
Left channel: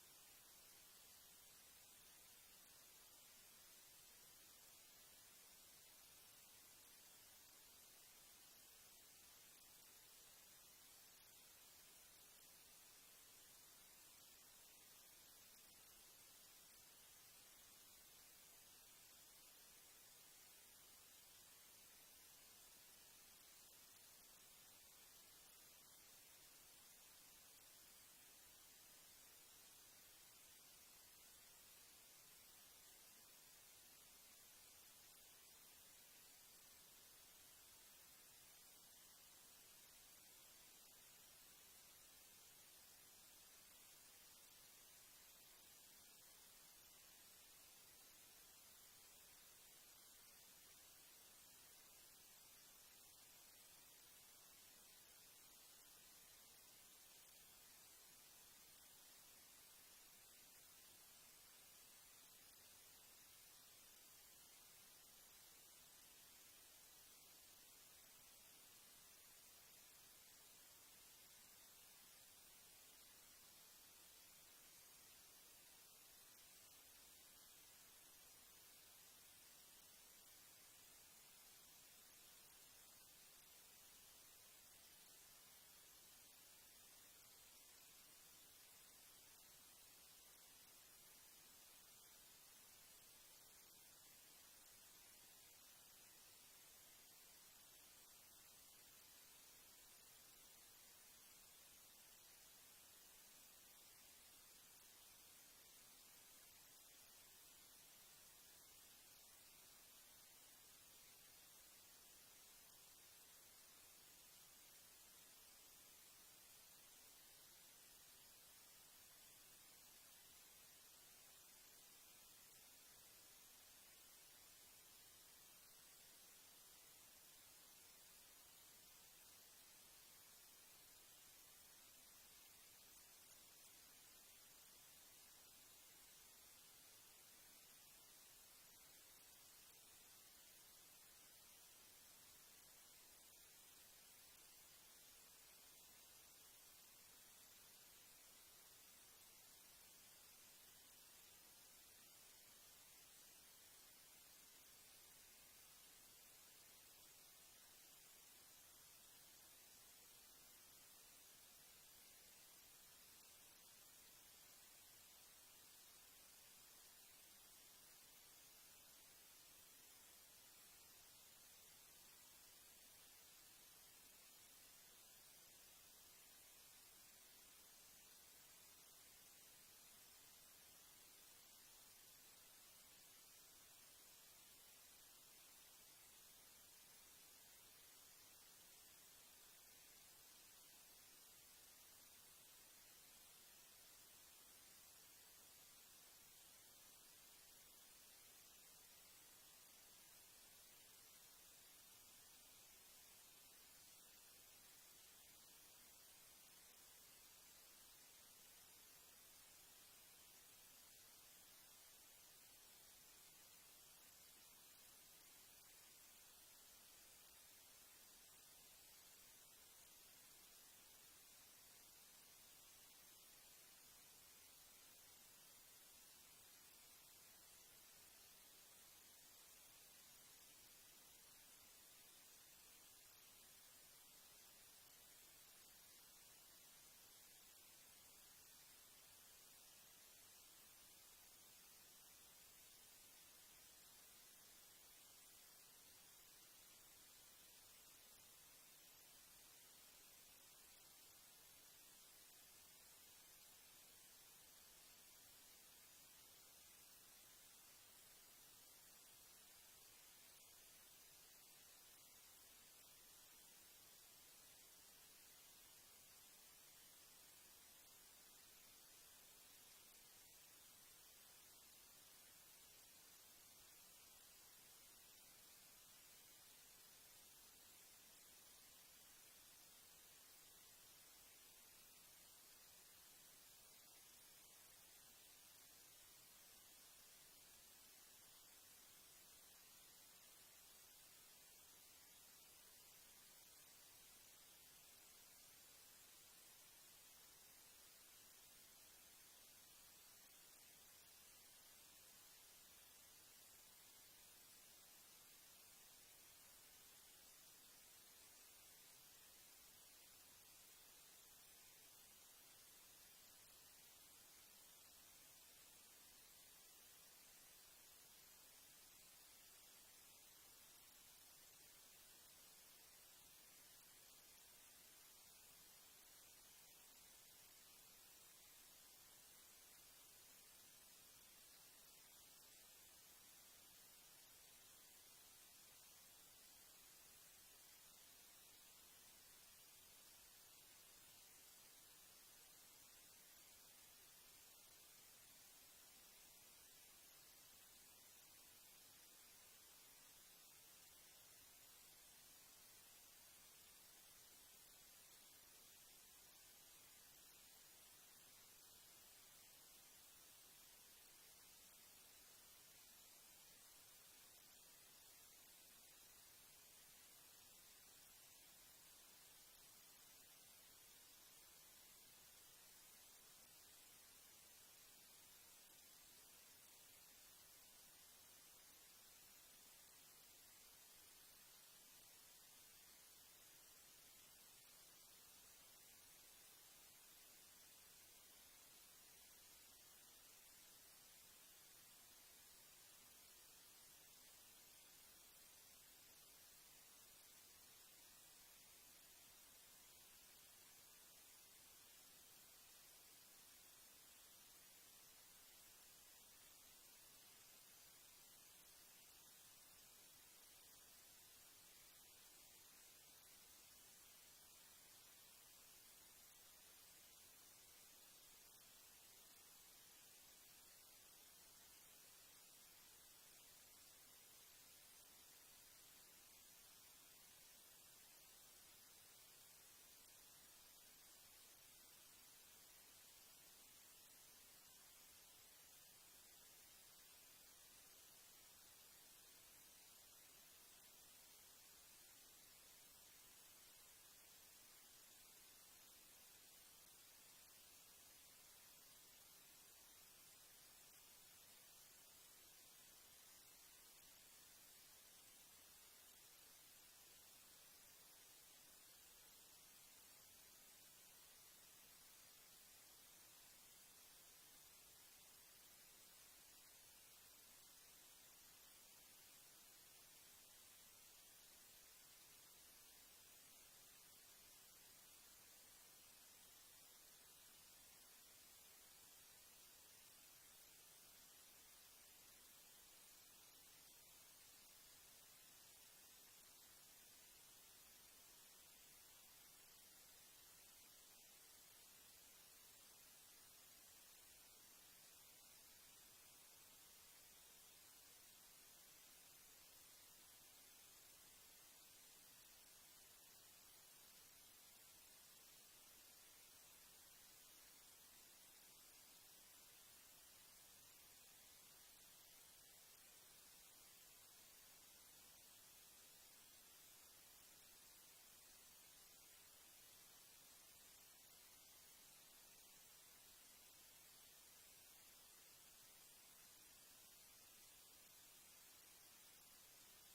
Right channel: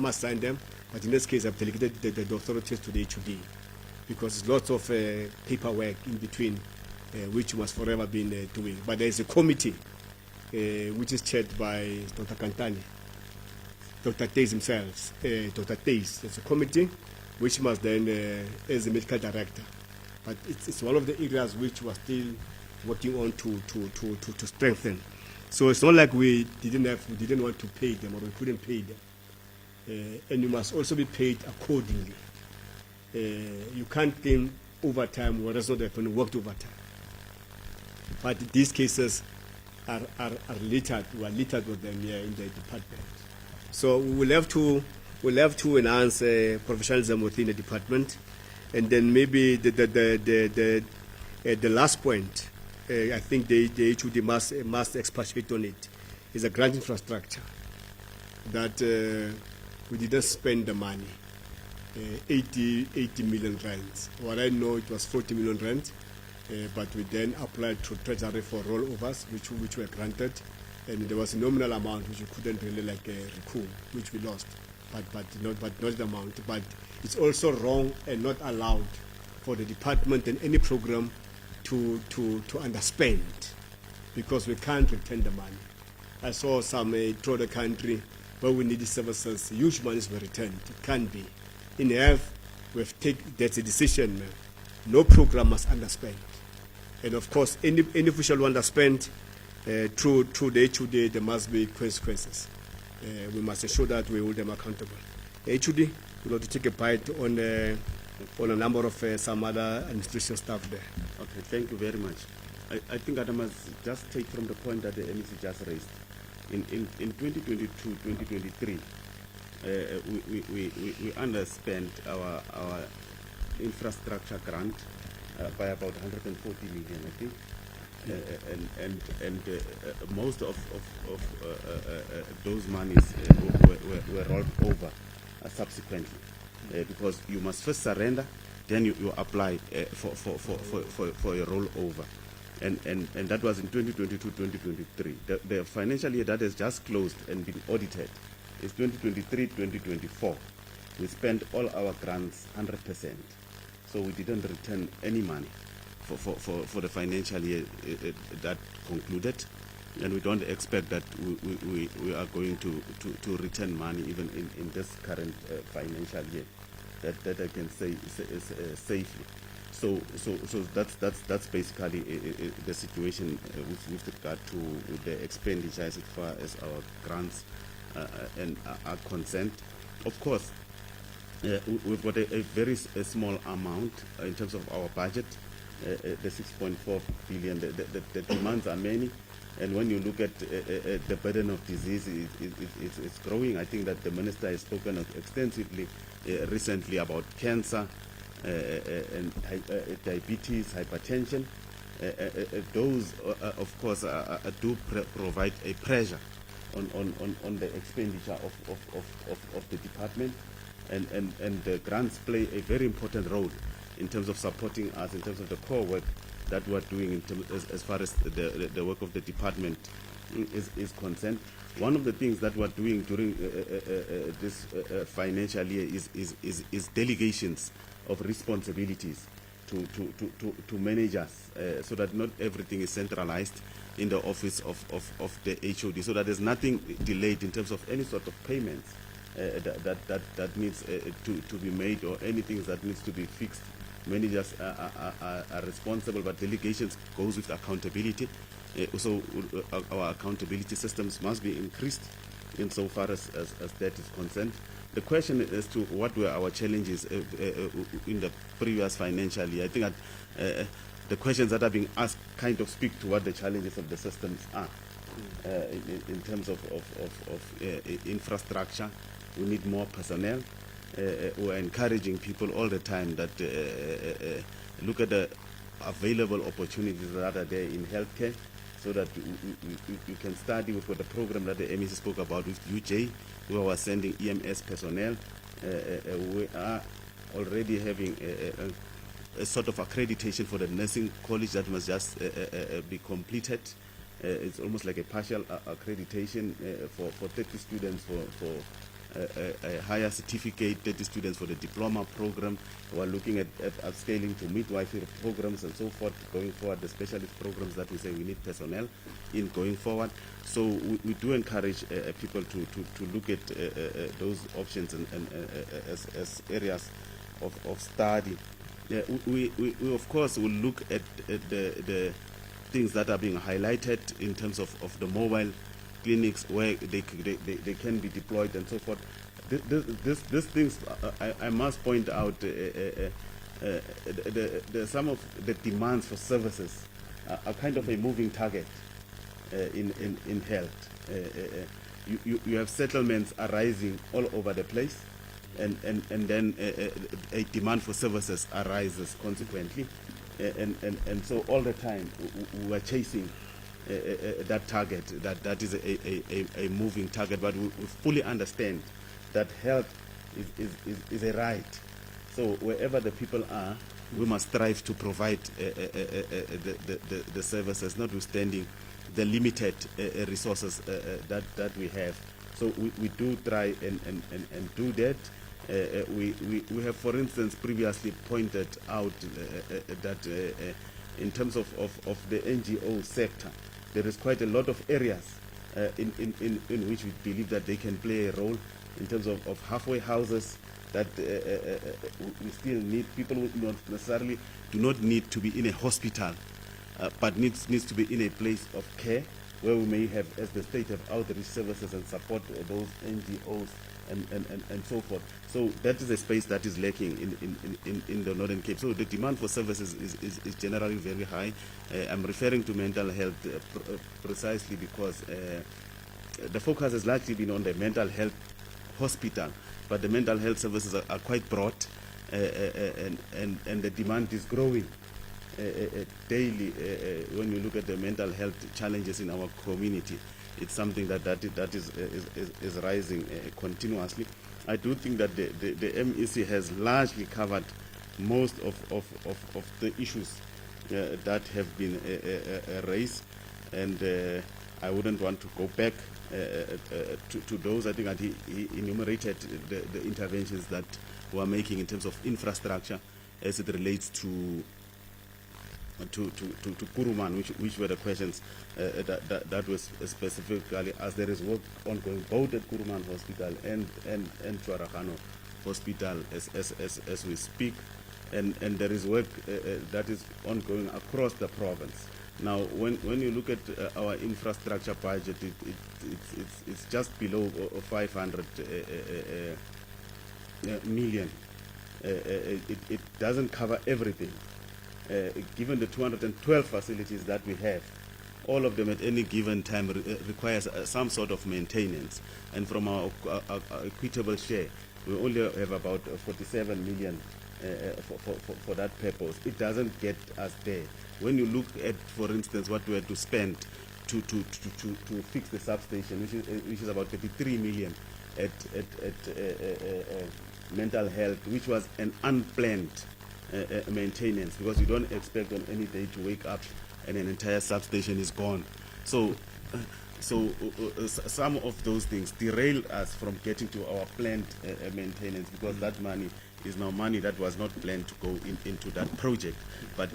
must sign them, but in this case, I've delegated the authorities to the HOD because lots of paperwork in between, which must forever be doing. But there is a committee which is chaired by Dr. Kantani, Dr. Tays himself, Dr. Tays. There's a committee which must then, as the medical director, but it's one of the areas which we're still working on to strengthen. So it's not like we didn't want to pay them or we couldn't pay them. And you must also be paid accordingly. You can't claim overtime whereas not happening, worked overtime. But these cases are littered. We are littered with them here in the department. So we'll have to enhance professionalism within the department, and then maybe the last point. I think the HOD must expatiate on it, is a grant infrastructure that we didn't spend the money, 80 million rands. What I know, it was 40 million rands, but we then applied to Treasury for rollovers, which were granted, and there was a nominal amount which we couldn't really recoup, which we lost, but not the amount. But it's also wrong and not allowed for the department and any program to underspend, because we can't return the money. I saw some throughout the country where we need the services, huge monies were returned. It can't be. In health, that's a decision. No program must underspend. And of course, any official who underspend through the HOD, there must be consequences. We must ensure that we hold them accountable. HOD, we want to take a bite on a number of some other administration staff there. Okay, thank you very much. I think I must just take from the point that the MEC just raised. In 2022, 2023, we underspent our infrastructure grant by about 140 million, I think. Most of those monies were rolled over subsequently. Because you must first surrender, then you apply for a rollover. And that was in 2022-2023. The financial year that has just closed and been audited is 2023-2024. We spent all our grants 100%. So we didn't return any money for the financial year that concluded. And we don't expect that we are going to return money even in this current financial year. That I can say safely. So that's basically the situation with regard to the expenditure as far as our grants and are concerned. Of course, we've got a very small amount in terms of our budget, the 6.4 billion. The demands are many. And when you look at the burden of disease, it's growing. I think that the minister has spoken extensively recently about cancer and diabetes, hypertension. Those, of course, do provide a pressure on the expenditure of the department. And the grants play a very important role in terms of supporting us, in terms of the core work that we're doing in terms, as far as the work of the department is concerned. One of the things that we're doing during this financial year is delegations of responsibilities to managers, so that not everything is centralized in the office of the HOD, so that there's nothing delayed in terms of any sort of payments that needs to be made, or anything that needs to be fixed. Managers are responsible, but delegations goes with accountability. So our accountability systems must be increased insofar as that is concerned. The question as to what were our challenges in the previous financial year, I think that the questions that are being asked kind of speak to what the challenges of the systems are. In terms of infrastructure, we need more personnel. We're encouraging people all the time that look at the available opportunities that are there in healthcare, so that you can study. We've got the program that the MEC spoke about with UJ, where we're sending EMS personnel. We are already having a sort of accreditation for the nursing college that must just be completed. It's almost like a partial accreditation for 30 students for a higher certificate, 30 students for the diploma program. We're looking at upscaling to midwifery programs and so forth going forward, the specialist programs that we say we need personnel in going forward. So we do encourage people to look at those options and as areas of study. We of course will look at the things that are being highlighted in terms of the mobile clinics where they can be deployed and so forth. These things, I must point out, some of the demands for services are kind of a moving target in health. You have settlements arising all over the place, and then a demand for services arises consequently, and so all the time we are chasing that target. That is a moving target, but we fully understand that health is a right. So wherever the people are, we must strive to provide the services, notwithstanding the limited resources that we have. So we do try and do that. We have, for instance, previously pointed out that in terms of the NGO sector, there is quite a lot of areas in which we believe that they can play a role in terms of halfway houses that we still need. People who not necessarily do not need to be in a hospital, but needs to be in a place of care where we may have, as the state, have outreach services and support those NGOs and so forth. So that is a space that is lacking in the Northern Cape. So the demand for services is generally very high. I'm referring to mental health precisely because the focus has largely been on the mental health hospital, but the mental health services are quite broad, and the demand is growing daily. When you look at the mental health challenges in our community, it's something that is rising continuously. I do think that the MEC has largely covered most of the issues that have been raised, and I wouldn't want to go back to those. I think that he enumerated the interventions that we're making in terms of infrastructure as it relates to Kuruman, which were the questions that was specifically asked. There is work ongoing both at Kuruman Hospital and Chuaragano Hospital as we speak, and there is work that is ongoing across the province. Now, when you look at our infrastructure budget, it's just below 500 million. It doesn't cover everything. Given the 212 facilities that we have, all of them at any given time requires some sort of maintenance. And from our equitable share, we only have about 47 million for that purpose. It doesn't get us there. When you look at, for instance, what we had to spend to fix the substation, which is about 33 million at mental health, which was an unplanned maintenance, because you don't expect on any day to wake up and an entire substation is gone. So some of those things derail us from getting to our planned maintenance, because that money is now money that was not planned to go into that project, but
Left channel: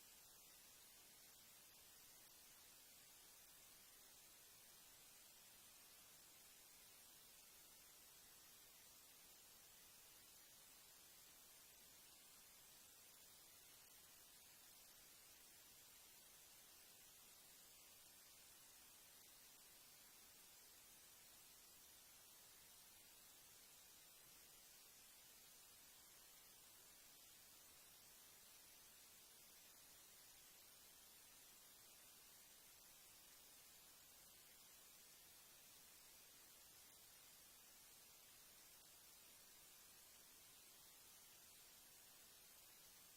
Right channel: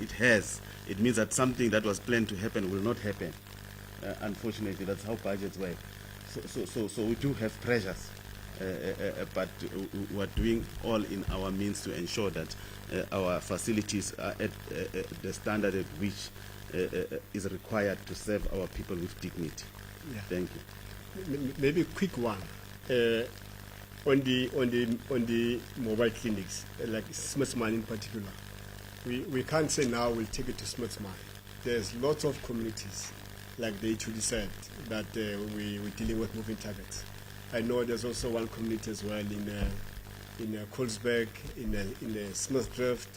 it means that something that was planned to happen will not happen. Unfortunately, that's how budgets work. So we do have pressures, but we're doing all in our means to ensure that our facilities are at the standard at which is required to serve our people with dignity. Yeah. Thank you. Maybe a quick one. On the mobile clinics, like Smithman in particular, we can't say now we'll take it to Smithman. There's lots of communities, like they actually said, that we're dealing with moving targets. I know there's also one community as well in Colesberg, in Smithdrift.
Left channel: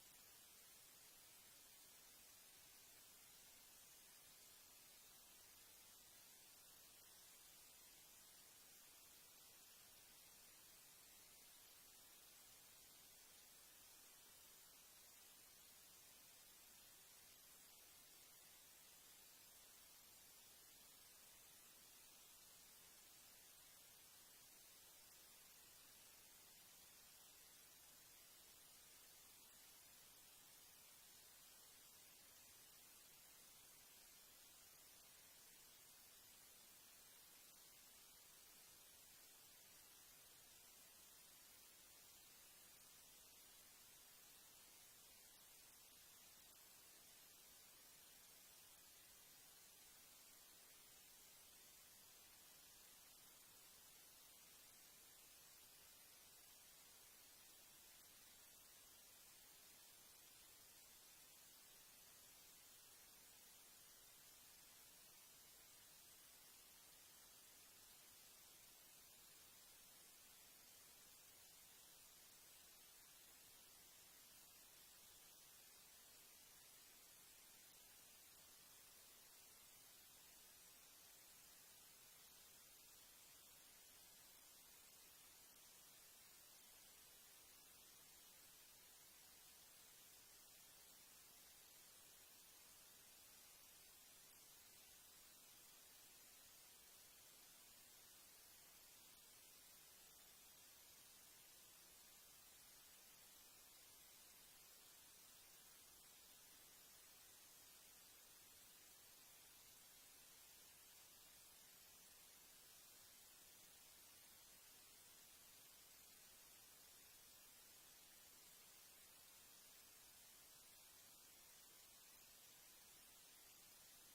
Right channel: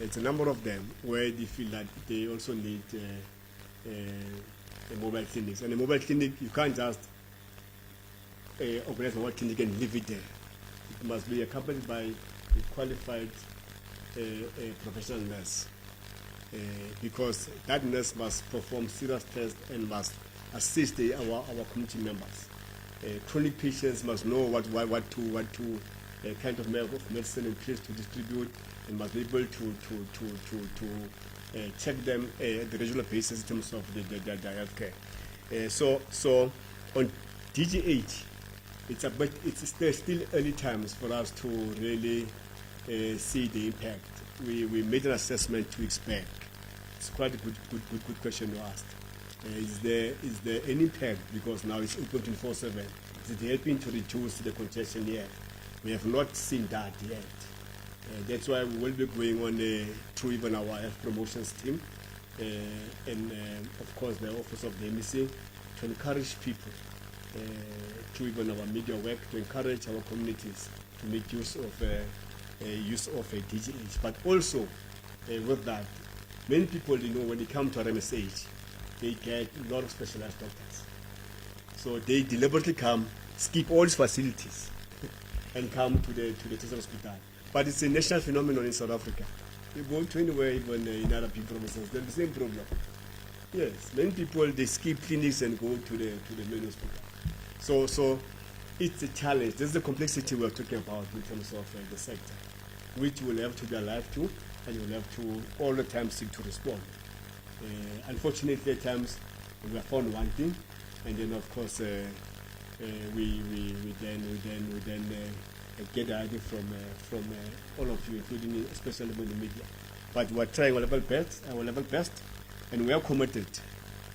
It's a number of them where they feel that they also need a mobile clinics. And a mobile clinic, you can't just organize a mobile clinic and leave it there. It must be accompanied by a qualified a professional nurse, because that nurse must perform serious tests and must assist our community members. Chronic patients must know what kind of medicine in place to distribute, and must be able to check them at the regular basis in terms of their healthcare. So on DG8, it's still early times for us to really see the impact. We made an assessment 2 weeks back. It's quite a good question you asked. Is there any impact, because now it's open 24/7? Is it helping to reduce the congestion yet? We have not seen that yet. That's why we will be going on through even our health promotions team and of course the office of the MEC to encourage people through even our media work to encourage our communities to make use of a DGH. But also with that, many people, when they come to our MSH, they get a lot of specialized doctors. So they deliberately come, skip all these facilities, and come to the Teachers Hospital. But it's a national phenomenon in South Africa. You go to anywhere, even in other big provinces, there's the same problem. Yes, many people, they skip clinics and go to the main hospital. So it's a challenge. This is the complexity we're talking about in terms of the sector, which we'll have to be alive to, and you'll have to all the time seek to respond. Unfortunately, at times we are found wanting, and then of course we then get the idea from all of you, including especially with the media. But we're trying our level best, and we are committed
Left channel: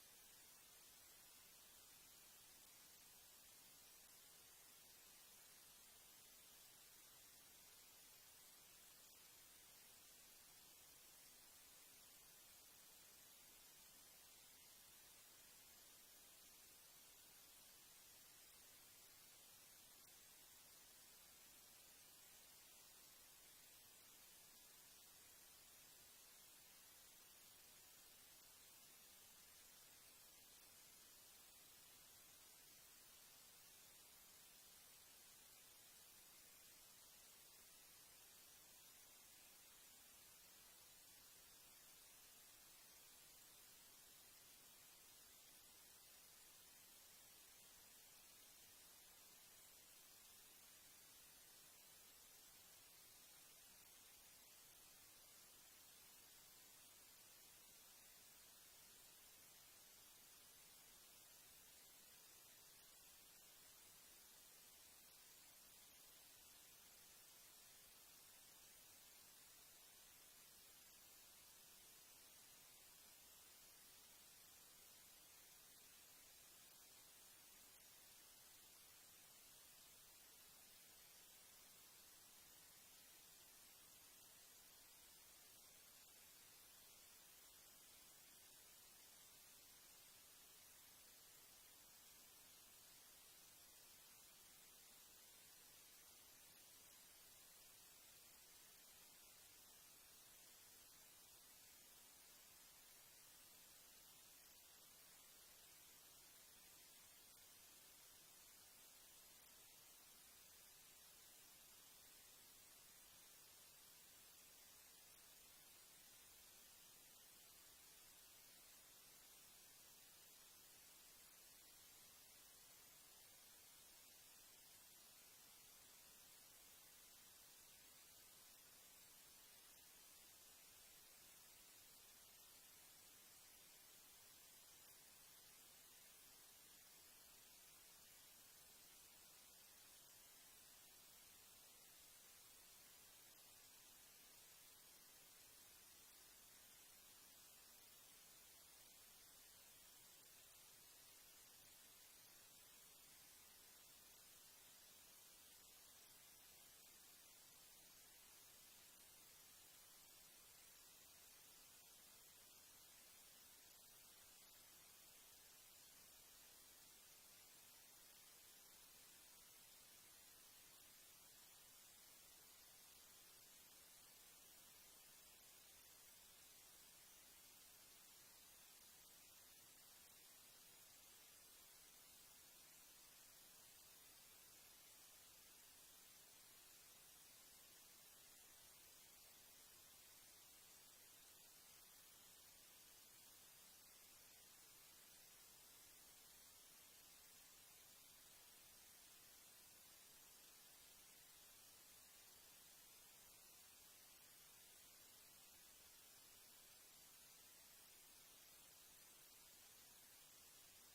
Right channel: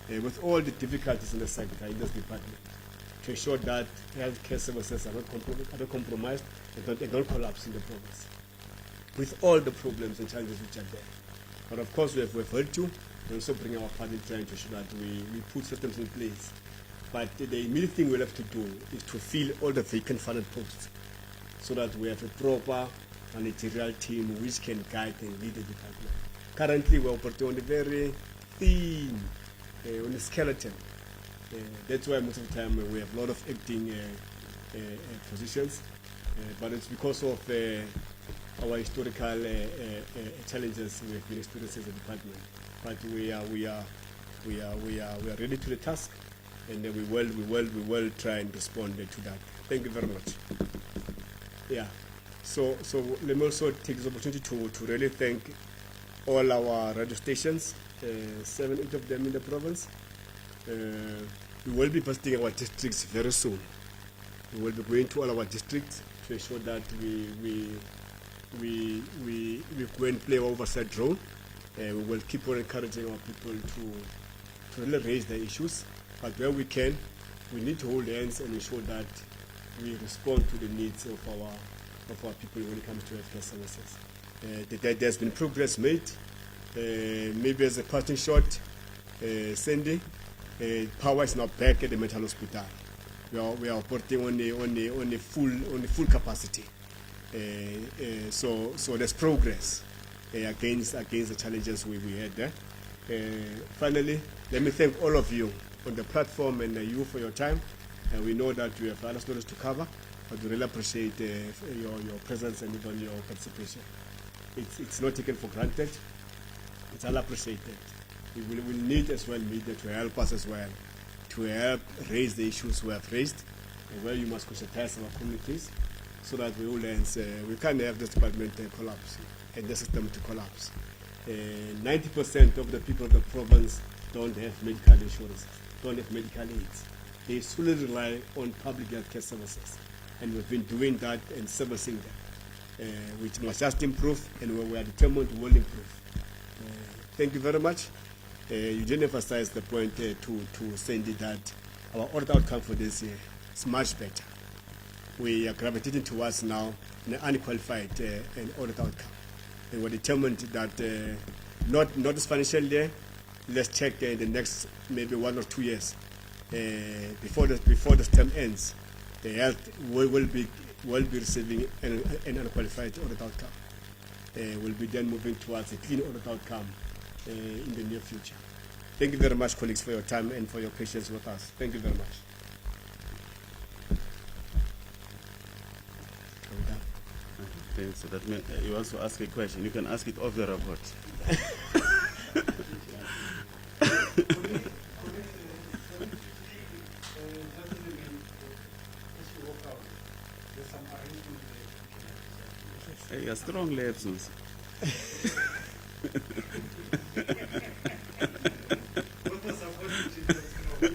with all the difficulties in the sector, in this department, to ensure that healthcare services are not compromised and don't collapse in the province, with all the problems and challenges which are there. But of course, we have heard you. We also bring our part in trying to ensure that we put systems in place. But the immediate thing we'll have to do is to fill all the vacant funded posts, so that we have a proper managerial team which can guide and lead the department. Currently, we're operating on a very thin, on a skeleton. That's why most of the time we have a lot of acting positions, but it's because of our historical challenges we have been experiencing as a department. But we are ready to the task, and we will try and respond to that. Thank you very much. Yeah. So let me also take this opportunity to really thank all our radio stations, 7, 8 of them in the province. We will be visiting our districts very soon. We will be going to all our districts to ensure that we go and play our oversight role. We will keep on encouraging our people to really raise their issues. But where we can, we need to hold hands and ensure that we respond to the needs of our people when it comes to healthcare services. There's been progress made. Maybe as a parting shot, Sandy, power is now back at the mental hospital. We are operating on a full capacity. So there's progress against the challenges we had there. Finally, let me thank all of you on the platform and you for your time. We know that you have other stories to cover, but we really appreciate your presence and even your participation. It's not taken for granted. It's all appreciated. We will need as well media to help us as well, to help raise the issues we have raised, and where you must conscientize our communities, so that we all ends, we can't have this department collapse and the system to collapse. 90% of the people of the province don't have medical insurance, don't have medical aids. They solely rely on public healthcare services, and we've been doing that and servicing them, which must just improve, and we are determined to will improve. Thank you very much. You didn't emphasize the point to Sandy that our audit outcome for this year is much better. We are gravitating towards now an unqualified an audit outcome, and we're determined that not this financial year. Let's check the next maybe 1 or 2 years before the term ends. The health will be receiving an unqualified audit outcome. We'll be then moving towards a clean audit outcome in the near future. Thank you very much, colleagues, for your time and for your patience with us. Thank you very much. Okay, so that means you want to ask a question. You can ask it off the record. Hey, you're strong legs, Mxolisi.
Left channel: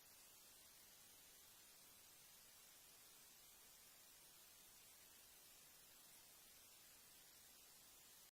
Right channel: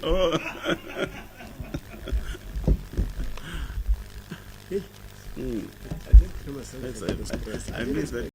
Oh. I didn't know myself. I miss that.